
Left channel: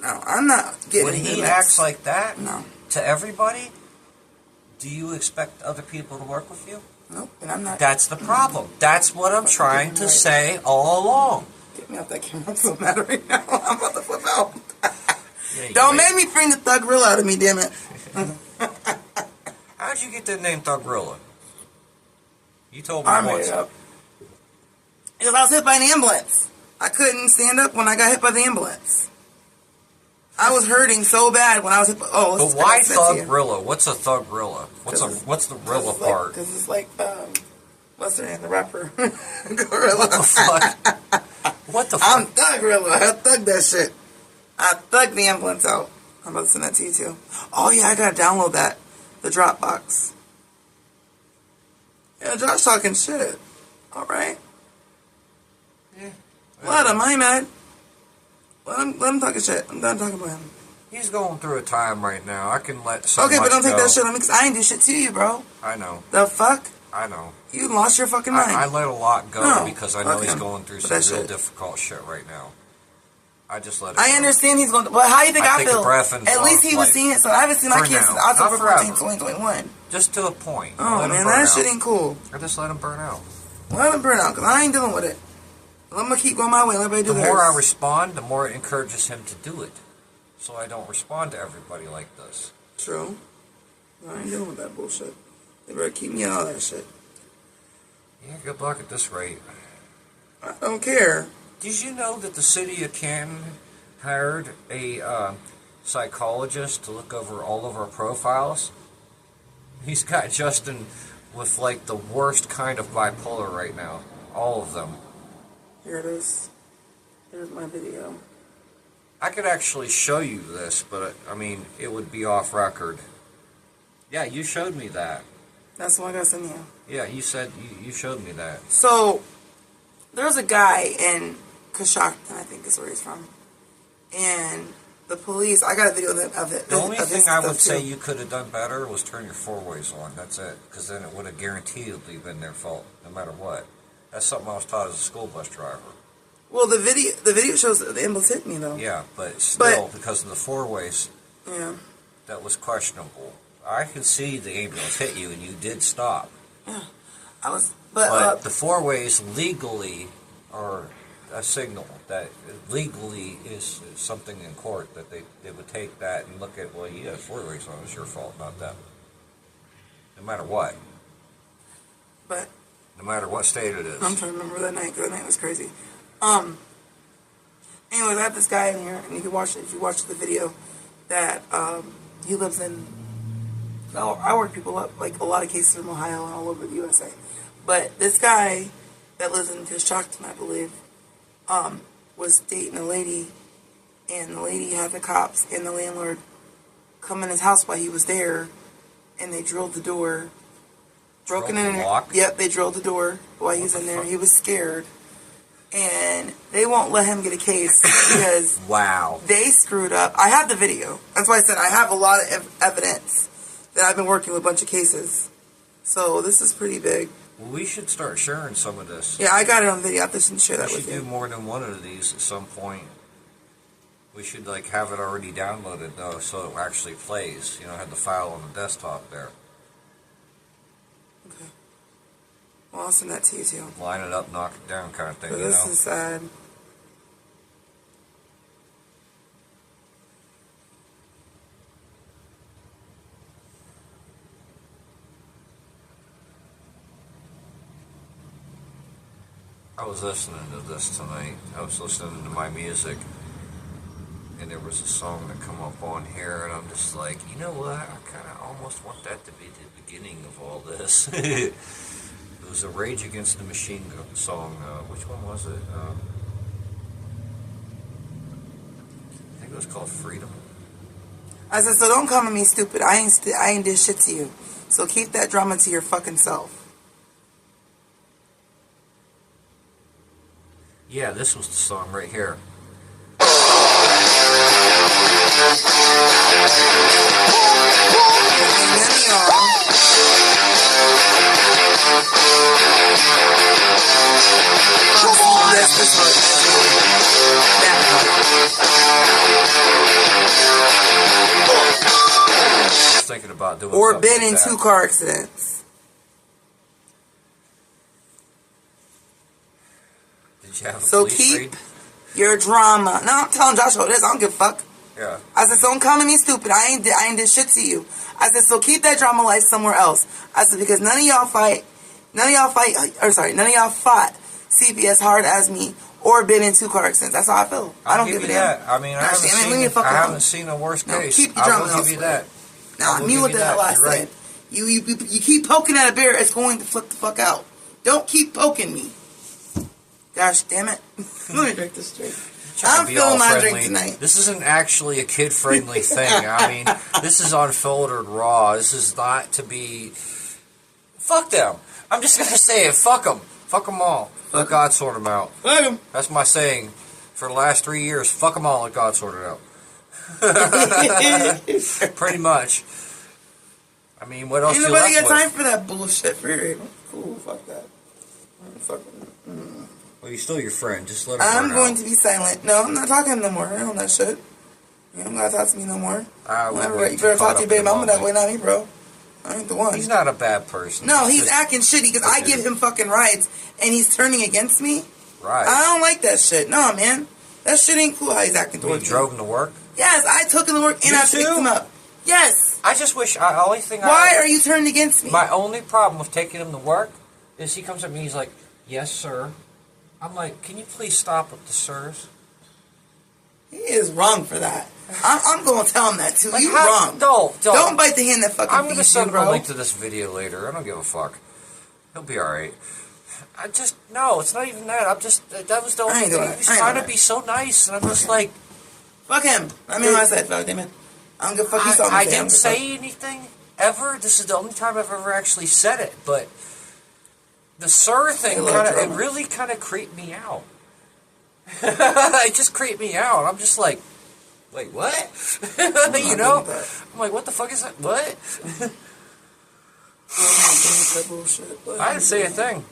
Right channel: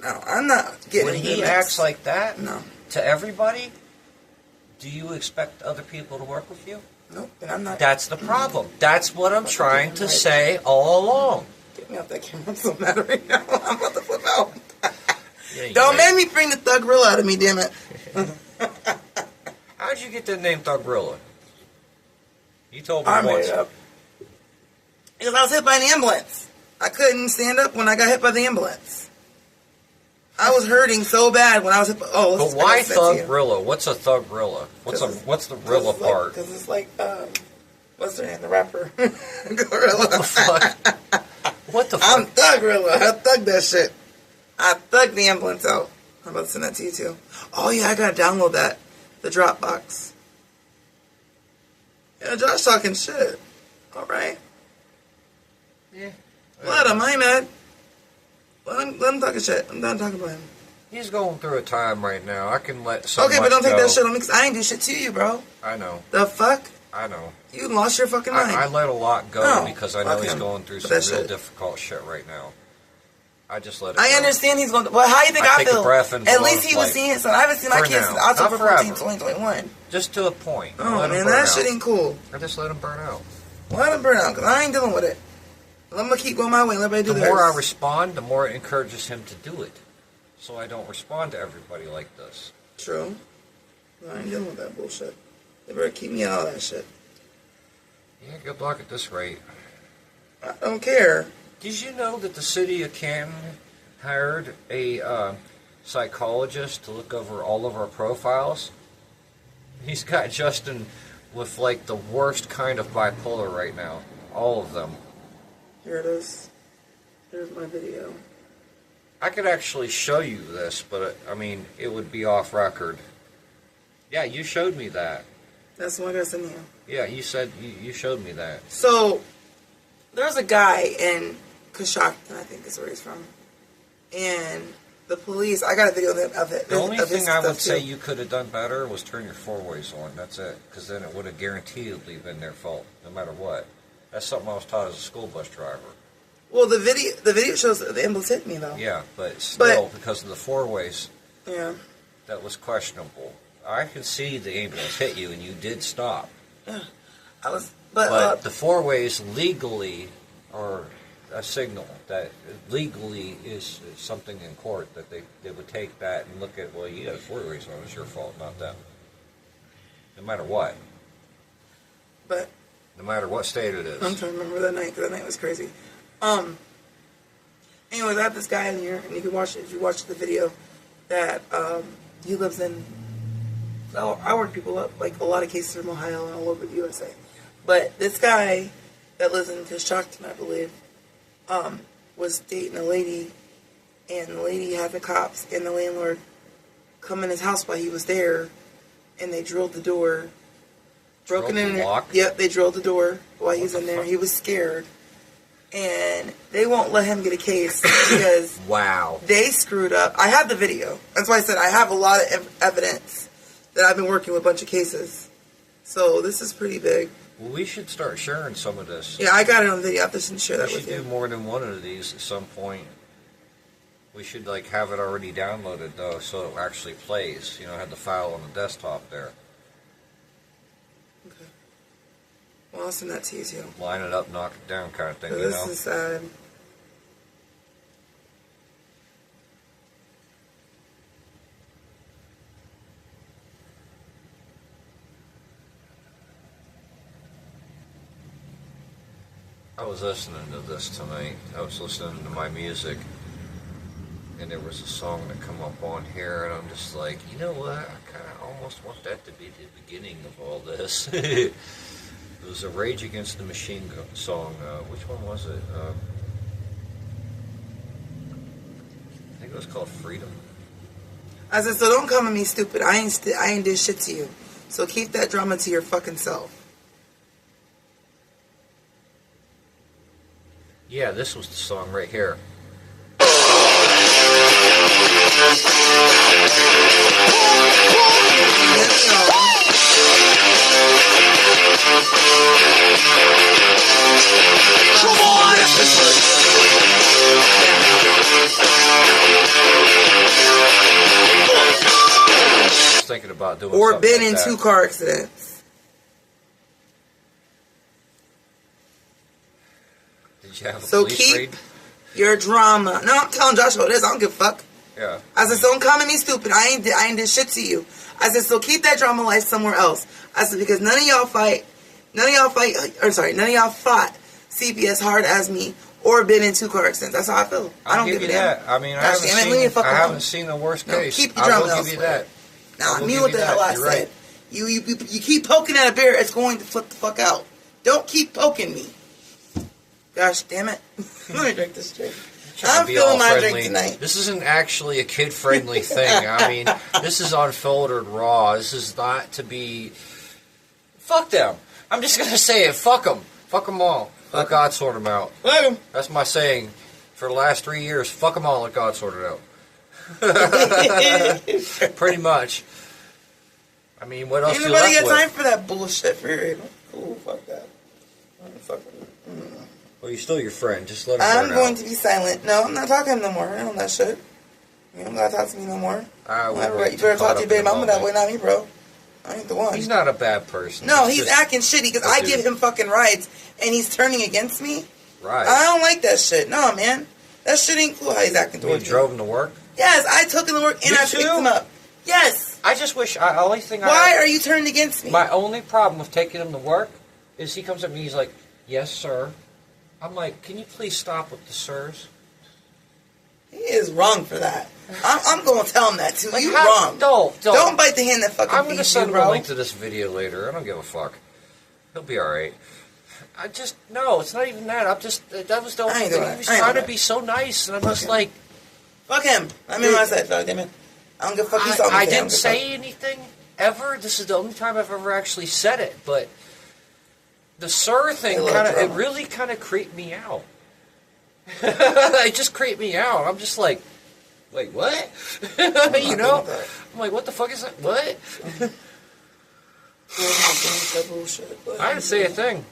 No, I'm not getting. When he acts like that, no, to everybody, do you expect other people to work with you? Nope, and I'm not. That's the problem. That's what I'm trying to say all along. Get me off that camera. I'm so mad right now. I'm about to flip out. Yeah, you Don't ain't. make me bring the Thug Rilla out of me, damn it. How'd you get that name Thug Rilla? You told me I made once. it up. Because I was hit by an ambulance. I couldn't stand up when I got hit by the ambulance. I was hurting so bad when I was hit by... Oh, But why Thug Rilla? What's a Thug Rilla? What's the Rilla part? Because it's like, what's her name? The rapper. Gorilla. What the fuck? What the fuck? I'm Thug Rilla. I thugged that shit. I thugged the ambulance out. I'm about to send that to you too. Oh yeah, I gotta download that. The Dropbox. Yeah, Josh talking shit. Alright. Yeah. Let him, I ain't mad. Let him talking shit. I'm done talking about him. He's going through a time right now. I can let so Okay, much but don't take go. that shit on me because I ain't do shit to you, bro. I know. The fuck? I know. You lost your fucking mind. I let a lot go No, because I know fuck he's him. going through But some that real shit. difficult shit right now. I just let it I go. understand he's going to... Well, how do you think I I take a feel? breath and At blow least he was life. seeing it, so I haven't seen my For kids now. since Not October forever. 14, 2021. Just to a point. Oh, Let him man, burn that out. shit ain't cool. I just let him burn out. Let him burn out, because I ain't dealing with it. I'm going to keep going my way and let everybody do The theirs. more I respond, the more it encourages him to do it. So I don't respond to everybody like this. True. I ain't dealing with that bullshit. They better keep me out of that shit. Yeah, good luck at this rate. I don't care. Did you know that the city of Canton hired a psychologist to look over all of our profiles? He's got Justin with like the worst kind of bipolar right now. All of them. Here it is. Here's my video. I could actually show you this, but I mean, it would be off record. Yeah, you showed me that. That's what I got send you. Yeah, you said you showed me that. So, there's a guy in Canton, I think is where he's from. And the police, I got a video of it. The only of his thing I would stuff, say too. you could have done better was turn your four-ways on. That's it. Because then it would have guaranteedly been their fault, no matter what. That's something I was taught as a school bus driver. Well, the video shows that the ambulance hit me, though. Yeah, but still, because of the four-ways, Yeah. that was questionable. I can see the ambulance hit you, and you did stop. Yeah. I was, But the four-ways legally are a signal that legally is something in court that they would take that and look at, well, you had four-ways on, it's your fault, not them. No matter what. but No matter what state it I'm is. trying to remember that night, because that night was crazy. Anyways, I had this guy in here, and you can watch it if you watch the video, that he lives in, I work people up, like a lot of cases from Ohio and all over the USA. But this guy that lives in Canton, I believe, was dating a lady, and the lady had the cops and the landlord come in his house while he was there, and they drilled the door. Broken Drilled in the there. lock? Yep, they drilled the door while he was What in the there. fuck? He was scared. And they won't let him get a case because Wow. they screwed up. I have the video. That's why I said I have a lot of evidence that I've been working with a bunch of cases. So this is pretty big. Well, we should start sharing some of this. Yeah, I got it on video. I have to share that We with should do you. more than one of these at some point. We should like have it already downloaded though, so it actually plays. You know, have the file on the desktop there. Okay. Well, I'll send that to you too. Line it up, knock it down, kind of thing. So You this know. is sad. I was listening to this tonight. I was listening to my music, and there was a song that come up on here, and I'm just like, you know what? I kind of almost want that to be the beginning of all this. It was a Rage Against the Machine song. Which one was it? I think it was called Freedom. I said, so don't come at me stupid. I ain't did shit to you. So keep that drama to your fucking self. Yeah, this was the song right here. Yes, this part. That I was thinking about doing part. Or something been like in that. 2 car accidents. Did you have a So police keep raid? your drama. No, I'm telling Josh what it is. I don't give a fuck. Yeah. I said, so don't come at me stupid. I ain't did shit to you. I said, so keep that drama life somewhere else. I said, because none of y'all fought CP as hard as me or been in 2 car accidents. That's how I feel. I don't give a damn. That. I mean, I haven't seen the worst case. Keep your drama I will give you that. Now, I mean what the hell I said. Right. You keep poking at a bear, it's going to flip the fuck out. Don't keep poking me. Gosh damn it. Let me drink this drink. I'm feeling my drink tonight. This isn't actually a kid-friendly thing. I mean, this is unfiltered raw. This is not to be... Fuck them. I'm just going to say it. Fuck them. Fuck them all. Let God sort them out. Fuck them. That's my saying for the last 3 years. Fuck them all. Let God sort it out. Pretty much. I mean, what else Ain't you nobody left got time with? for that bullshit. For real. Cool, fuck that. Well, you're still your friend. Just let him I'm burn going out. to be silent. No, I'm not talking to him no more. I don't that shit. You don't gotta talk to me no more. You better talk to your baby mama that way, not me, bro. I ain't the one. He's not a bad person. No, he's acting shitty because I give him fucking rides and he's turning against me. Right. I don't like that shit. No, man. That shit ain't cool how he's acting You towards me. drove him to work? Yes, I took him to work and You I picked too? him up. Yes. I just wish... Why are you turning against me? My only problem with taking him to work is he comes at me, he's like, yes, sir. I'm like, can you please stop with the sirs? He is wrong for that. I'm going to tell him that too. Like, You wrong. Don't bite the hand that fucking I'm going to feeds you, send him a bro. link to this video later. I don't give a fuck. He'll be alright. No, it's not even that. That was the only thing. He was trying to be so nice, and I'm just like... Fuck him. I mean what I said, fuck him. I don't give a fuck. He's I didn't say anything ever. This is the only time I've ever actually said it, but the sir thing it really kind of creeped me out. It just creeped me out. I'm just like, wait, what? You know? I'm like, what the fuck is that? What? I didn't say a thing.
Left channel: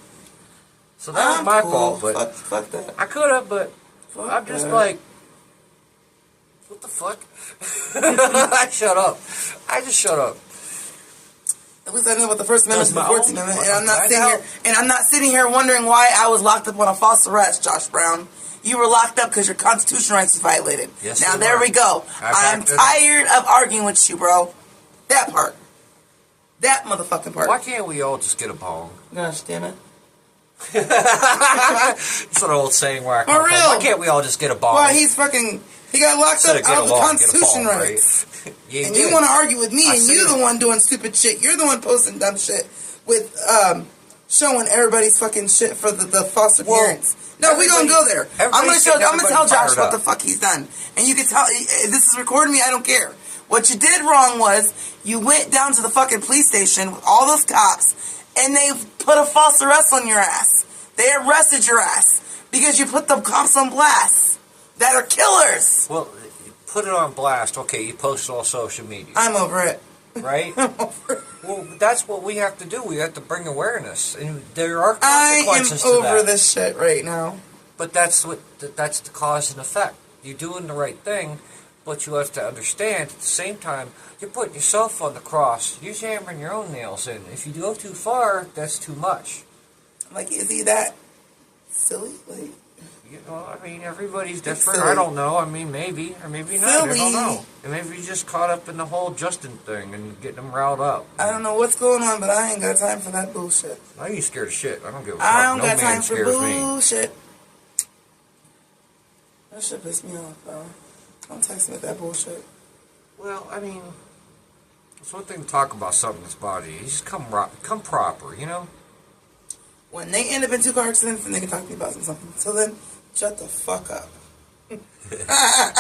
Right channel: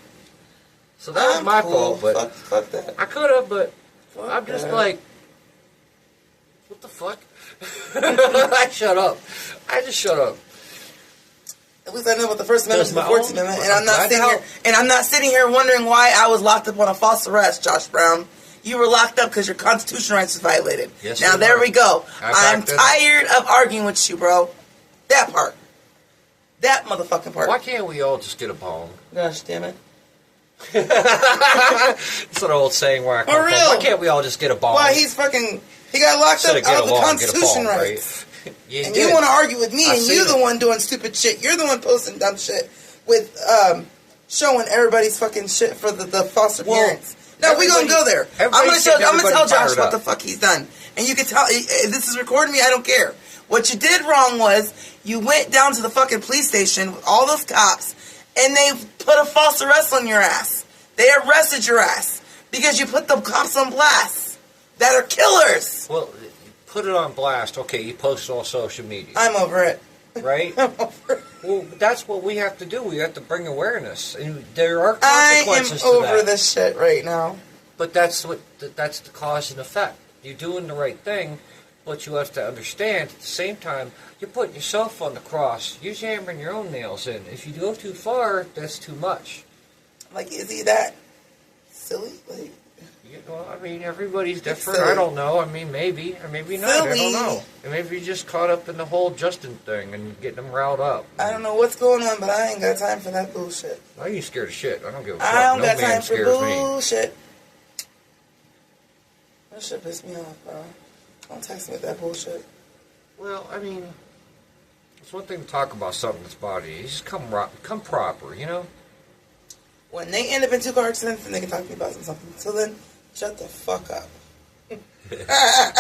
So that was my fault, but fuck that. I could have, but I'm just like, what the fuck? I shut up. I just shut up. At least I know about the First Amendment and the 14th Amendment, and I'm I'm not sitting here wondering why I was locked up on a false arrest, Josh Brown. You were locked up because your constitutional rights was violated. Yes, now there we go. I'm backed it. tired of arguing with you, bro. That part. That motherfucking part. Why can't we all just get a bong? Gosh damn it. It's an old saying where I come For from. real. Why can't we all just get a bong? Why he got locked up out of the Constitution rights. And you want to argue with me, and you're the one doing stupid shit. You're the one posting dumb shit with showing everybody's fucking shit for the foster parents. No, we're gonna go there. I'm gonna tell Josh what the fuck he's done, and you can tell. This is recording me. I don't care. What you did wrong was you went down to the fucking police station with all those cops, and they put a false arrest on your ass. They arrested your ass because you put the cops on blast that are killers. Well, you put it on blast. Okay, you post it on social media. I'm over it. Right? I'm over it. Well, that's what we have to do. We have to bring awareness, and there are I consequences am to over that. this shit right now. But that's the cause and effect. You're doing the right thing, but you have to understand at the same time you're putting yourself on the cross. You're hammering your own nails in. If you go too far, that's too much. Like, is he that silly? Like, You know, I mean, everybody's different. silly. I don't know. I mean, maybe or maybe not. I don't know. And maybe you just caught up in the whole Justin thing and getting them riled up. I don't know what's going on, but I ain't got time for that bullshit. I ain't scared of shit. I don't give a fuck. I don't No got man time for scares me. bullshit. That shit pissed me off, bro. Don't text me with that bullshit. Well, I mean, it's one thing to talk about something that's body. You just come proper, you know? When they end up in 2 car accidents, then they can talk to me about something. So then, shut the fuck up.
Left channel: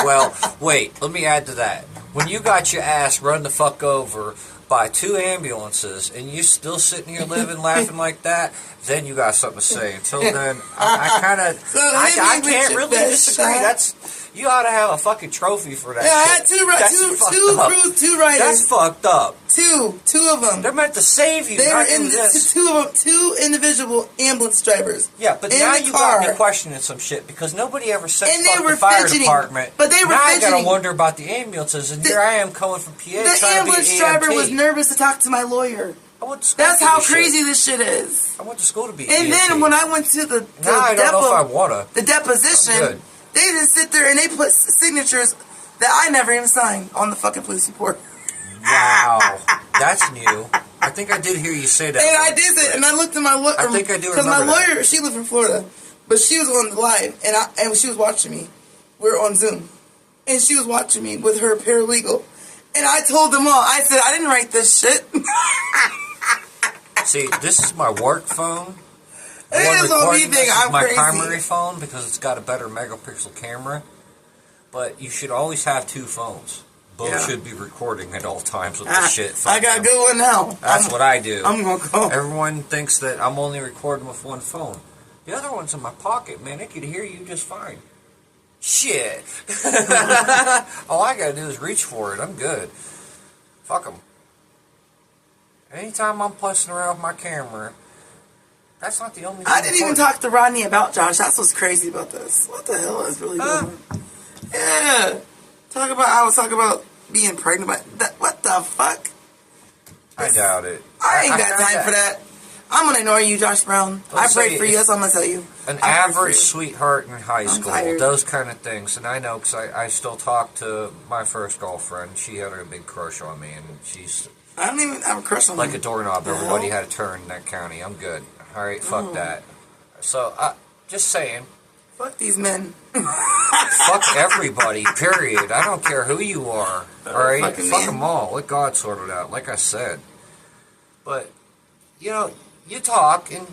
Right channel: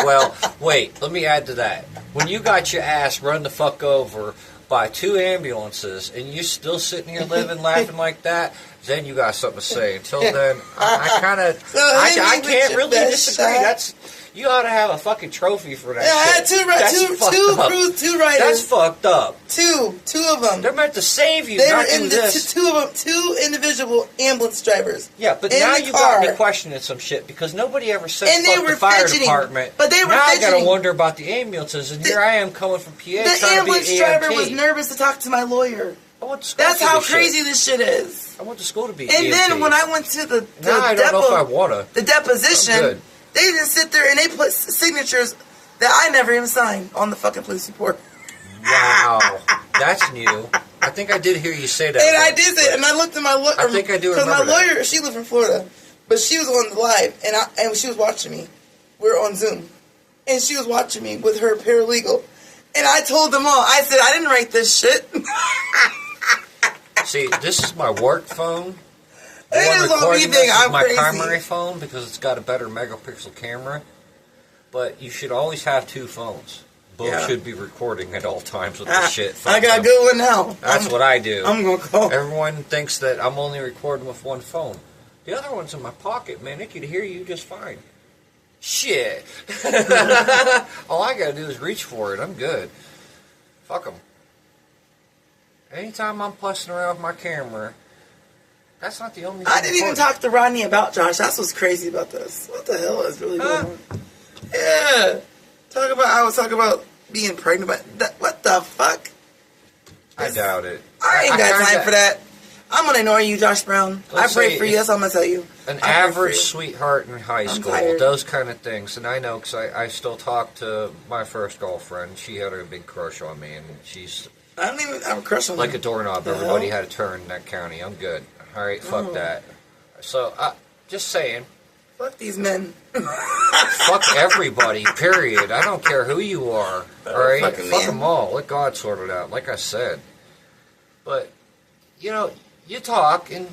Well, wait, let me add to that. When you got your ass run the fuck over by 2 ambulances and you're still sitting here living, laughing like that, then you got something to say. Until then, I kind of, I can't really disagree. You ought to have a fucking trophy for that. Yeah, I had shit. two riders. That's fucked up. Two of them. They're meant to save you. They not were in do this. two individual ambulance drivers. Yeah, but in now the you car. got me questioning some shit because nobody ever said And they fuck were the fire fidgeting, department. but they were now I gotta fidgeting. wonder about the ambulances, and here I am coming from PA The trying to be ambulance an driver EMT. was nervous to talk to my lawyer. I went to school That's for how this crazy shit. this shit is. I went to school to be And then when I went to the now I don't know if I wanna. the I'm deposition, good. they just sit there and they put signatures that I never even signed on the fucking police report. Wow, that's new. I think I did hear you say that. And I once, did it, and I looked at my lawyer. I think I do Because my remember that. lawyer, she lives in Florida, but she was on the live, and she was watching me. We were on Zoom, and she was watching me with her paralegal. And I told them all. I said, I didn't write this shit. See, this is my work phone. The It one is on me recording this thing, is I'm my crazy. primary phone because it's got a better megapixel camera. But you should always have two phones. Both Yeah. should be recording at all times with the shit. I got a good one now. That's what I do. I'm going to go. Everyone thinks that I'm only recording with one phone. The other one's in my pocket, man. It could hear you just fine. Shit. All I gotta do is reach for it. I'm good. Fuck them. Anytime I'm pussing around with my camera, that's not the only thing. I didn't even talk to Rodney about Josh. That's what's crazy about this. What the hell is really going on? Yeah. I was talking about being pregnant, but what the fuck? I doubt it. I ain't got kinda- time for that. I'm going to ignore you, Josh Brown. Let's I prayed say for you. if That's all I'm going to tell you. An I prayed for average you. sweetheart in high school, tired. those kind of things. And I know because I still talk to my first girlfriend. She had a big crush on me, and she's I don't even have a crush on like you. a doorknob. The Everybody hell? had a turn in that county. I'm good. All right, fuck Oh. that. So, just saying, Fuck these men. fuck everybody, period. I don't care who you are. All right? fucking Fuck man. them all. Let God sort it out, like I said. But, you talk, and,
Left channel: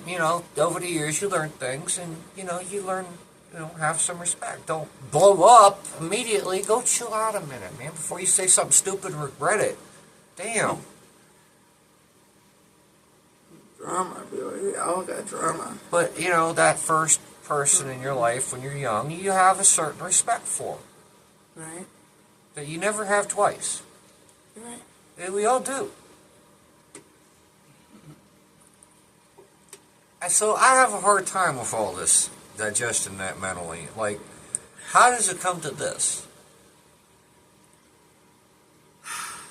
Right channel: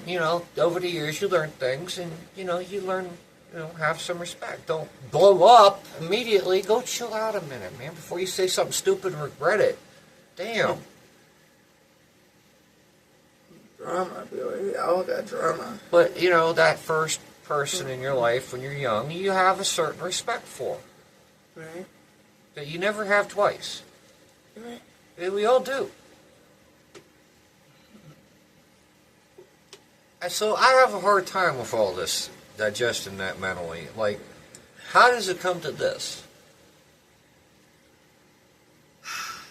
over the years you learn things, and, you learn, have some respect. Don't blow up immediately. Go chill out a minute, man, before you say something stupid and regret it. Damn. Drama, boy. We all got drama. But, that first person in your life when you're young, you have a certain respect for. Right? That you never have twice. You're right. And we all do. And so I have a hard time with all this, digesting that mentally. Like, how does it come to this?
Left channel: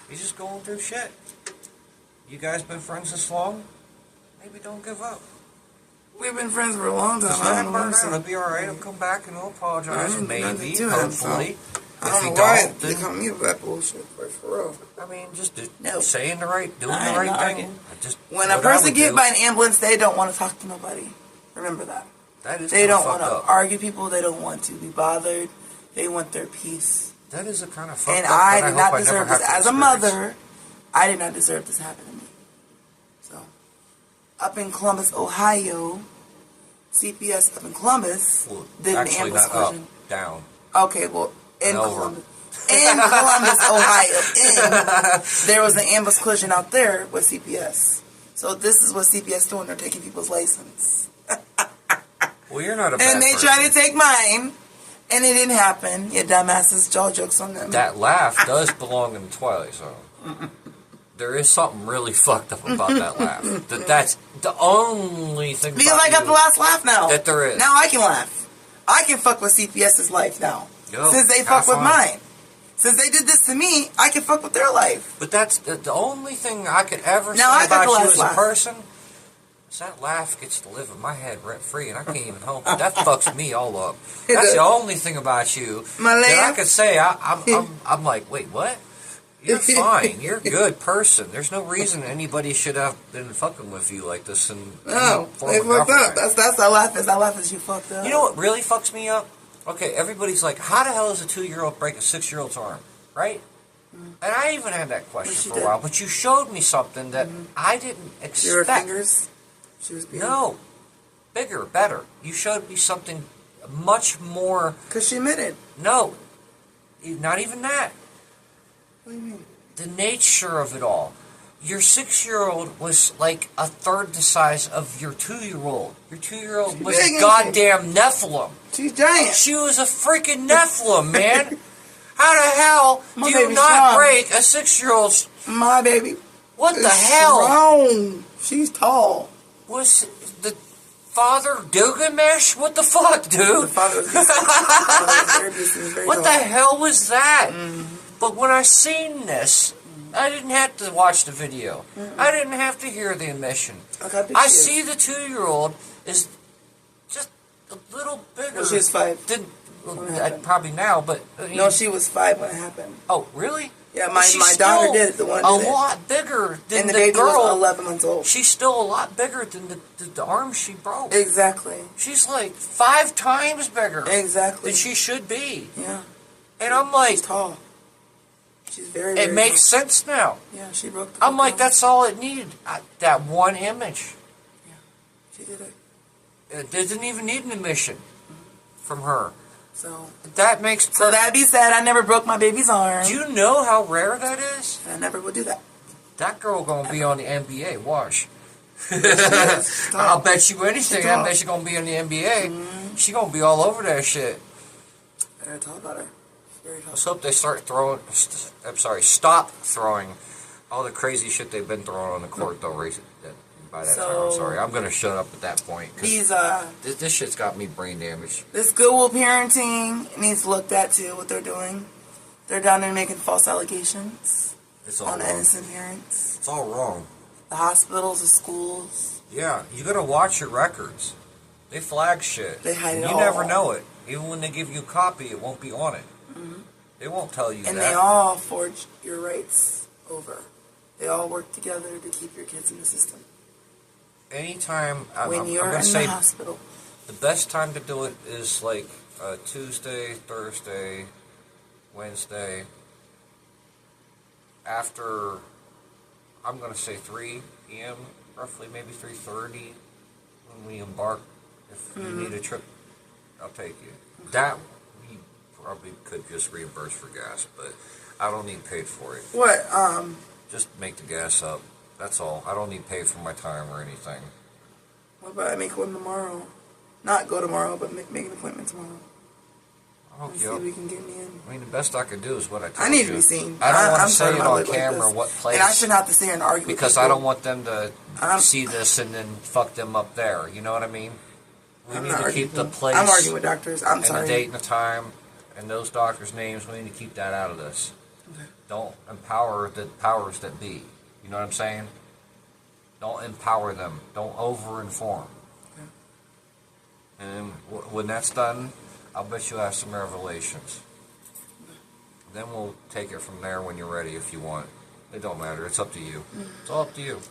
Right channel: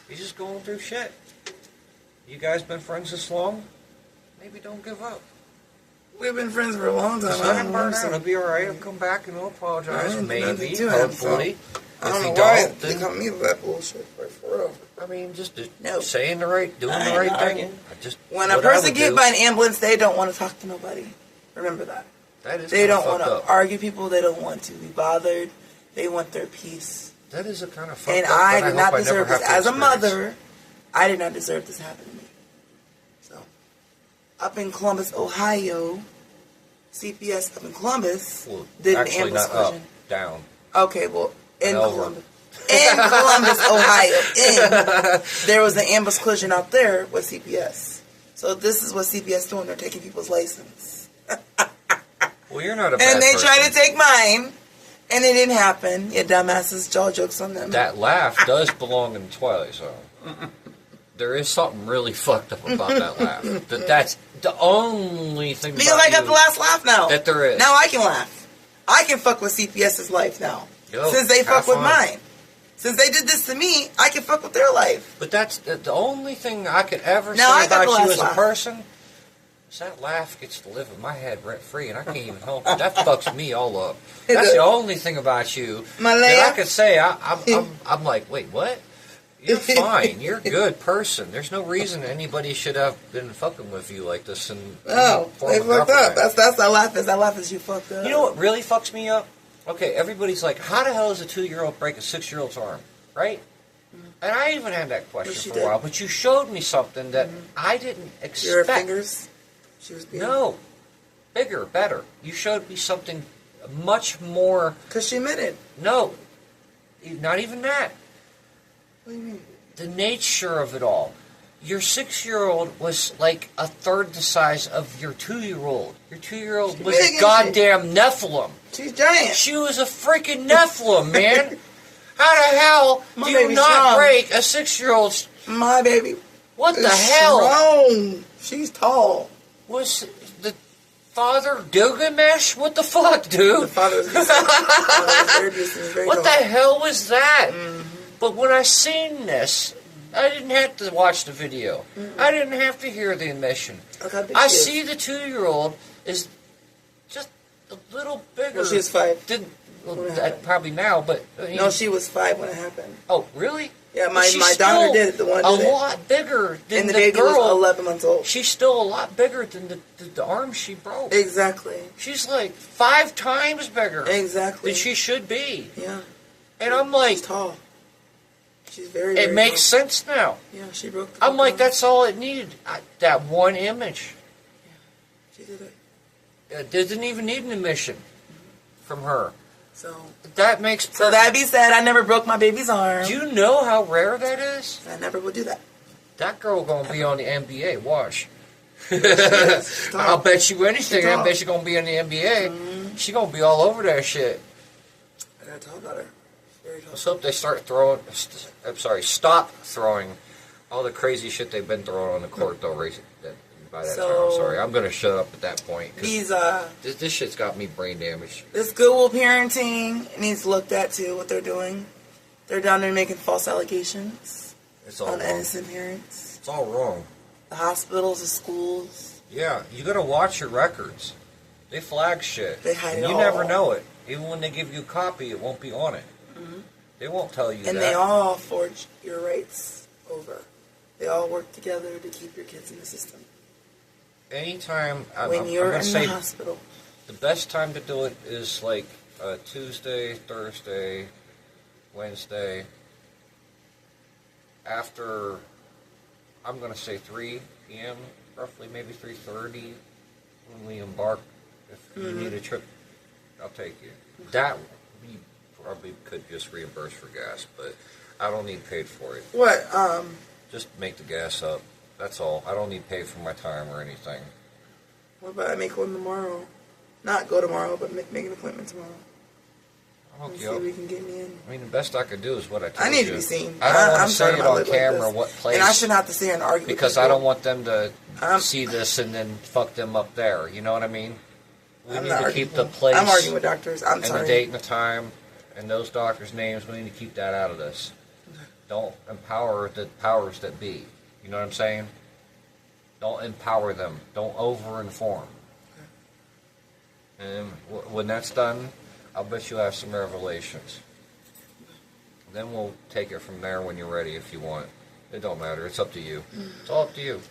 You're just going through shit. You guys been friends this long? Maybe don't give up. We've been friends for a long time. Just I let don't him know. burn down. It'll be alright. He'll come back and he'll apologize. I ain't nothing Maybe. to him, so Hopefully. I If don't he know why don't, they then, come to me with that bullshit. For real. I mean, just No. saying the right, doing I the ain't right not thing. arguing. When a what I person would get do, by an ambulance, they don't want to talk to nobody. Remember that. that is They kinda don't want fucked to up. argue people. They don't want to be bothered. They want their peace. That is a kind of fucked And up. I and did hope not I never deserve have this. to As a experience. mother, I did not deserve this happening to me. So, up in Columbus, Ohio, CPS up in Columbus Well, did an actually, ambulance not up, collision. down. Okay, well, in And over. Columbus. In Columbus, Ohio. There was an ambulance collision out there with CPS. So this is what CPS doing. They're taking people's license. Well, you're not a bad And they person. tried to take mine, and it didn't happen. You dumbasses, jaw jokes on them. That laugh does belong in the Twilight Zone. There is something really fucked up about that laugh. That's the only thing Because about I got you the last laugh now. that there is. Now I can laugh. I can fuck with CPS's life now. Yo, Since they fuck have with fun. mine. Since they did this to me, I can fuck with their life. But that's the only thing I could ever Now say I got about the you last as a laugh. person is that laugh gets to live in my head rent free, and I can't even help it. That fucks me all up. It That's does. the only thing about you My that I laugh? could say. I'm like, wait, what? You're fine. You're a good person. There's no reason anybody should have been fucking with you like this. And Oh, they fucked up. That's that laugh is. That laugh is you fucked up. You know what really fucks me up? Okay, everybody's like, how the hell does a 2-year-old break a 6-year-old's arm? Right? And I even had that Well, she question for did. a while, but you showed me something that I didn't expect. Your fingers. She was being. No. Bigger, better. You showed me something much more. Because she admitted. No. Not even that. What do you mean? The nature of it all. Your 6-year-old was like a third the size of your 2-year-old. Your 2-year-old was big, a ain't she? goddamn Nephilim. She's giant. She was a freaking Nephilim, man. How the hell My do you baby's not strong. break a 6-year-old's? My baby. What the is hell? Strong. She's tall. Was the father Gilgamesh? What the fuck, dude? The father was decent. The father was very decent. He was very What tall. the hell was that? But when I seen this, I didn't have to watch the video. I didn't have to hear the admission. Look how big I she is. see the 2-year-old is just a little bigger. Well, she was 5. Probably now, but I mean, No, she was 5 when it happened. Oh, really? Yeah, my She's daughter still did it. The one a did it. lot bigger than And the the baby girl. was 11 months old. She's still a lot bigger than the arm she broke. Exactly. She's like 5 times bigger Exactly. than she should be. Yeah. And I'm like, She's tall. She's very, it very makes tall. sense now. Yeah, she broke the I'm like, down. that's all it needed. That one image. Yeah, she did it. It didn't even need an admission from her. So That makes So that be said, I never broke my baby's arm. Do you know how rare that is? And I never would do that. That girl gonna be on the NBA. Watch. She's tall. I'll bet you anything. She's I tall. bet she's gonna be in the NBA. She gonna be all over that shit. Very tall about her. Very tall. Let's hope they start throwing. Stop throwing all the crazy shit they've been throwing on the court though. By that time, I'm sorry. I'm gonna shut up at that point. 'Cause These this shit's got me brain damaged. this Goodwill parenting needs looked at too. What they're doing, they're down there making false allegations It's all on wrong. innocent parents. It's all wrong. The hospitals, the schools. Yeah, you gotta watch your records. They flag shit. They hide and it you all. never know it. Even when they give you a copy, it won't be on it. They won't tell you And that. they all forge your rights over. They all work together to keep your kids in the system. Anytime When I'm you're gonna in say the hospital. the best time to do it is like Tuesday, Thursday, Wednesday. After, I'm gonna say 3 p.m. roughly, maybe 3:30 when we embark. If you need a trip, I'll take you. That we probably could just reimburse for gas, but I don't need paid for it. What? Just make the gas up. That's all. I don't need paid for my time or anything. What about I make one tomorrow? Not go tomorrow, but make an appointment tomorrow. I'll And hook see you if up. we can get me in. I mean, the best I could do is what I told you. I need to be seen. I don't want I'm to say tired it of my on life like camera this. what place. And I shouldn't have to sit here and argue because with I people. don't want them to I'm- see this and then fuck them up there. You know what I mean? We I'm need not to arguing keep the with them. place I'm arguing with doctors. I'm and sorry. the date and the time and those doctors' names. We need to keep that out of this. Don't empower the powers that be. You know what I'm saying? Don't empower them. Don't over-inform. And when that's done, I'll bet you'll have some revelations. Then we'll take it from there when you're ready if you want. It don't matter. It's up to you. It's all up to you.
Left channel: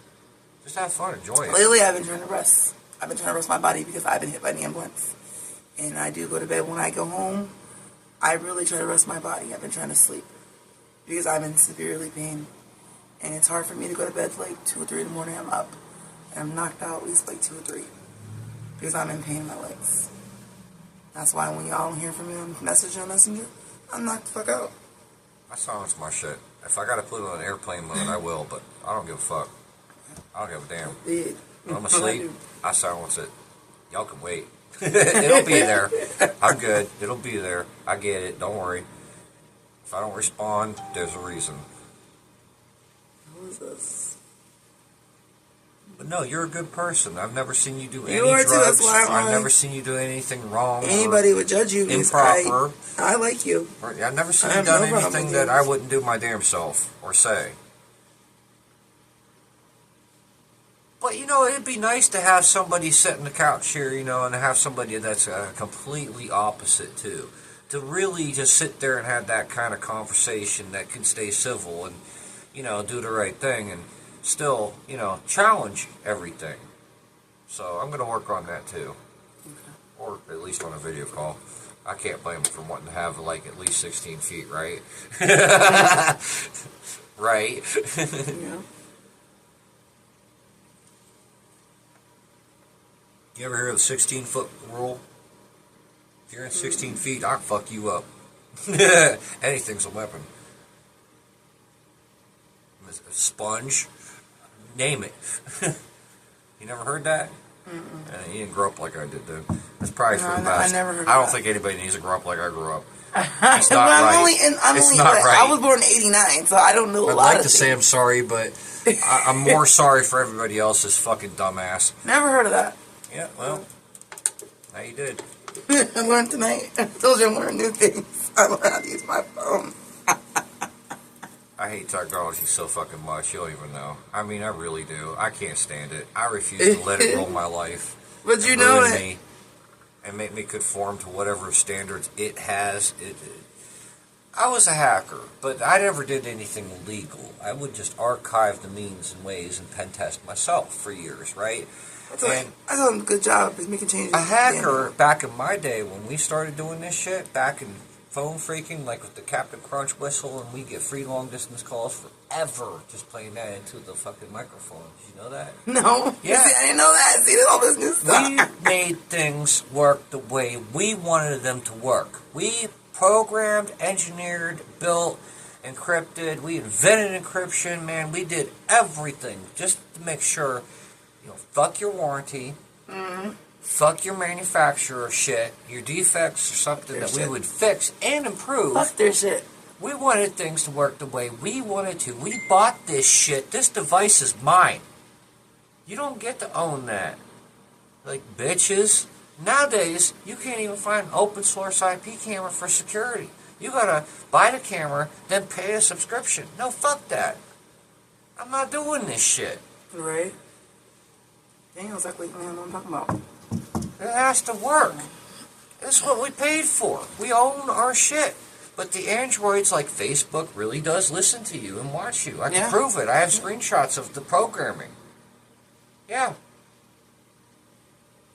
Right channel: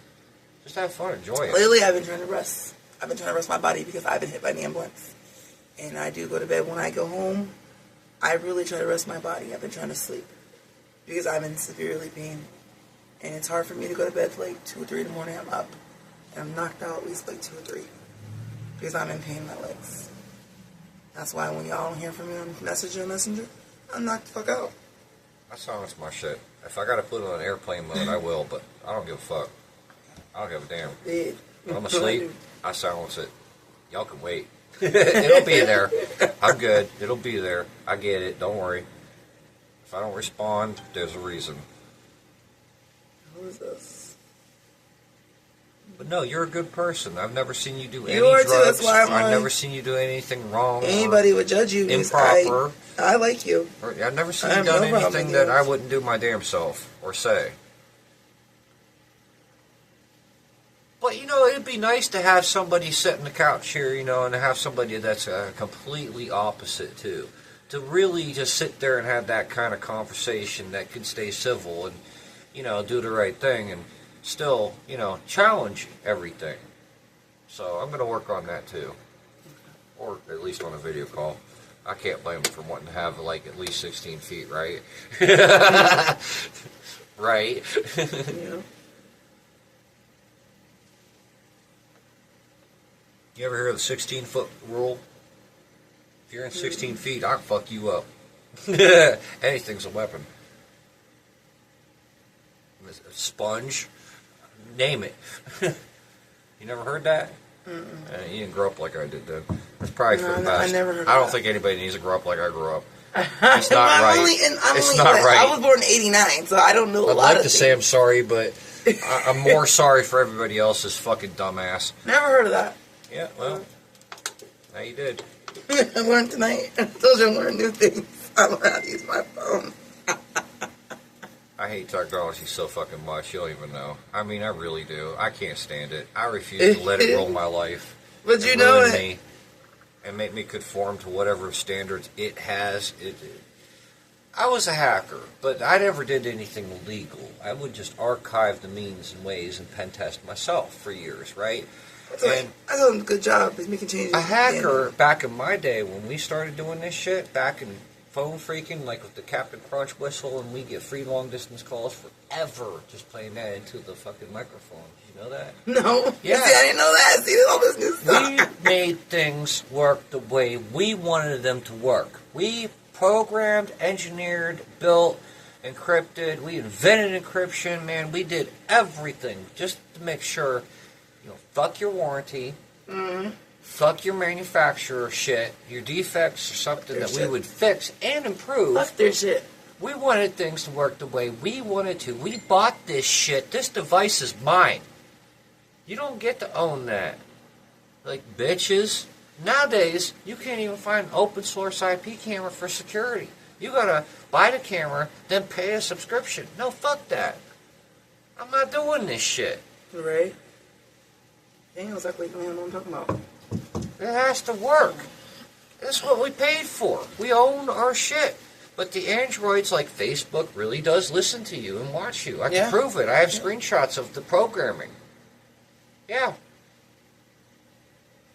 Just have fun. Enjoy it. Lately, I've been trying to rest. I've been trying to rest my body because I've been hit by an ambulance. And I do go to bed when I go home. I really try to rest my body. I've been trying to sleep because I'm in severely pain. And it's hard for me to go to bed like 2 or 3 in the morning. I'm up. And I'm knocked out at least like 2 or 3 because I'm in pain in my legs. That's why when y'all don't hear from me on Messenger, I'm knocked the fuck out. I silence my shit. If I gotta put it on airplane mode, I will, but I don't give a fuck. I don't give a damn. Dead. When I'm asleep, I silence it. Y'all can wait. It'll be there. I'm good. It'll be there. I get it. Don't worry. If I don't respond, there's a reason. Who is this? But no, you're a good person. I've never seen you do any You are drugs. too, that's why I'm I've like- never seen you do anything wrong. or Anybody would judge you because improper. I like you. Or, I've never seen I you have done no problem anything with that you. I wouldn't do my damn self or say. But, you know, it'd be nice to have somebody sit on the couch here, you know, and have somebody that's completely opposite, too. To really just sit there and have that kind of conversation that can stay civil and, you know, do the right thing and still, you know, challenge everything. So I'm going to work on that, too. Or at least on a video call. I can't blame them for wanting to have, like, at least 16 feet, right? Right? Yeah. You ever hear of the 16-foot rule? If you're in 16 feet, I'll fuck you up. Anything's a weapon. A sponge? Name it. You never heard that? You didn't grow up like I did, then. That's probably for the No, I best. never heard I don't that. think anybody needs to grow up like I grew up. It's But not I'm right. I'm It's only not like, right. I was born in '89, so I don't know a I'd lot like of to things. say I'm sorry, but I'm more sorry for everybody else's fucking dumbass. Never heard of that. Yeah, well, now you did. I learned tonight. I told you I learned new things. I learned how to use my phone. I hate technology so fucking much. You don't even know. I mean, I really do. I can't stand it. I refuse to let it rule my life. But you know ruin that. Me and make me conform to whatever standards it has. I was a hacker, but I never did anything illegal. I would just archive the means and ways and pen test myself for years, right? I told him good job. He's making changes. A hacker, back in my day, when we started doing this shit, back in phone freaking, like with the Captain Crunch whistle, and we get free long-distance calls forever just playing that into the fucking microphone. Did you know that? No. Yeah. See, I didn't know that. See, this all business stuff. We made things work the way we wanted them to work. We programmed, engineered, built, encrypted. We invented encryption, man. We did everything just to make sure, fuck your warranty, fuck your manufacturer shit, your defects or something that we would fix and improve. Fuck their shit. We wanted things to work the way we wanted to. We bought this shit. This device is mine. You don't get to own that. Like, bitches. Nowadays, you can't even find an open source IP camera for security. You gotta buy the camera, then pay a subscription. No, fuck that. I'm not doing this shit. Right. Daniel's like, man, what I'm talking about. It has to work. That's what we paid for. We own our shit. But the androids like Facebook really does listen to you and watch you. I can prove it. I have screenshots of the programming. Yeah.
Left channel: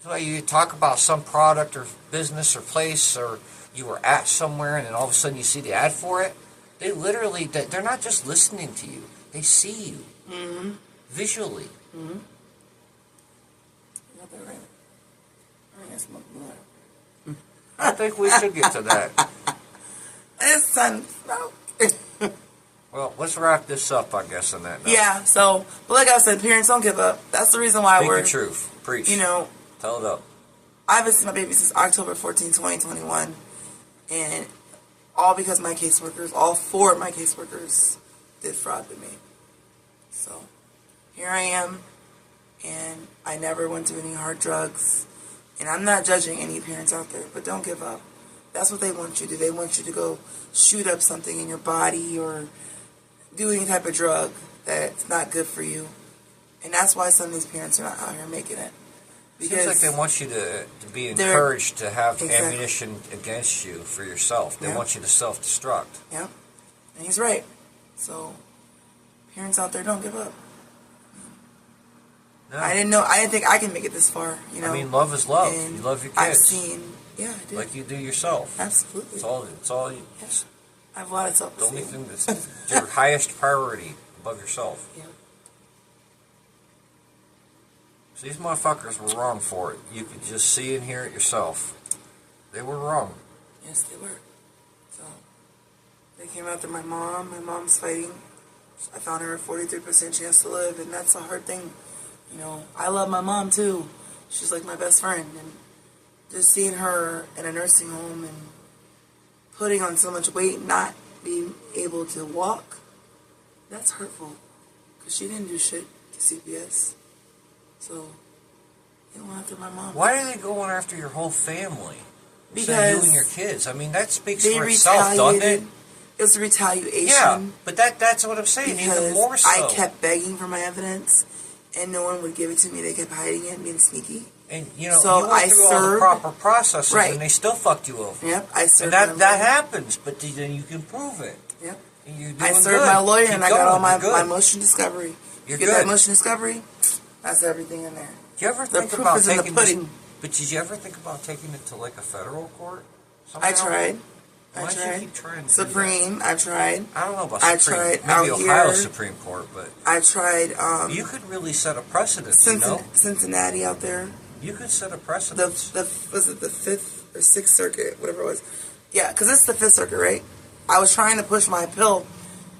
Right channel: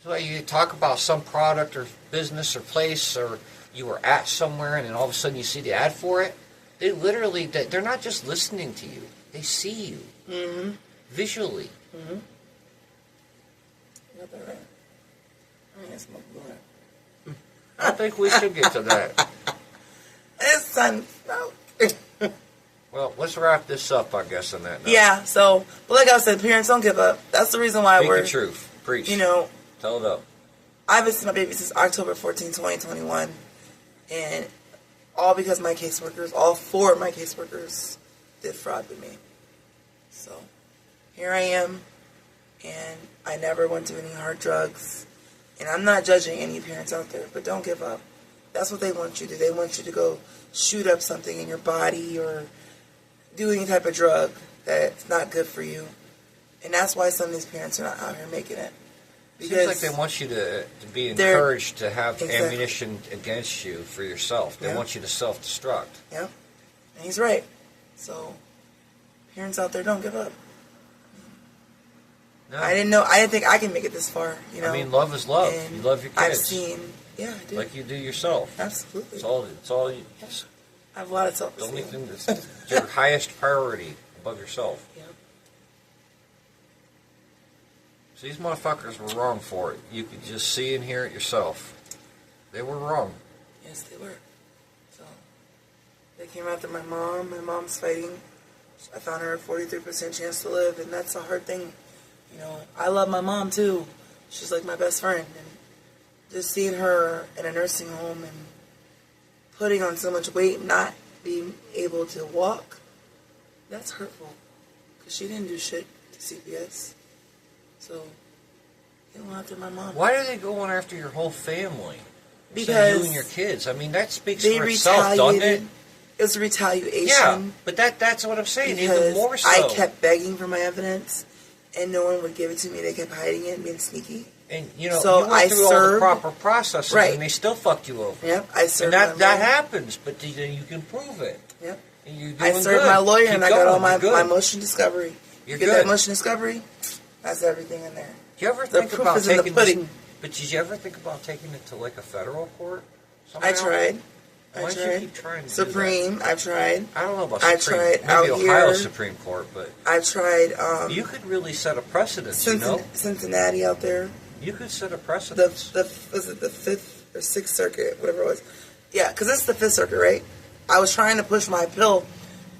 So you talk about some product or business or place or you were at somewhere and then all of a sudden you see the ad for it. They literally, they're not just listening to you. They see you. Mm-hmm. Visually. Mm-hmm. You got that right. I ain't smoking blunt. I think we should get to that. It's sun smoke. Well, let's wrap this up, I guess, on that note. Yeah, so, but like I said, parents don't give up. That's the reason why Speak the truth. Preach. Tell it up. I've been seeing my baby since October 14, 2021. And all because my caseworkers, all 4 of my caseworkers did fraud with me. So, here I am. And I never went to any hard drugs. And I'm not judging any parents out there, but don't give up. That's what they want you to do. They want you to go shoot up something in your body or do any type of drug that's not good for you. And that's why some of these parents are not out here making it. Because seems like they want you to be encouraged to have ammunition against you for yourself. They want you to self-destruct. Yeah. And he's right. So, parents out there, don't give up. No. I didn't think I can make it this far, I mean, love is love. And you love your kids. I've seen, I do. Like you do yourself. Absolutely. It's all you. Yes. I have a lot of self-esteem. The only thing that's your highest priority above yourself. Yeah. So these motherfuckers were wrong for it. You could just see and hear it yourself. They were wrong. Yes, they were. So, they came after my mom. My mom's fighting. I found her a 43% chance to live, and that's a hard thing. I love my mom, too. She's like my best friend, and just seeing her in a nursing home and putting on so much weight, not being able to walk, that's hurtful. Because she didn't do shit to CPS. So, they went after my mom. Why are they going after your whole family? Because you and your kids. I mean, that speaks for itself, doesn't it? It was retaliation. Yeah, but that's what I'm saying. Even more so. I kept begging for my evidence, and no one would give it to me. They kept hiding it and being sneaky. And so you went through all the proper processes, and they still fucked you over. Yep, I served. And that happens, but then you can prove it. Yep. And you're doing I served my lawyer, and I got all my motion discovery. You get that motion discovery, that's everything in there. Do you ever think about taking this? But did you ever think about taking it to like a federal court? Somehow? I tried. Why do you keep trying to Supreme, do that? I tried. I don't know about I Supreme. tried Maybe out Ohio here. Supreme Court, but I tried. You could really set a precedent. Cincinnati out there. You could set a precedent. Was it the 5th or 6th Circuit, whatever it was? Yeah, because it's the 5th Circuit, right? I was trying to push my appeal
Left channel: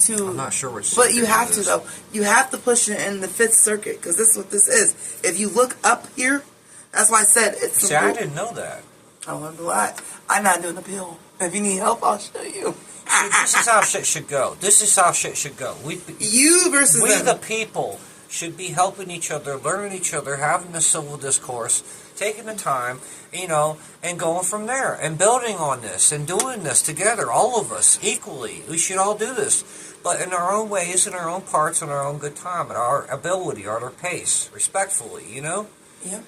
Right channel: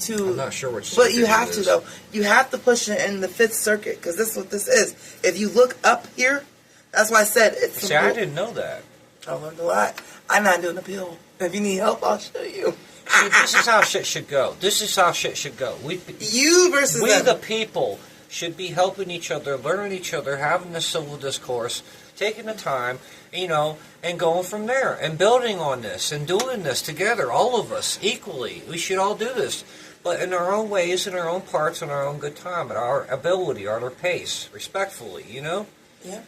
to. I'm not sure which. But you have to though. You have to push it in the 5th Circuit because this is what this is. If you look up here, that's why I said it's. See, I didn't know that. I learned a lot. I'm not doing appeal. If you need help, I'll show you. See, this is how shit should go. This is how shit should go. You versus we them. The people should be helping each other, learning each other, having the civil discourse, taking the time, and going from there, and building on this, and doing this together, all of us, equally. We should all do this, but in our own ways, in our own parts, in our own good time, at our ability, at our pace, respectfully, Yeah.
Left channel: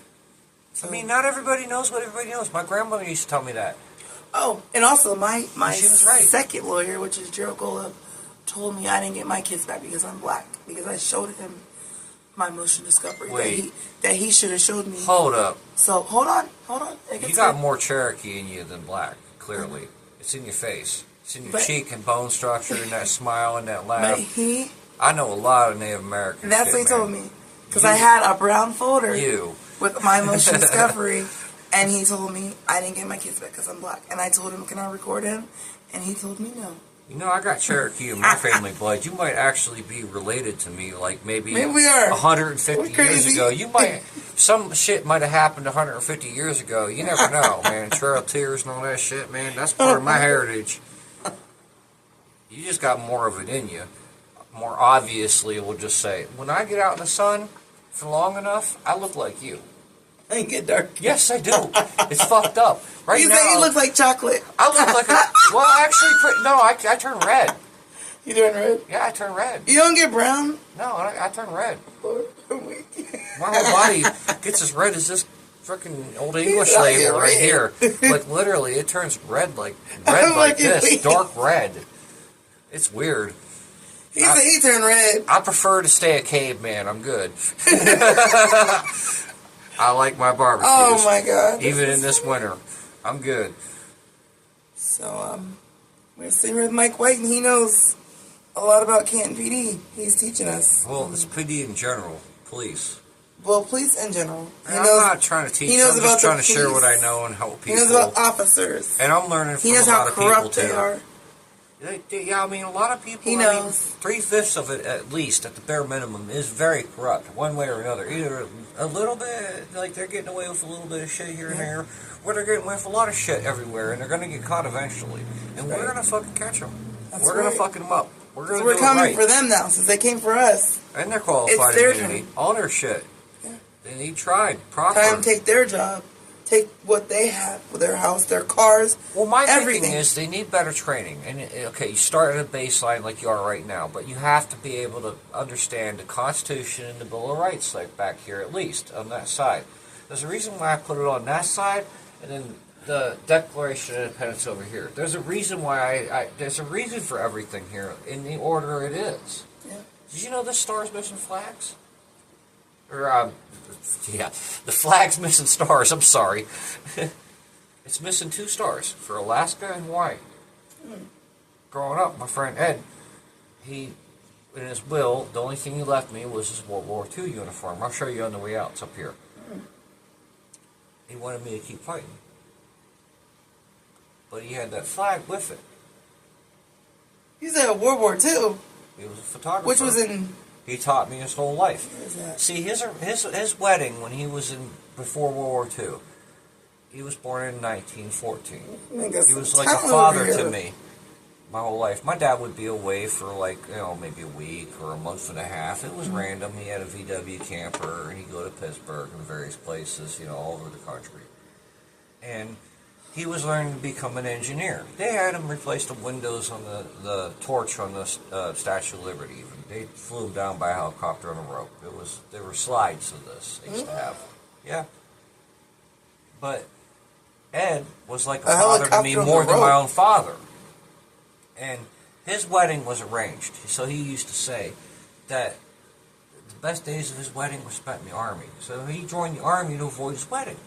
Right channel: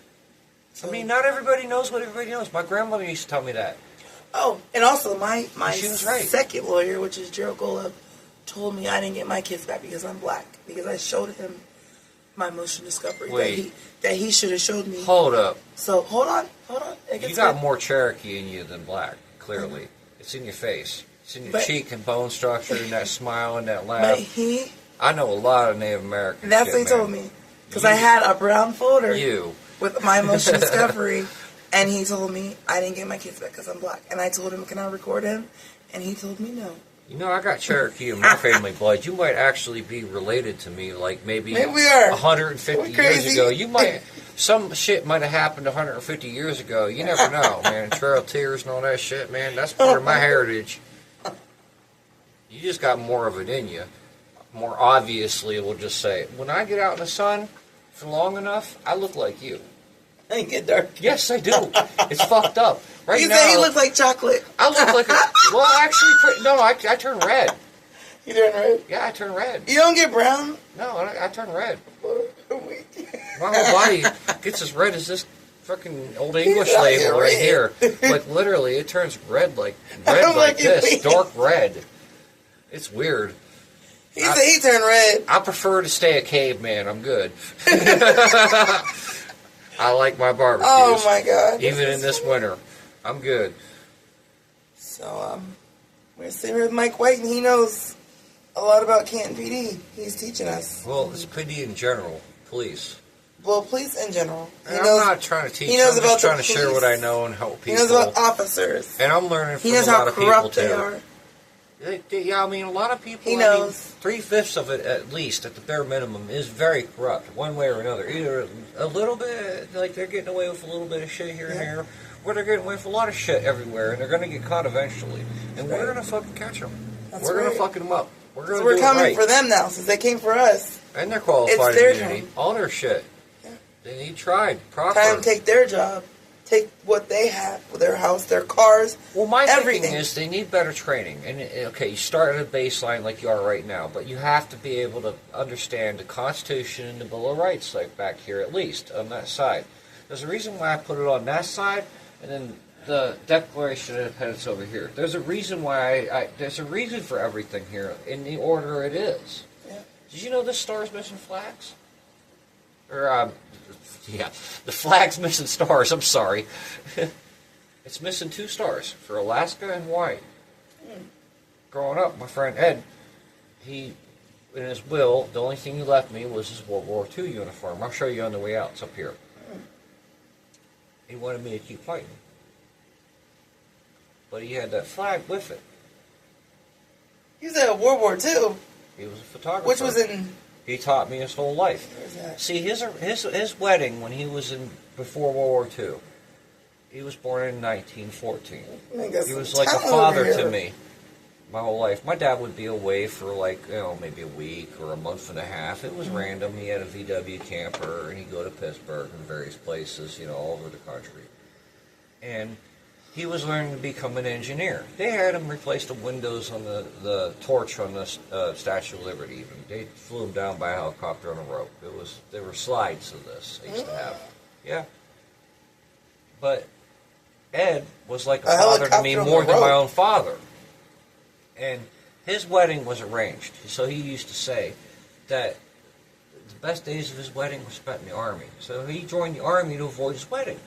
I mean, not everybody knows what everybody knows. My grandmother used to tell me that. Oh, and also my She was right. second lawyer, which is Gerald Golub, told me I didn't get my kids back because I'm black, because I showed him my motion discovery that he should have showed me. Hold up. So hold on. You got more Cherokee in you than black. Clearly, it's in your face. It's in your cheek and bone structure, and that smile and that laugh. But I know a lot of Native Americans. That's what he told me, because I had a brown folder with my motion discovery, and he told me I didn't get my kids back because I'm black, and I told him, can I record him? And he told me no. I got Cherokee in my family blood. You might actually be related to me, like maybe we are. 150 years ago. You might, some shit might have happened 150 years ago. You never know, man. Trail of Tears and all that shit, man. That's part of my heritage. You just got more of it in you. More obviously, we'll just say, when I get out in the sun for long enough, I look like you. I get dark. Yes, I do. It's fucked up. Right you now, say he looks like chocolate. I look like well, actually, no, I turn red. You turn red? Yeah, I turn red. You don't get brown? No, I turn red. My whole body gets as red as this freaking Old English label right here. Like, literally, it turns red like this, dark red. It's weird. He turned red. I prefer to stay a caveman. I'm good. I like my barbecues. Oh my God! Even in this winter, I'm good. So we're sitting with Mike White, and he knows a lot about Canton PD. He's teaching us. Well, it's PD in general, police. Well, police in general. I'm not trying to teach. I'm just trying to share what I know and help people. He knows about officers. And I'm learning from a lot of people too. Yeah, I mean, a lot of people. He knows. 3/5 of it, at least, at the bare minimum, is very corrupt, one way or another. Either a little bit, like they're getting away with a little bit of shit here and there, or they're getting away with a lot of shit everywhere, and they're going to get caught eventually. And we're going to fucking catch them. We're going to fuck them up. We're going to do it right. We're coming for them now, since they came for us. And they're qualified immunity. All their shit. Yeah. They need tried properly. Time to take their job. Take what they have, their house, their cars, well, my thinking is they need better training. And, okay, you start at a baseline like you are right now, but you have to be able to understand the Constitution and the Bill of Rights, like back here at least, on that side. There's a reason why I put it on that side, and then the Declaration of Independence over here. There's a reason why there's a reason for everything here, in the order it is. Yeah. Did you know this star's missing flags? Or, yeah, the flag's missing stars. I'm sorry. It's missing 2 stars for Alaska and Hawaii. Growing up, my friend Ed, in his will, the only thing he left me was his World War II uniform. I'll show you on the way out. It's up here. He wanted me to keep fighting. But he had that flag with it. He's at World War II. He was a photographer. Which was in... He taught me his whole life. See, his wedding when he was before World War II, he was born in 1914. He was like a father to me my whole life. My dad would be away for maybe a week or a month and a half. It was random. He had a VW camper, and he'd go to Pittsburgh and various places, all over the country. And he was learning to become an engineer. They had him replace the windows on the torch on the Statue of Liberty. Even they flew him down by a helicopter on a rope. There were slides of this they used to have. Yeah. But Ed was like a father to me more than my own father. And his wedding was arranged. So he used to say that the best days of his wedding were spent in the Army. So he joined the Army to avoid his wedding.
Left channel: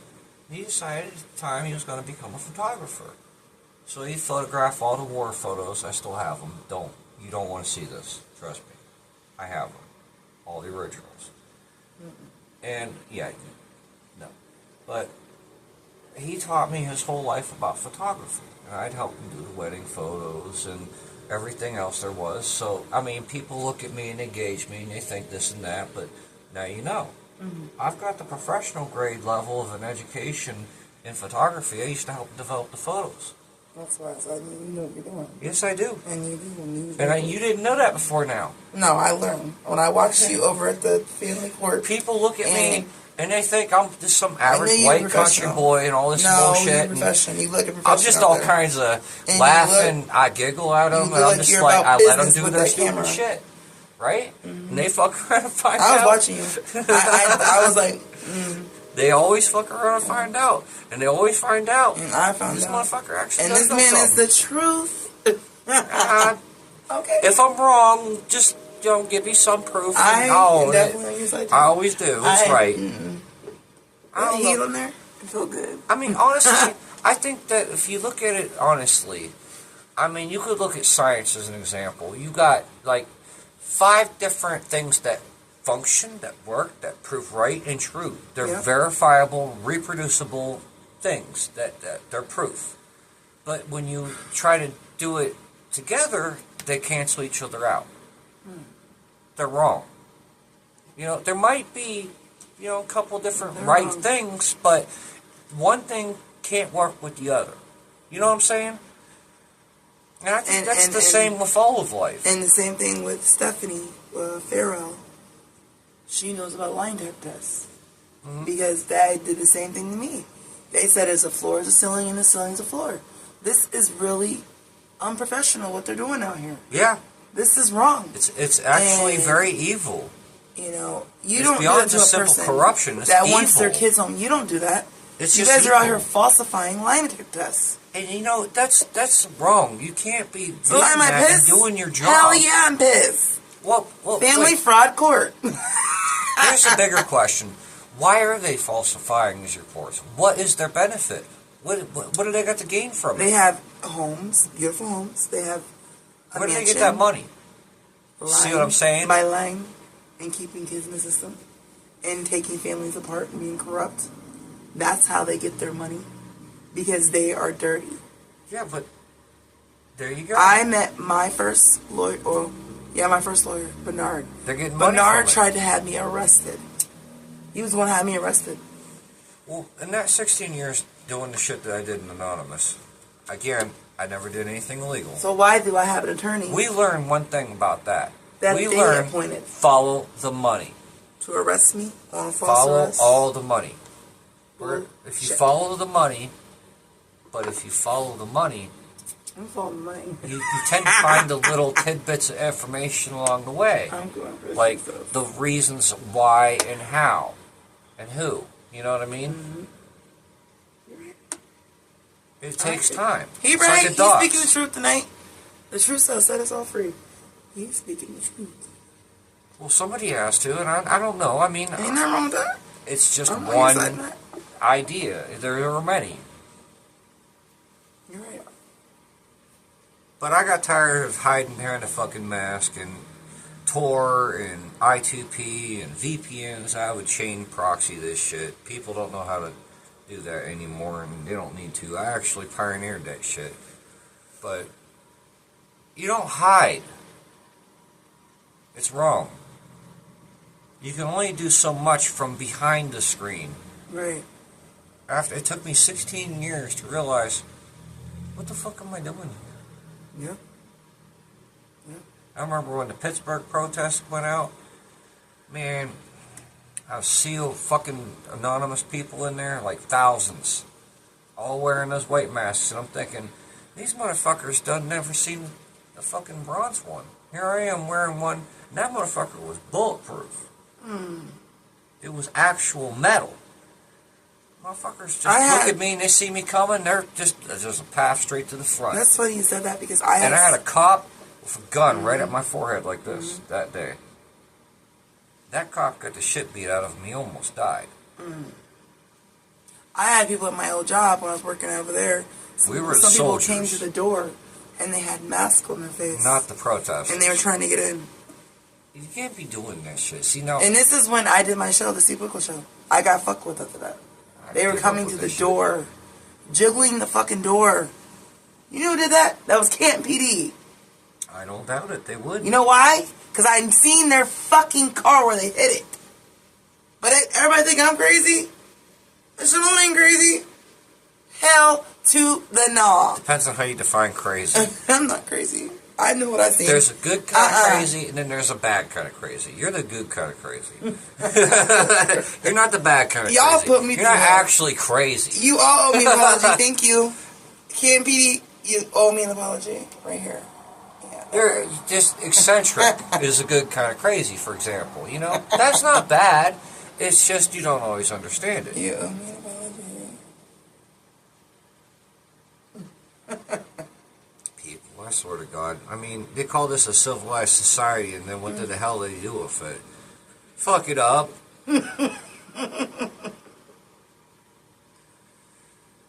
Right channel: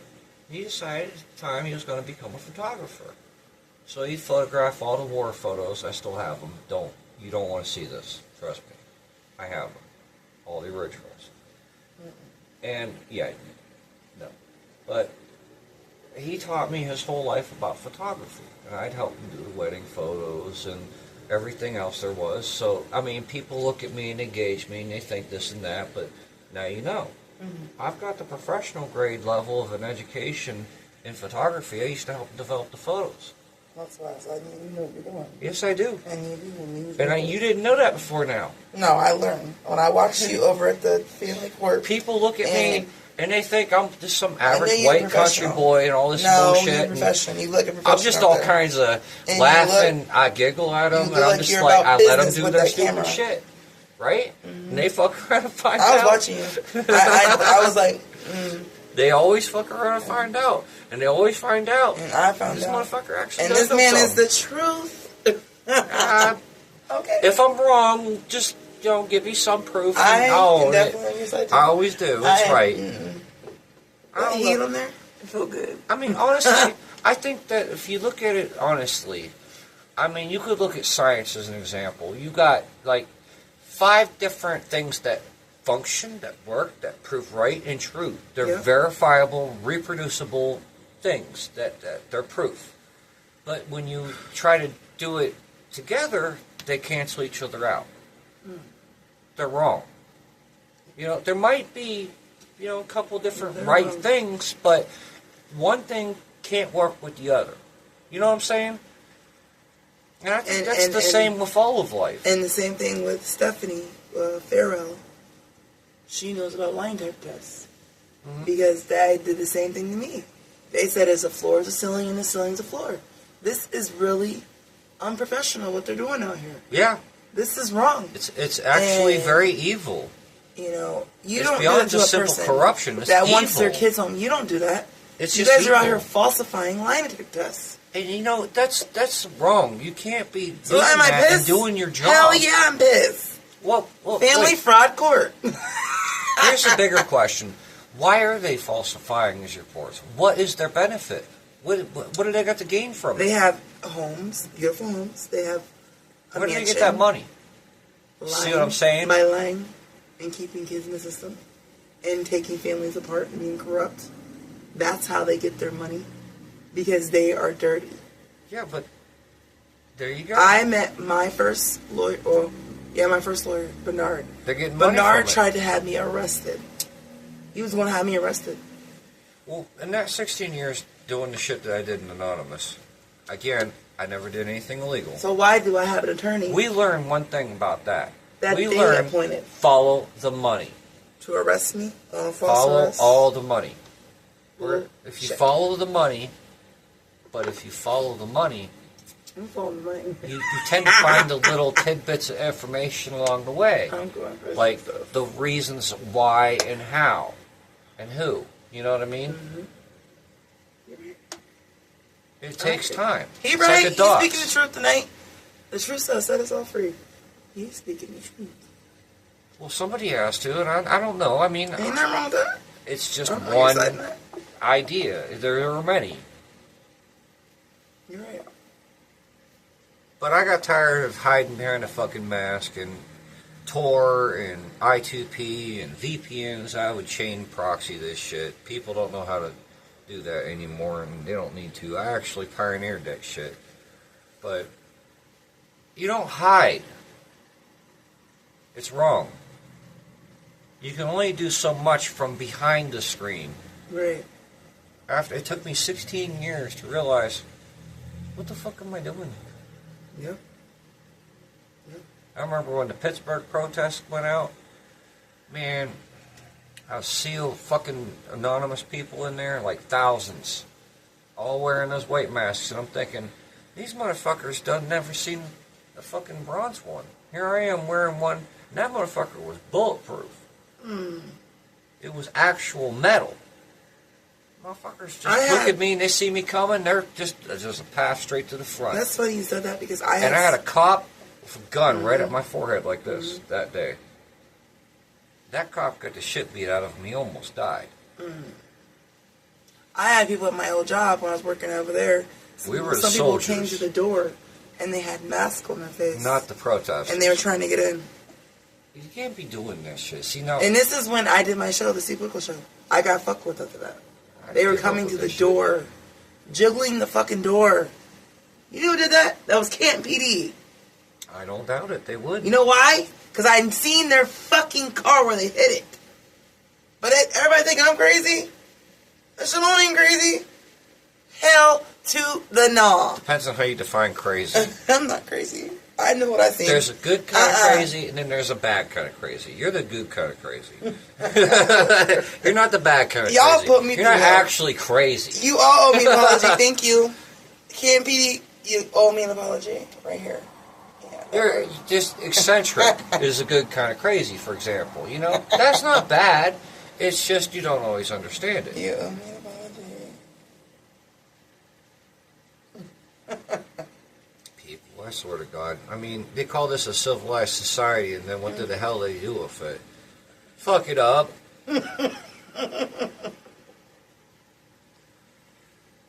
He decided at the time he was going to become a photographer. So he photographed all the war photos. I still have them. You don't want to see this. Trust me. I have them. All the originals. And, yeah, no. But he taught me his whole life about photography. And I'd help him do the wedding photos and everything else there was. So, I mean, people look at me and they gauge me and they think this and that, but now you know. I've got the professional grade level of an education in photography. I used to help develop the photos. That's why I said you know what you're doing. Yes, I do. And you do. And you didn't know that before now. No, I learned. When I watched you over at the family court. People look at me and they think I'm just some average white country professional. boy and all this No, bullshit. you're professional. You look professional. I'm just all kinds of And laughing. I giggle at them, and I'm just you're like, about I let them business do with their that stupid camera. shit. Right? And they fuck around and find out. I was watching you. I was like, They always fuck around and find out. And they always find out. and I found This out. motherfucker actually And does this man know is something. the truth. Okay. If I'm wrong, just give me some proof. I own definitely it. use that too. I always do. It's right. I don't heal in there. I feel good. I mean, honestly, I think that if you look at it honestly, I mean, you could look at science as an example. You got like 5 different things that function, that work, that prove right and true. They're verifiable, reproducible things that they're proof. But when you try to do it together, they cancel each other out. They're wrong. There might be, a couple different right things, but one thing can't work with the other. You know what I'm saying? And I think that's the same with all of life. And the same thing with Stephanie Farrell. She knows about lie detector tests. Because they did the same thing to me. They said a floor is a ceiling and a ceiling is a floor. This is really unprofessional what they're doing out here. Yeah. This is wrong. It's actually very evil. You It's don't do beyond it to just a simple person corruption. It's that wants evil. their kids home. You don't do that. It's you just guys are out evil. here falsifying lie detector tests. And that's wrong. You can't be doing So am I that pissed? and doing your job. Hell yeah, I'm pissed. Well, Family wait. fraud court. Here's a bigger question. Why are they falsifying these reports? What is their benefit? What do they got to gain from it? They have homes, beautiful homes. They have a Where do they mansion. get that money? See what I'm saying? By lying and keeping kids in the system and taking families apart and being corrupt. That's how they get their money. Because they are dirty. Yeah, but there you go. I met my first lawyer, my first lawyer, Bernard. They're getting money Bernard from it. tried to have me arrested. He was the one who had me arrested. Well, in that 16 years doing the shit that I did in Anonymous, again, I never did anything illegal. So why do I have an attorney? We learned one thing about that. That we they learned appointed. Follow the money. To arrest me on false Follow arrest? all the money. If you Shit. follow the money, but if you follow the money, I'm following the money. you tend to find the little tidbits of information along the way. I'm going for Like stuff. the reasons why and how and who. You know what I mean? It takes time. He It's right. like a He's dog. speaking the truth tonight. The truth shall set us all free. He's speaking the truth. Well, somebody has to, and I don't know. I mean, Ain't nothing wrong with that. it's just I'm on your side, one Matt. idea. There are many. You're right. But I got tired of hiding behind a fucking mask and Tor and I2P and VPNs. I would chain proxy this shit. People don't know how to do that anymore, and they don't need to. I actually pioneered that shit. But you don't hide. It's wrong. You can only do so much from behind the screen. Right. It took me 16 years to realize, what the fuck am I doing here? Yep. I remember when the Pittsburgh protests went out. Man, I see fucking anonymous people in there, like thousands, all wearing those white masks, and I'm thinking, these motherfuckers done never seen a fucking bronze one. Here I am wearing one, and that motherfucker was bulletproof. It was actual metal. Motherfuckers just look at me and they see me coming, they're just a path straight to the front. That's funny you said that because I had a cop with a gun right at my forehead like this that day. That cop got the shit beat out of him. He almost died. I had people at my old job when I was working over there. We were the Some people soldiers. came to the door and they had masks on their face. Not the protesters. And they were trying to get in. You can't be doing that shit. See, now... And this is when I did my show, the C.P.A.N. show. I got fucked with after that. They were give coming up to with the this door, jiggling the fucking door. You know who did that? That was Canton PD. I don't doubt it. They would. You know why? Because I'd seen their fucking car where they hit it. But everybody think I'm crazy? That shit only ain't crazy. Hell to the gnaw. Depends on how you define crazy. I'm not crazy. I know what I think. There's a good kind of crazy, and then there's a bad kind of crazy. You're the good kind of crazy. You're not the bad kind of Y'all crazy. put me You're not through hell. actually crazy. You all owe me an apology. Thank you. KMPD, you owe me an apology. Right here. Yeah, You're just eccentric is a good kind of crazy, for example. You know, that's not bad. It's just you don't always understand it. You owe me an apology. People, I swear to God. I mean, they call this a civilized society, and then what the hell they do with it? Fuck it up.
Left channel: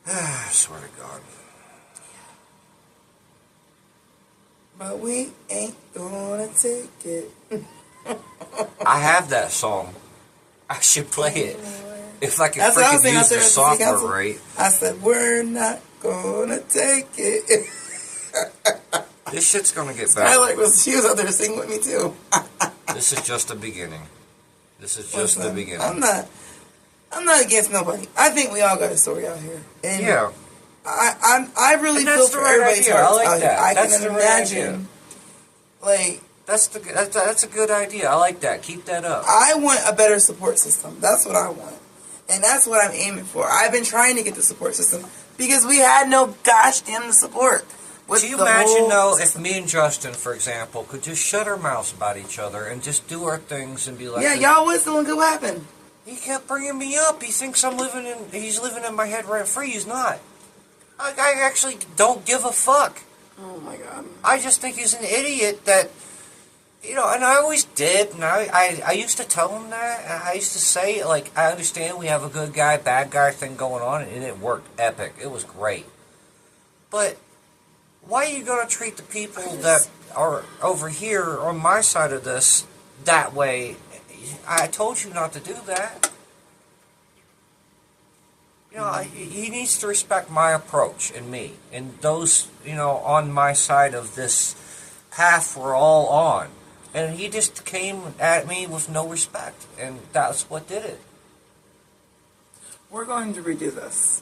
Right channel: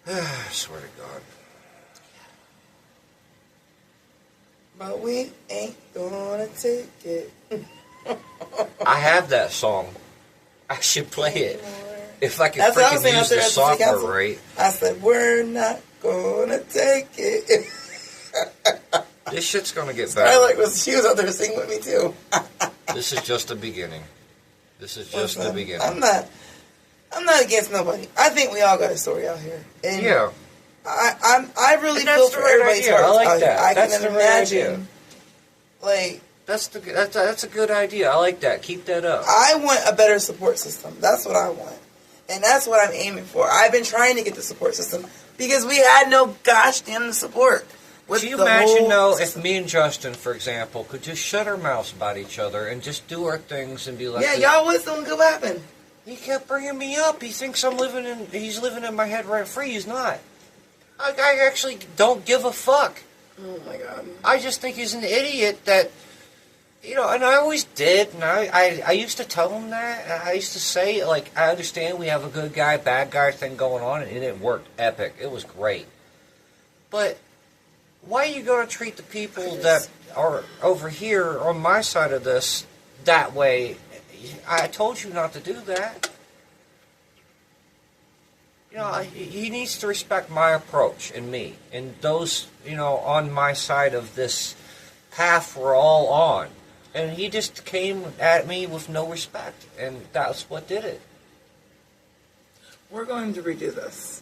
I swear to God. But we ain't gonna take it. I have that song. I should play it. If I can That's what I was freaking saying use out there the at the city software council. right. I said, we're not gonna take it. This shit's gonna get Starlight better. she was out there singing with me too. This is just the beginning. This is just the Listen, beginning. I'm not against nobody. I think we all got a story out here. And Yeah. I really And that's feel the for right everybody's idea. I hearts like out here. that. I That's can the right imagine. idea. Like, That's a good idea. I like that. Keep that up. I want a better support system. That's what I want. And that's what I'm aiming for. I've been trying to get the support system because we had no gosh damn support. With Can you the imagine, whole though, if system. me and Justin, for example, could just shut our mouths about each other and just do our things and be like, Yeah, y'all would still could happen. He kept bringing me up. He thinks he's living in my head rent free. He's not. I actually don't give a fuck. Oh my god. I just think he's an idiot that, you know, and I always did, and I used to tell him that, and I used to say, like, I understand we have a good guy, bad guy thing going on, and it worked epic. It was great. But why are you going to treat the people that are over here on my side of this that way? I told you not to do that. You know, he needs to respect my approach and me, and those, you know, on my side of this path we're all on. And he just came at me with no respect, and that's what did it. We're going to redo this.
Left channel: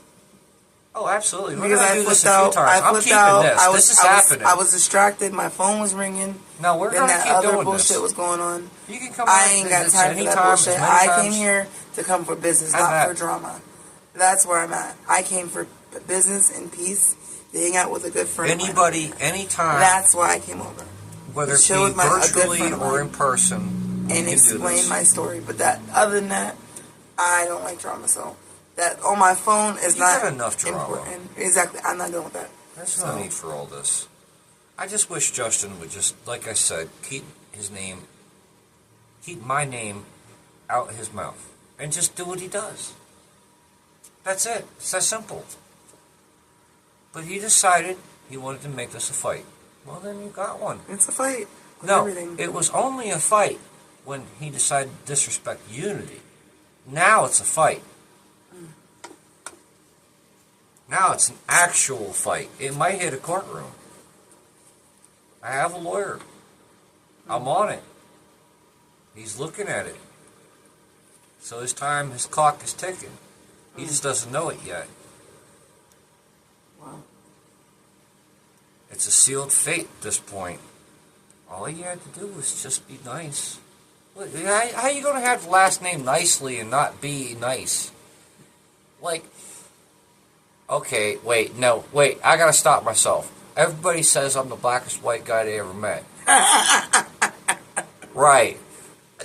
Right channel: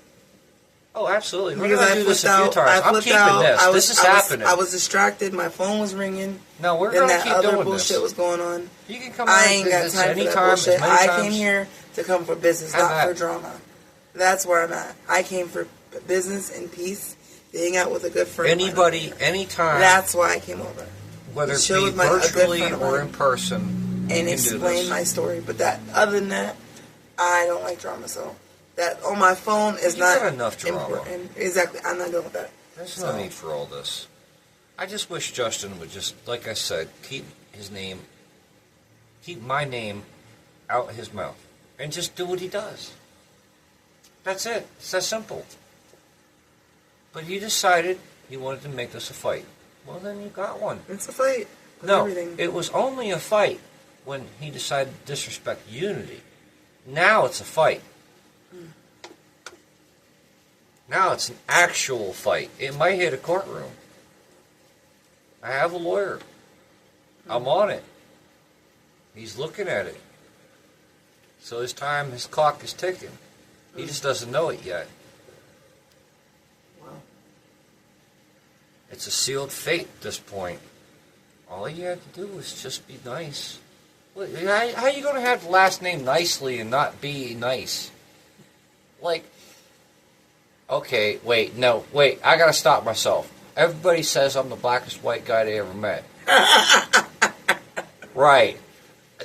Oh, absolutely. We're Because going to I do this flipped a few out. times. I I'm flipped keeping out. this. This is happening. I was distracted. My phone was ringing. No, we're Then going to that keep other doing bullshit this. was going on. You can come I on ain't got this time for that anytime, bullshit. as many I times. came here to come for business, Have not at for it. drama. That's where I'm at. I came for business and peace, to hang out with a good friend. of mine. Anybody, anytime, That's why I came over. whether it chill be with a good virtually friend of or mine in person, and you can do explain this. my story. But that, other than that, I don't like drama. So that on my phone is You not got enough drama. important. Exactly. I'm not dealing with that. There's no need for all this. I just wish Justin would just, like I said, keep my name out his mouth, and just do what he does. That's it. It's that simple. But he decided he wanted to make this a fight. Well, then you got one. It's a fight. With No, everything. it was only a fight when he decided to disrespect unity. Now it's a fight. Now it's an actual fight. It might hit a courtroom. I have a lawyer. I'm on it. He's looking at it. So his clock is ticking. He just doesn't know it yet. Wow. It's a sealed fate at this point. All you had to do was just be nice. How are you going to have the last name Nicely and not be nice? Like, okay, wait, I got to stop myself. Everybody says I'm the blackest white guy they ever met. Right.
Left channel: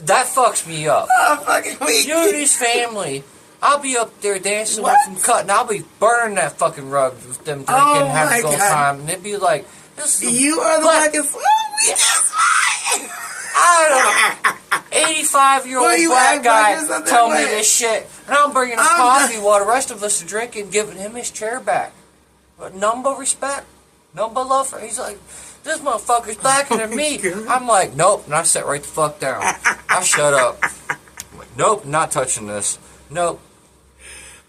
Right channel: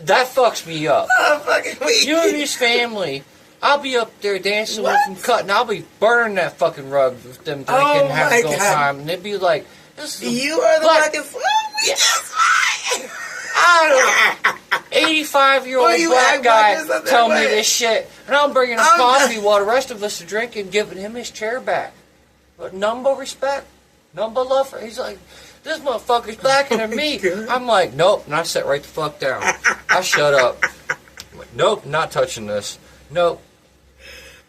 That fucks me up. Oh, fucking weak. Unity's family. I'll be up there dancing with What? them, cutting. I'll be burning that fucking rug with them drinking, Oh, having my a good God. time, and they'd be like, "This is You are the black- blackest. I don't know. 85-year-old Well, you black act like guy there's nothing tell me right. this shit, and I'm bringing him I'm coffee while the rest of us are drinking, giving him his chair back. But none but respect, none but love for. He's like, this motherfucker's blacker than me. God. I'm like, nope, and I sit right the fuck down. I shut up. I'm like, nope, not touching this. Nope.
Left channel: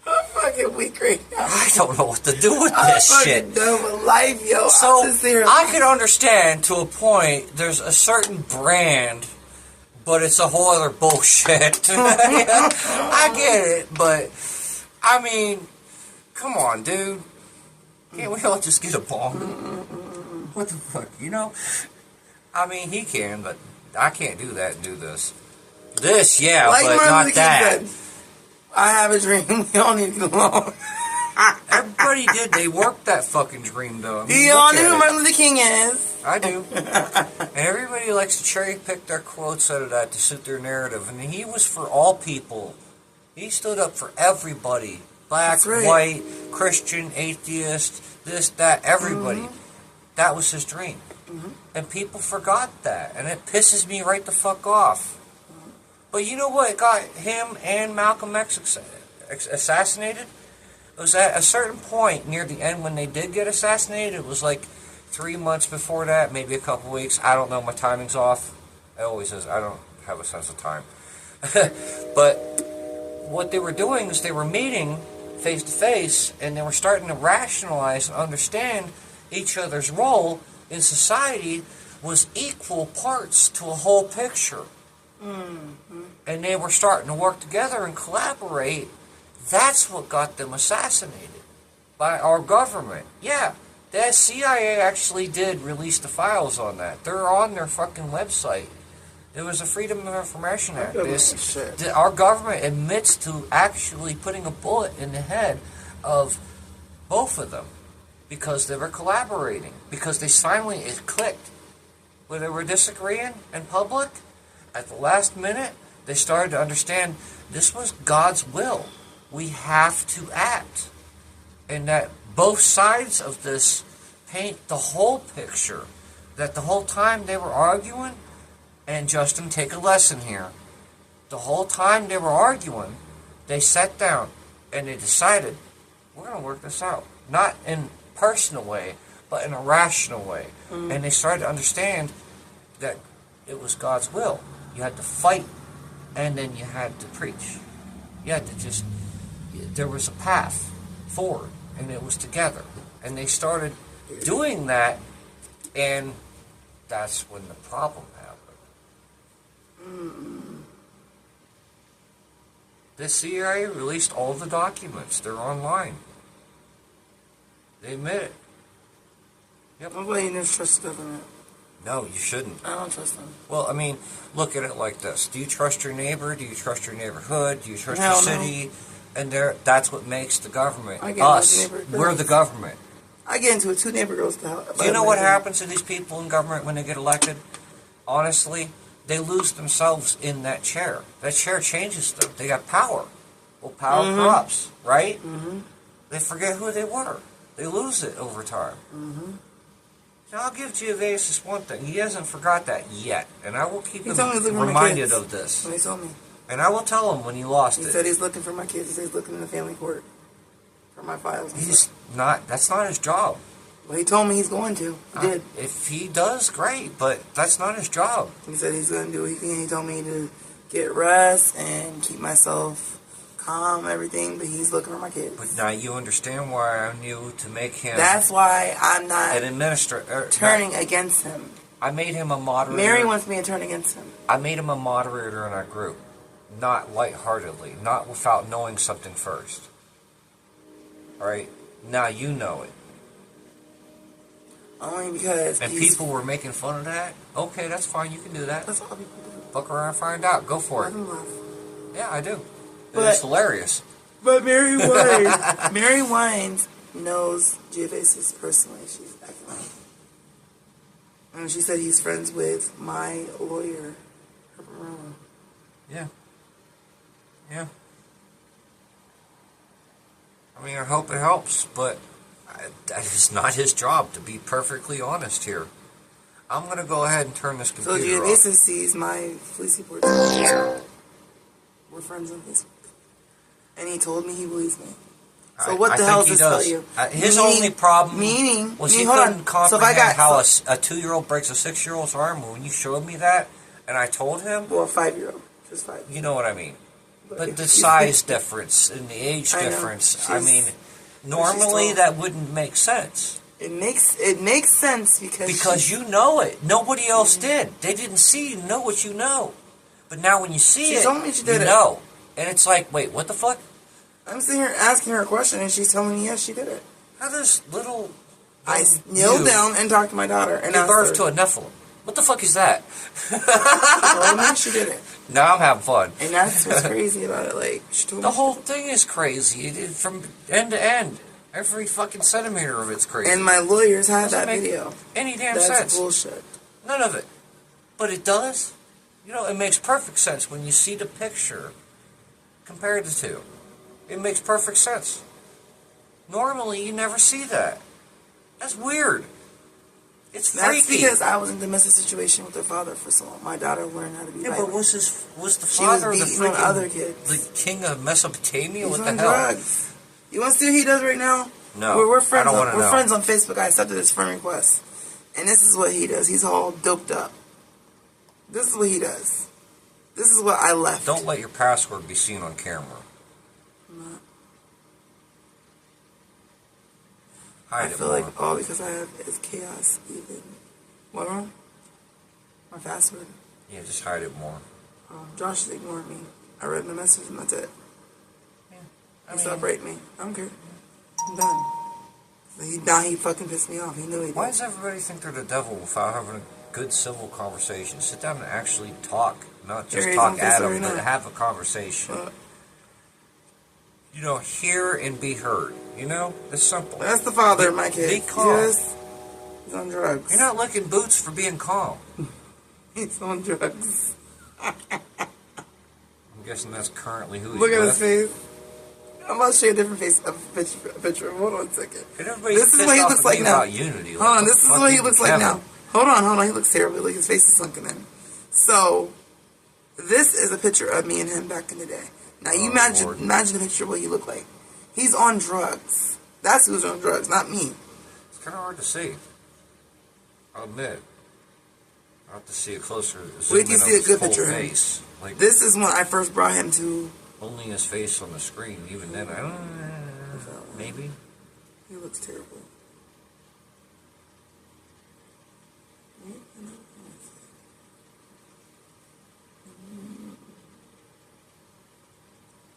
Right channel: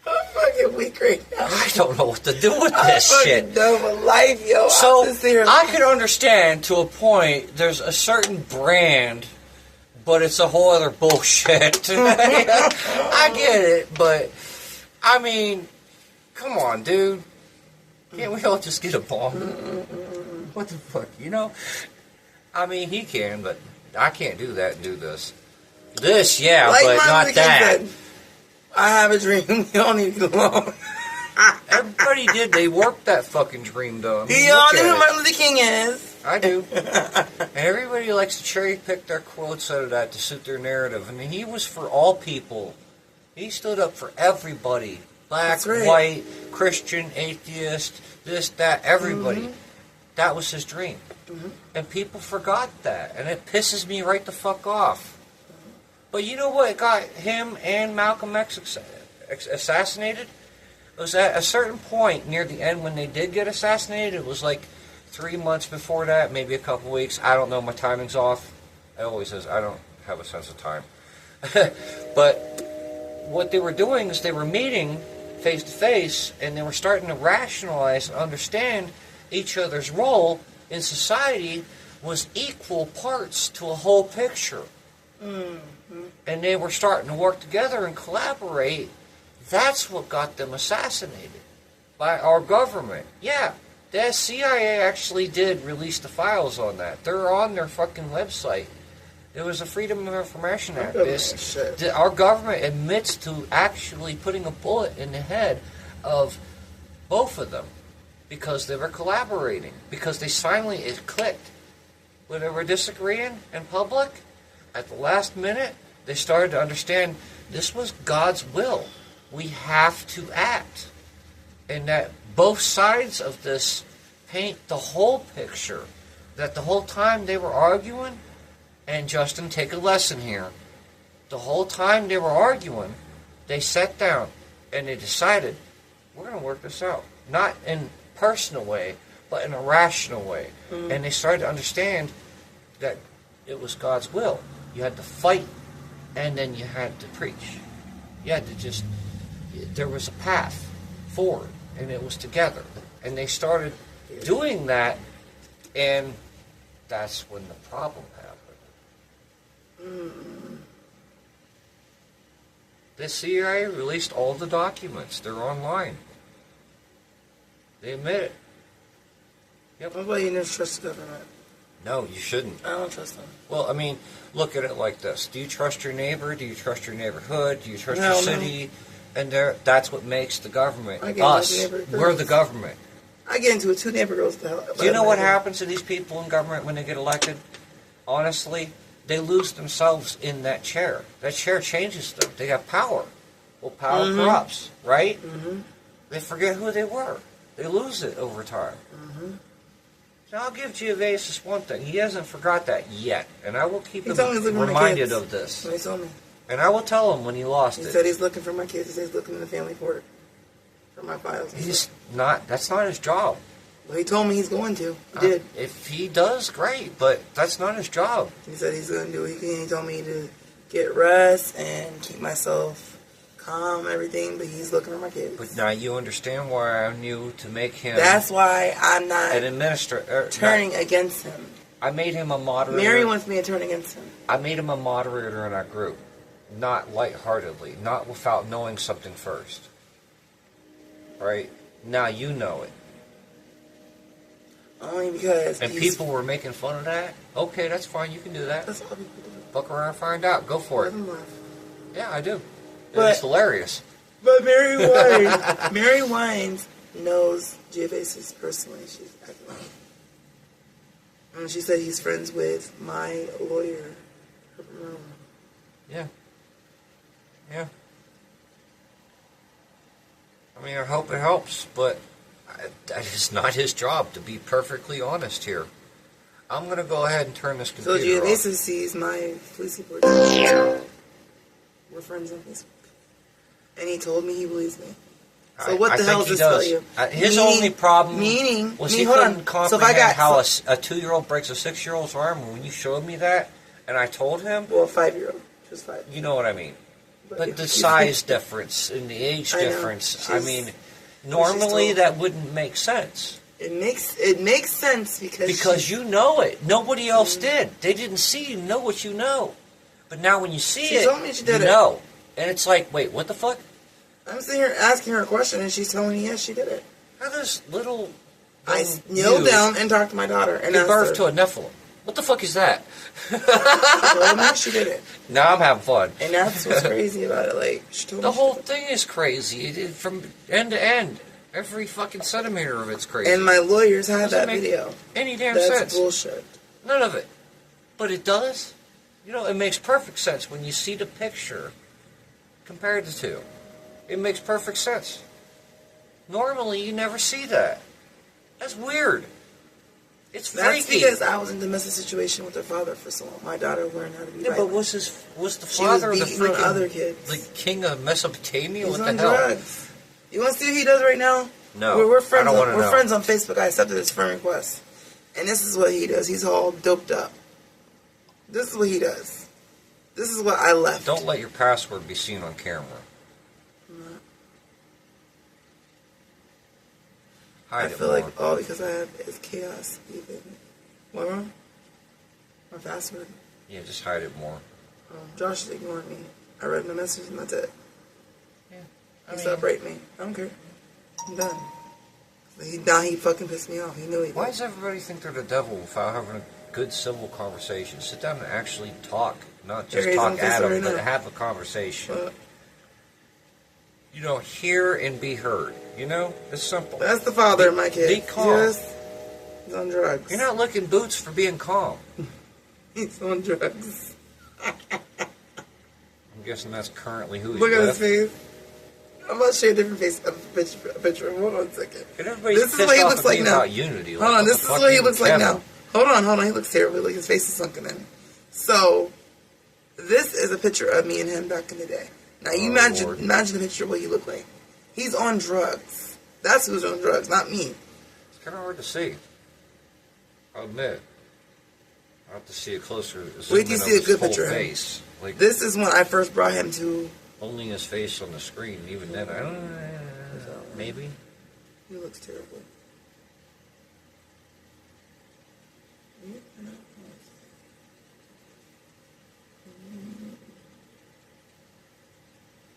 I'm fucking weak right now. I don't know what to do with I'm this fucking shit. done with life, yo. So I'm sincerely- I could understand to a point. There's a certain brand, but it's a whole other bullshit. I get it, but I mean, come on, dude. Can't we all just get along? What the fuck, you know? I mean, he can, but I can't do that and do this. This, yeah, like but Martin not Luther King that. said, I have a dream. We all need to get along. Everybody did. They worked that fucking dream, though. I mean, You all look know at who it. Martin Luther King is. I do. And everybody likes to cherry pick their quotes out of that to suit their narrative. And he was for all people. He stood up for everybody. Black, That's right. white, Christian, atheist, this, that, everybody. That was his dream. And people forgot that. And it pisses me right the fuck off. But you know what? It got him and Malcolm X assassinated. It was at a certain point near the end when they did get assassinated. It was like 3 months before that, maybe a couple weeks. I don't know. My timing's off. It always is. I don't have a sense of time. But what they were doing is they were meeting face to face, and they were starting to rationalize and understand each other's role in society was equal parts to a whole picture. And they were starting to work together and collaborate. That's what got them assassinated by our government. Yeah, the CIA actually did release the files on that. They're on their fucking website. There was a Freedom of Information Act. Our government admits to actually putting a bullet in the head of both of them because they were collaborating. Because they finally, it clicked. When they were disagreeing in public, at the last minute, they started to understand this was God's will. We have to act. And that both sides of this paint the whole picture. That the whole time they were arguing, and Justin, take a lesson here. The whole time they were arguing, they sat down and they decided, we're going to work this out. Not in a personal way, but in a rational way. And they started to understand that it was God's will. You had to fight, and then you had to preach. You had to just, there was a path forward, and it was together. And they started doing that, and that's when the problem happened. The CIA released all the documents. They're online. They admit it. Yep. Nobody knows trust the government. No, you shouldn't. I don't trust them. Well, I mean, look at it like this. Do you trust your neighbor? Do you trust your neighborhood? Do you trust Hell your no. city? And that's what makes the government. I get Us. my neighbor We're first. the government. I get into it. 2 neighbor girls to hell. Do you know what happens to these people in government when they get elected? Honestly, they lose themselves in that chair. That chair changes them. They got power. Well, power corrupts, right? They forget who they were. They lose it over time. Now, I'll give Giovanis one thing. He hasn't forgot that yet. And I will keep He him told me he's looking for my reminded kids. of this. When he told me. And I will tell him when he lost He it. said he's looking for my kids. He said he's looking in the family court for my files. He's not, that's not his job. Well, he told me he's going to. He did. If he does, great, but that's not his job. He said he's going to do it. He told me to get rest and keep myself calm, everything, but he's looking for my kids. But now you understand why I knew to make him That's why I'm not an administrator. turning against him. I made him a moderator. Mary wants me to turn against him. I made him a moderator in our group, not lightheartedly, not without knowing something first. All right? Now you know it. Only because And people were making fun of that. Okay, that's fine. You can do that. That's all people do. Fuck around and find out. Go for Let it. them laugh. Yeah, I do. But- It's hilarious. But Mary Wines, Mary Wines knows Giovanis personally. She's acting like, and she said he's friends with my lawyer, Herbert Rilla. Yeah. Yeah. I mean, I hope it helps, but that is not his job, to be perfectly honest here. I'm going to go ahead and turn this So computer off. Giovanis sees my police reports. We're friends on Facebook. And he told me he believes me. So what the hell does this tell you? His only problem was he hold couldn't on. comprehend So if I got how a 2-year-old breaks a 6-year-old's arm. When you showed me that, and I told him, well, a 5-year-old, just 5. you know what I mean. But if the she's- size difference and the age I know. difference, I She's- mean, normally tall. that wouldn't make sense. It makes sense Because you know it. Nobody else did. They didn't see you know what you know. But now when you see She it, told me she did you it. know. And it's like, wait, what the fuck? I'm sitting here asking her a question, and she's telling me yes, she did it. How does little... I kneel down and talk to my daughter. And give birth to a Nephilim. What the fuck is that? Well, no, she did it. No, I'm having fun. And that's what's crazy about it. Like, she told me The whole thing is crazy. From end to end. Every fucking centimeter of it's crazy. And my lawyers had Doesn't that make video. any damn That's sense. bullshit. None of it. But it does. You know, it makes perfect sense when you see the picture compared to two. It makes perfect sense. Normally, you never see that. That's weird. It's freaky. That's because I was in a domestic situation with her father for so long. My daughter learned how to be violent. But was the She was father the beating on freaking other kids. the king of Mesopotamia? He's What on the hell? drugs. You want to see what he does right now? No, we're friends. I don't want to know. We're friends on Facebook. I accepted his friend request, and this is what he does. He's all doped up. This is what he does. This is what I left. Don't let your password be seen on camera. I feel more. like all because I have is chaos. Even what wrong? My password. Yeah, just hide it more. Josh is ignoring me. I read my message and that's it. Yeah, He stopped rating me. I don't care. I'm done. Now he fucking pissed me off. He knew he did. Why does everybody think they're the devil without having a good civil conversation? Sit down and actually talk, not just There he is talk on at Facebook them, right but now. have a conversation. You know, hear and be heard. You know, it's simple. That's the father of my kid. Be calm. Yes. He's on drugs. You're not licking boots for being calm. He's on drugs. I'm guessing that's currently who he's Look at with. his face. I'm about to show you a different face, a picture. Hold on a second. And everybody's This is pissed what he off looks at like me now. about unity. Hold on, this is what he looks like Kevin. now. Hold on. He looks terrible. Like his face is sunken in. So, this is a picture of me and him back in the day. Now, you Lord. imagine the picture of what he looked like. He's on drugs. That's who's on drugs, not me. It's kind of hard to see. I'll admit. I'll have to see a closer zoom Wait till you in see on a his good full picture of him. face. Like, This is when I first brought him to... only his face on the screen. Even then, I don't know. Maybe. He looks terrible.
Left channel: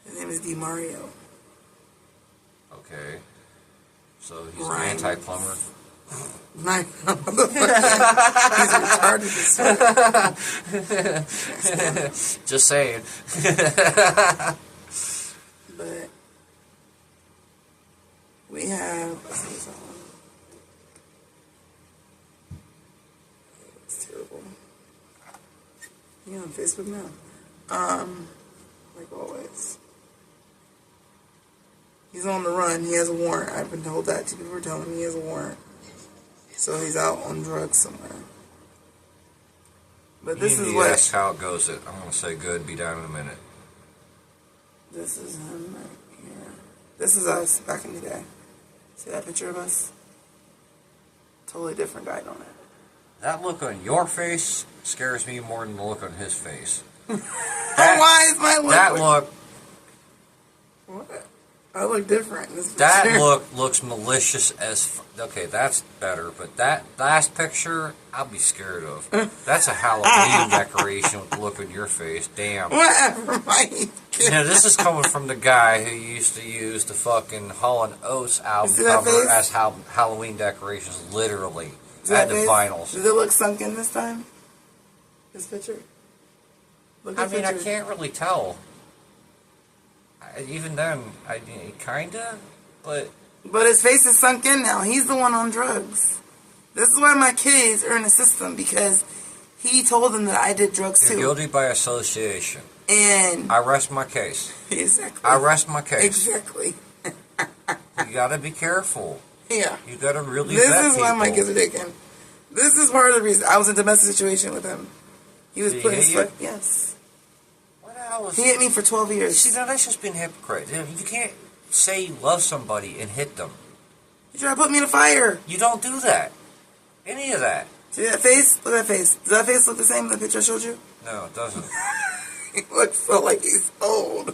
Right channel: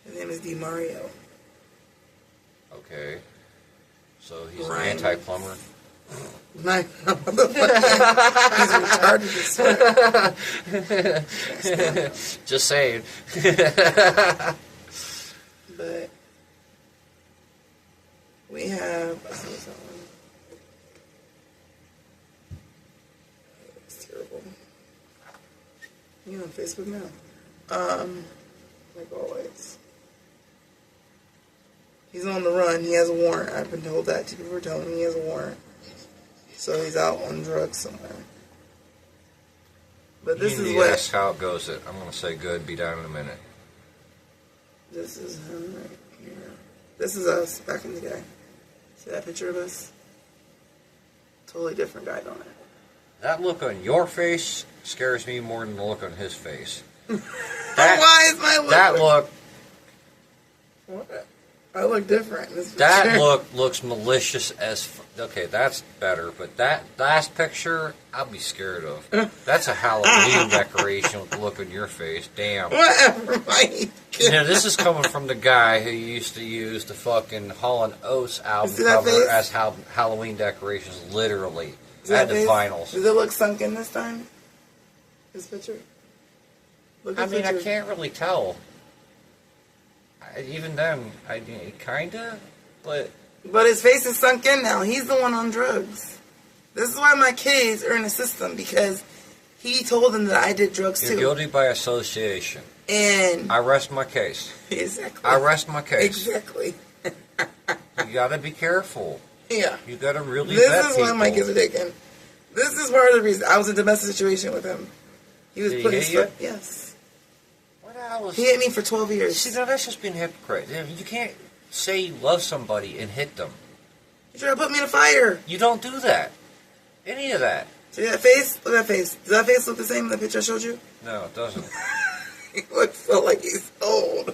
His name is DiMario. Okay. So he's Ryan. an anti-plumber. Like, what the fuck? He's retarded as fuck. Just saying. But we have. It's terrible. You on Facebook now? Like always. He's on the run. He has a warrant. I've been told that. Two people were telling me he has a warrant. So he's out on drugs somewhere. But this is what. That's how it goes. I'm going to say good. Be down in a minute. This is him right here. This is us back in the day. See that picture of us? Totally different guy, don't it? That look on your face scares me more than the look on his face. Why is my look? That look. What? I look different in this That picture. look looks malicious as. Okay, that's better. But that last picture, I'll be scared of. That's a Halloween decoration with the look on your face. Damn. Whatever, Mike. Yeah, this is coming from the guy who used to use the fucking Hall & Oates album See that cover face? as Halloween decorations, literally. Does that At the face- vinyls. Does it look sunken this time? This picture? Look I at mean, I picture. can't really tell. Even then, kinda, but But his face is sunk in now. He's the one on drugs. This is why my kids are in the system, because he told them that I did drugs you're too. guilty by association. And I rest my case. exactly. I rest my case. Exactly. You gotta be careful. Yeah. You gotta really This vet is why my people. kids are taken. This is part of the reason. I was in a domestic situation with him. He was Did he putting hit his you? foot. Yes. What the hell was He hit me for 12 years. See, now that's just being hypocrite. You can't say you love somebody and hit them. He tried to put me in a fire. You don't do that. Any of that. See that face? Look at that face. Does that face look the same in the picture I showed you? No, it doesn't. He looks so like he's old.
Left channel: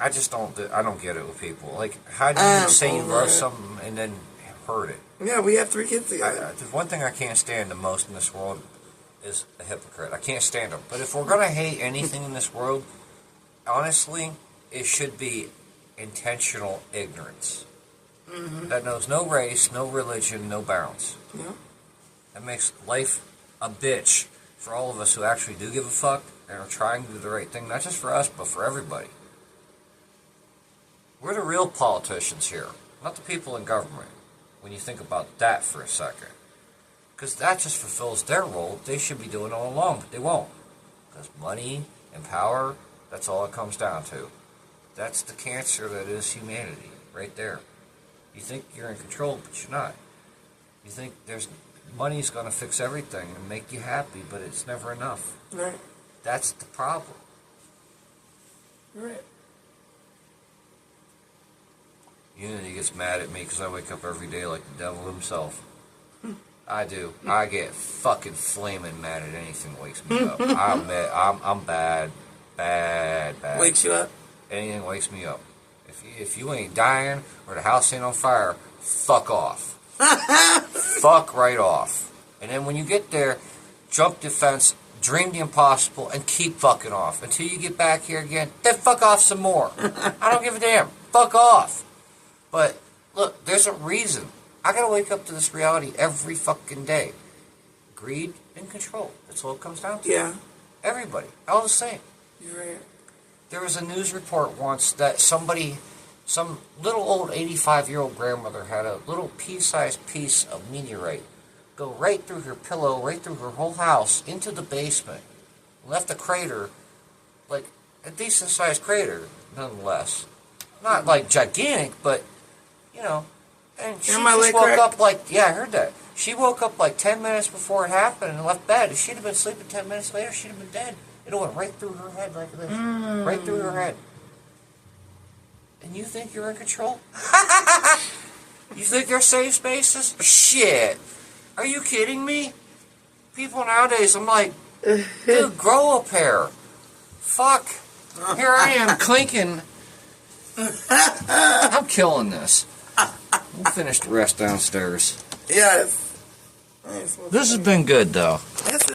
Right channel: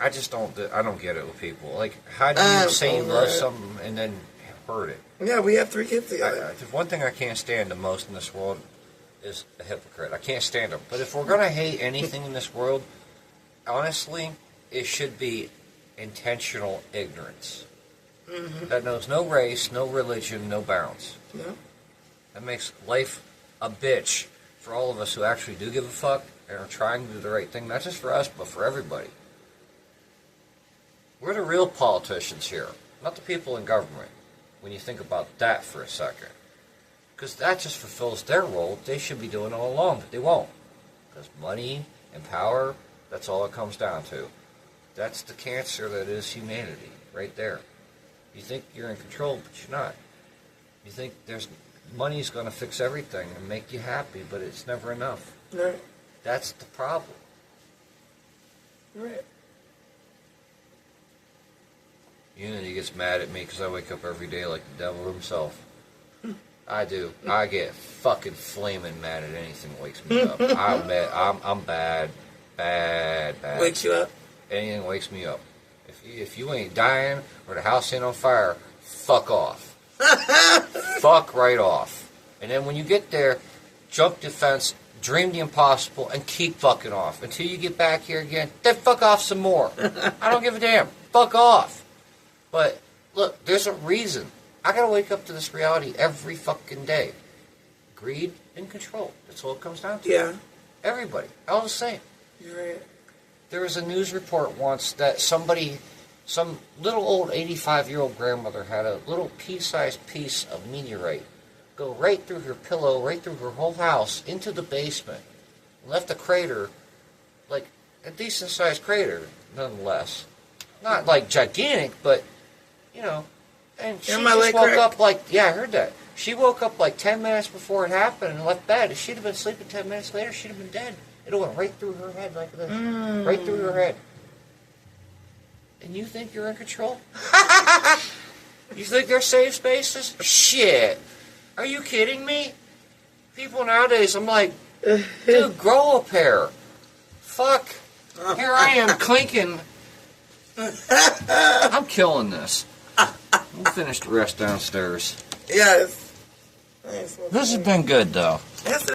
I just don't. I don't get it with people. Like, how do you say you over love it. something and then hurt it? Yeah, we have 3 kids together. The one thing I can't stand the most in this world is a hypocrite. I can't stand them. But if we're gonna hate anything in this world, honestly, it should be intentional ignorance. that knows no race, no religion, no bounds. Yeah. That makes life a bitch for all of us who actually do give a fuck and are trying to do the right thing, not just for us, but for everybody. We're the real politicians here, not the people in government, when you think about that for a second. Because that just fulfills their role. They should be doing it all along, but they won't. Because money and power, that's all it comes down to. That's the cancer that is humanity, right there. You think you're in control, but you're not. You think money's going to fix everything and make you happy, but it's never enough. Right. That's the problem. Right. Unity gets mad at me because I wake up every day like the devil himself. I do. I get fucking flaming mad at anything that wakes me up. I'm bad. Wakes you up? Anything wakes me up. If you ain't dying or the house ain't on fire, fuck off. Fuck right off. And then when you get there, jump the fence, dream the impossible, and keep fucking off. Until you get back here again, then fuck off some more. I don't give a damn. Fuck off. But, look, there's a reason. I gotta wake up to this reality every fucking day. Greed and control. That's all it comes down to. Yeah. Everybody. All the same. You're right. There was a news report once that some little old 85-year-old grandmother had a little pea-sized piece of meteorite go right through her pillow, right through her whole house, into the basement. Left a crater, like a decent-sized crater, nonetheless. Not like gigantic, but, you know. And she just woke up like, yeah, I heard that. She woke up like 10 minutes before it happened and left bed. If she'd have been sleeping 10 minutes later, she'd have been dead. It went right through her head like this. Right through her head. And you think you're in control? You think they're safe spaces? Shit. Are you kidding me? People nowadays, I'm like, dude, grow a pair. Fuck. Here I am clinking. I'm killing this. We'll finish the rest downstairs. Yes. This has been good, though. Yes,